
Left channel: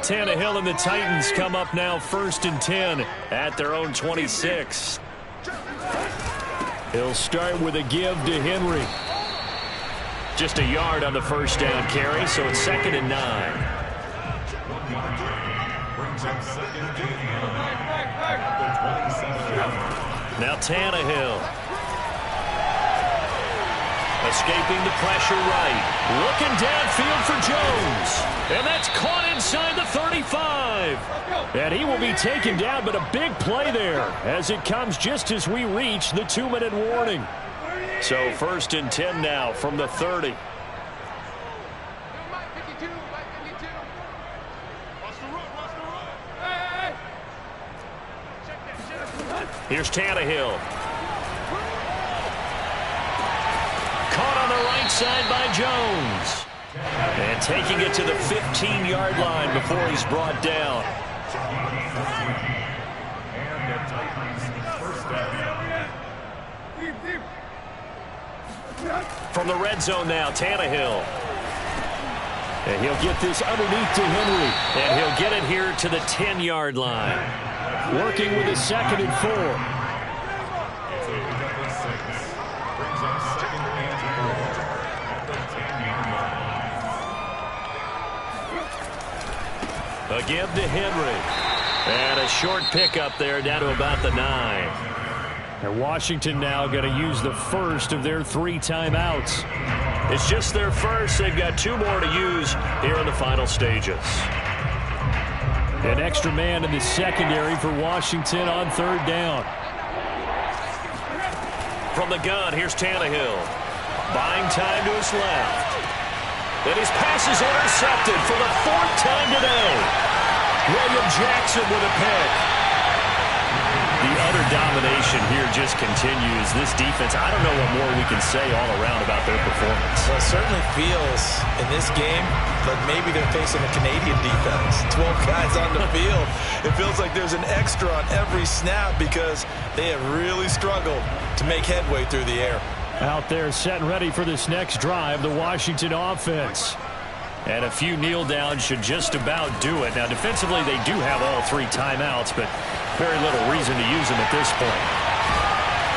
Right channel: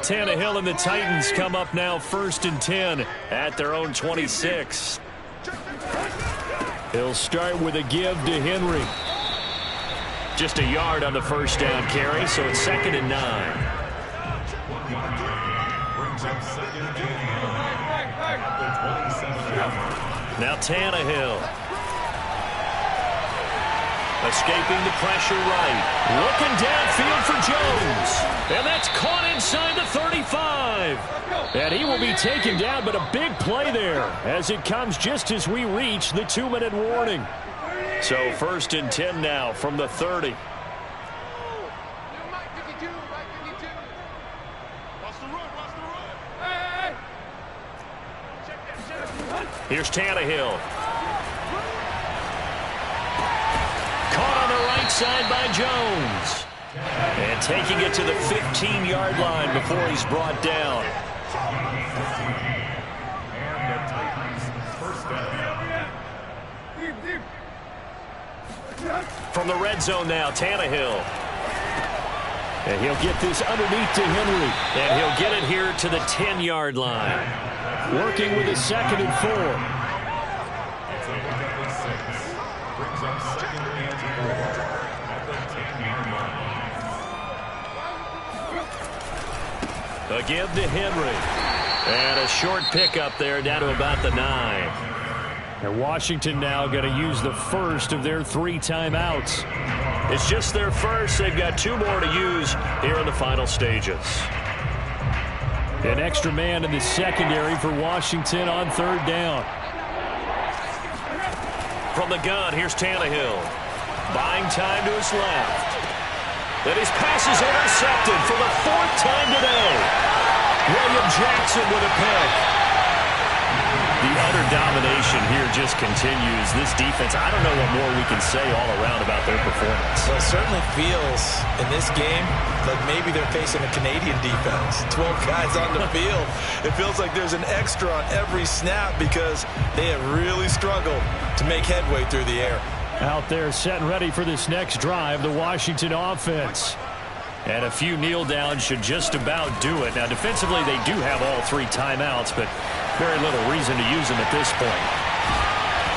Tannehill and the Titans come up now 1st and 10 at their own 26. He'll start with a give to Henry. Just a yard on the first down carry, so it's 2nd and 9. Now Tannehill. Escaping the pressure right. Looking downfield for Jones. And that's caught inside the 35. And he will be taken down, but a big play there as it comes just as we reach the 2-minute warning. So 1st and 10 now from the 30. Here's Tannehill. Caught on the right side by Jones. And taking it to the 15-yard line before he's brought down. From the red zone now, Tannehill. And he'll get this underneath to Henry. And he'll get it here to the 10-yard line. Working with a 2nd and 4. A give to Henry. And a short pickup there down to about the 9. And Washington now going to use the first of their 3 timeouts. It's just their first. They've got 2 more to use here in the final stages. An extra man in the secondary for Washington on 3rd down. From the gun, here's Tannehill. Buying time to his left. And his pass is intercepted for the 4th time today. William Jackson with a pick. The utter domination here just continues. This defense, I don't know what more we can say all around about their performance. Well, it certainly feels in this game like maybe they're facing a Canadian defense. 12 guys on the field. It feels like there's an extra on every snap because they have really struggled to make headway through the air. Out there set and ready for this next drive, the Washington offense. And a few kneel downs should just about do it. Now, defensively, they do have all 3 timeouts, but very little reason to use them at this point.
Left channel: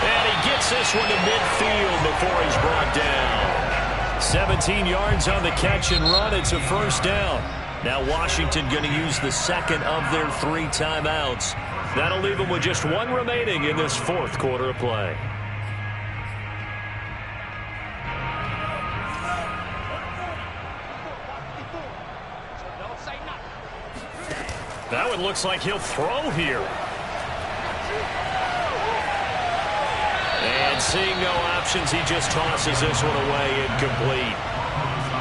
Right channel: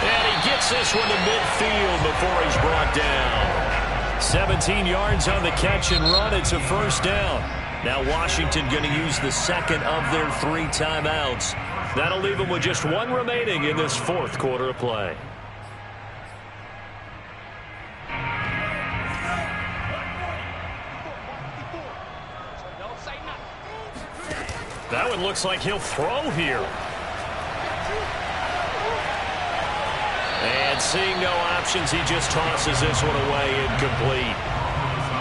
And he gets this one to midfield before he's brought down. 17 yards on the catch and run. It's a 1st down. Now Washington going to use the 2nd of their 3 timeouts. That'll leave them with just 1 remaining in this 4th quarter of play. That one looks like he'll throw here. And seeing no options, he just tosses this one away, incomplete.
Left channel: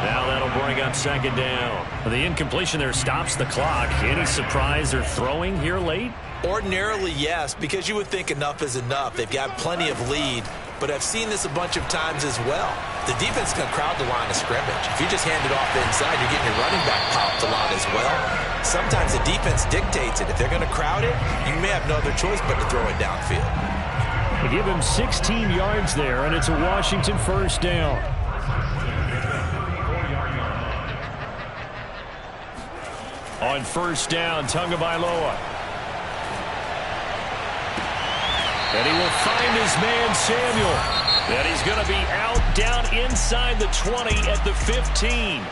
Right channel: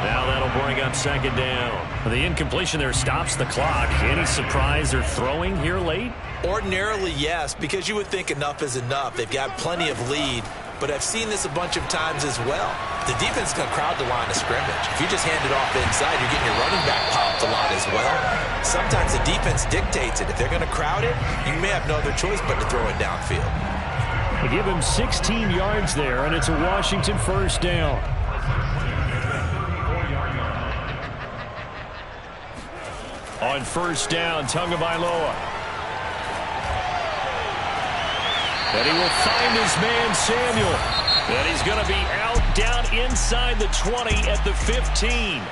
Now that'll bring up second down. The incompletion there stops the clock. Any surprise they're throwing here late? Ordinarily, yes, because you would think enough is enough. They've got plenty of lead, but I've seen this a bunch of times as well. The defense is going to crowd the line of scrimmage. If you just hand it off inside, you're getting your running back popped a lot as well. Sometimes the defense dictates it. If they're going to crowd it, you may have no other choice but to throw it downfield. They give him 16 yards there, and it's a Washington first down. On first down, Tagovailoa. And he will find his man, Samuel. And he's going to be out down inside the 20 at the 15.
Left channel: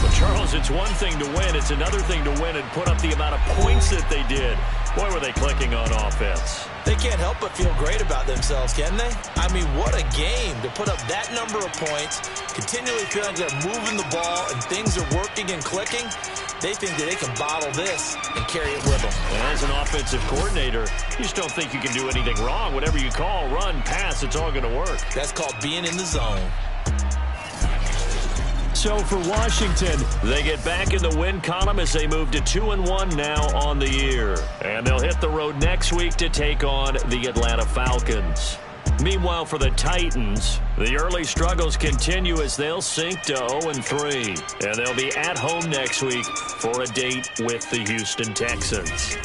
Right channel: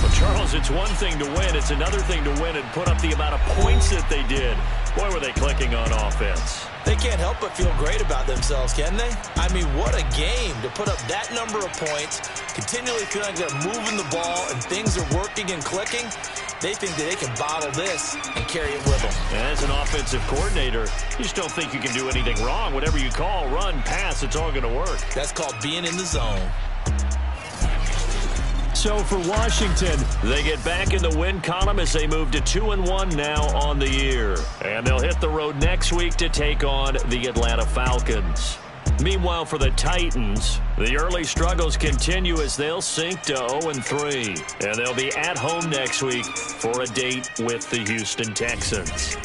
But, Charles, it's one thing to win. It's another thing to win and put up the amount of points that they did. Boy, were they clicking on offense. They can't help but feel great about themselves, can they? I mean, what a game to put up that number of points, continually feeling like they're moving the ball and things are working and clicking. They think that they can bottle this and carry it with them. As an offensive coordinator, you just don't think you can do anything wrong. Whatever you call, run, pass, it's all going to work. That's called being in the zone. So for Washington, they get back in the win column as they move to 2-1 now on the year. And they'll hit the road next week to take on the Atlanta Falcons. Meanwhile, for the Titans, the early struggles continue as they'll sink to 0-3. And they'll be at home next week for a date with the Houston Texans.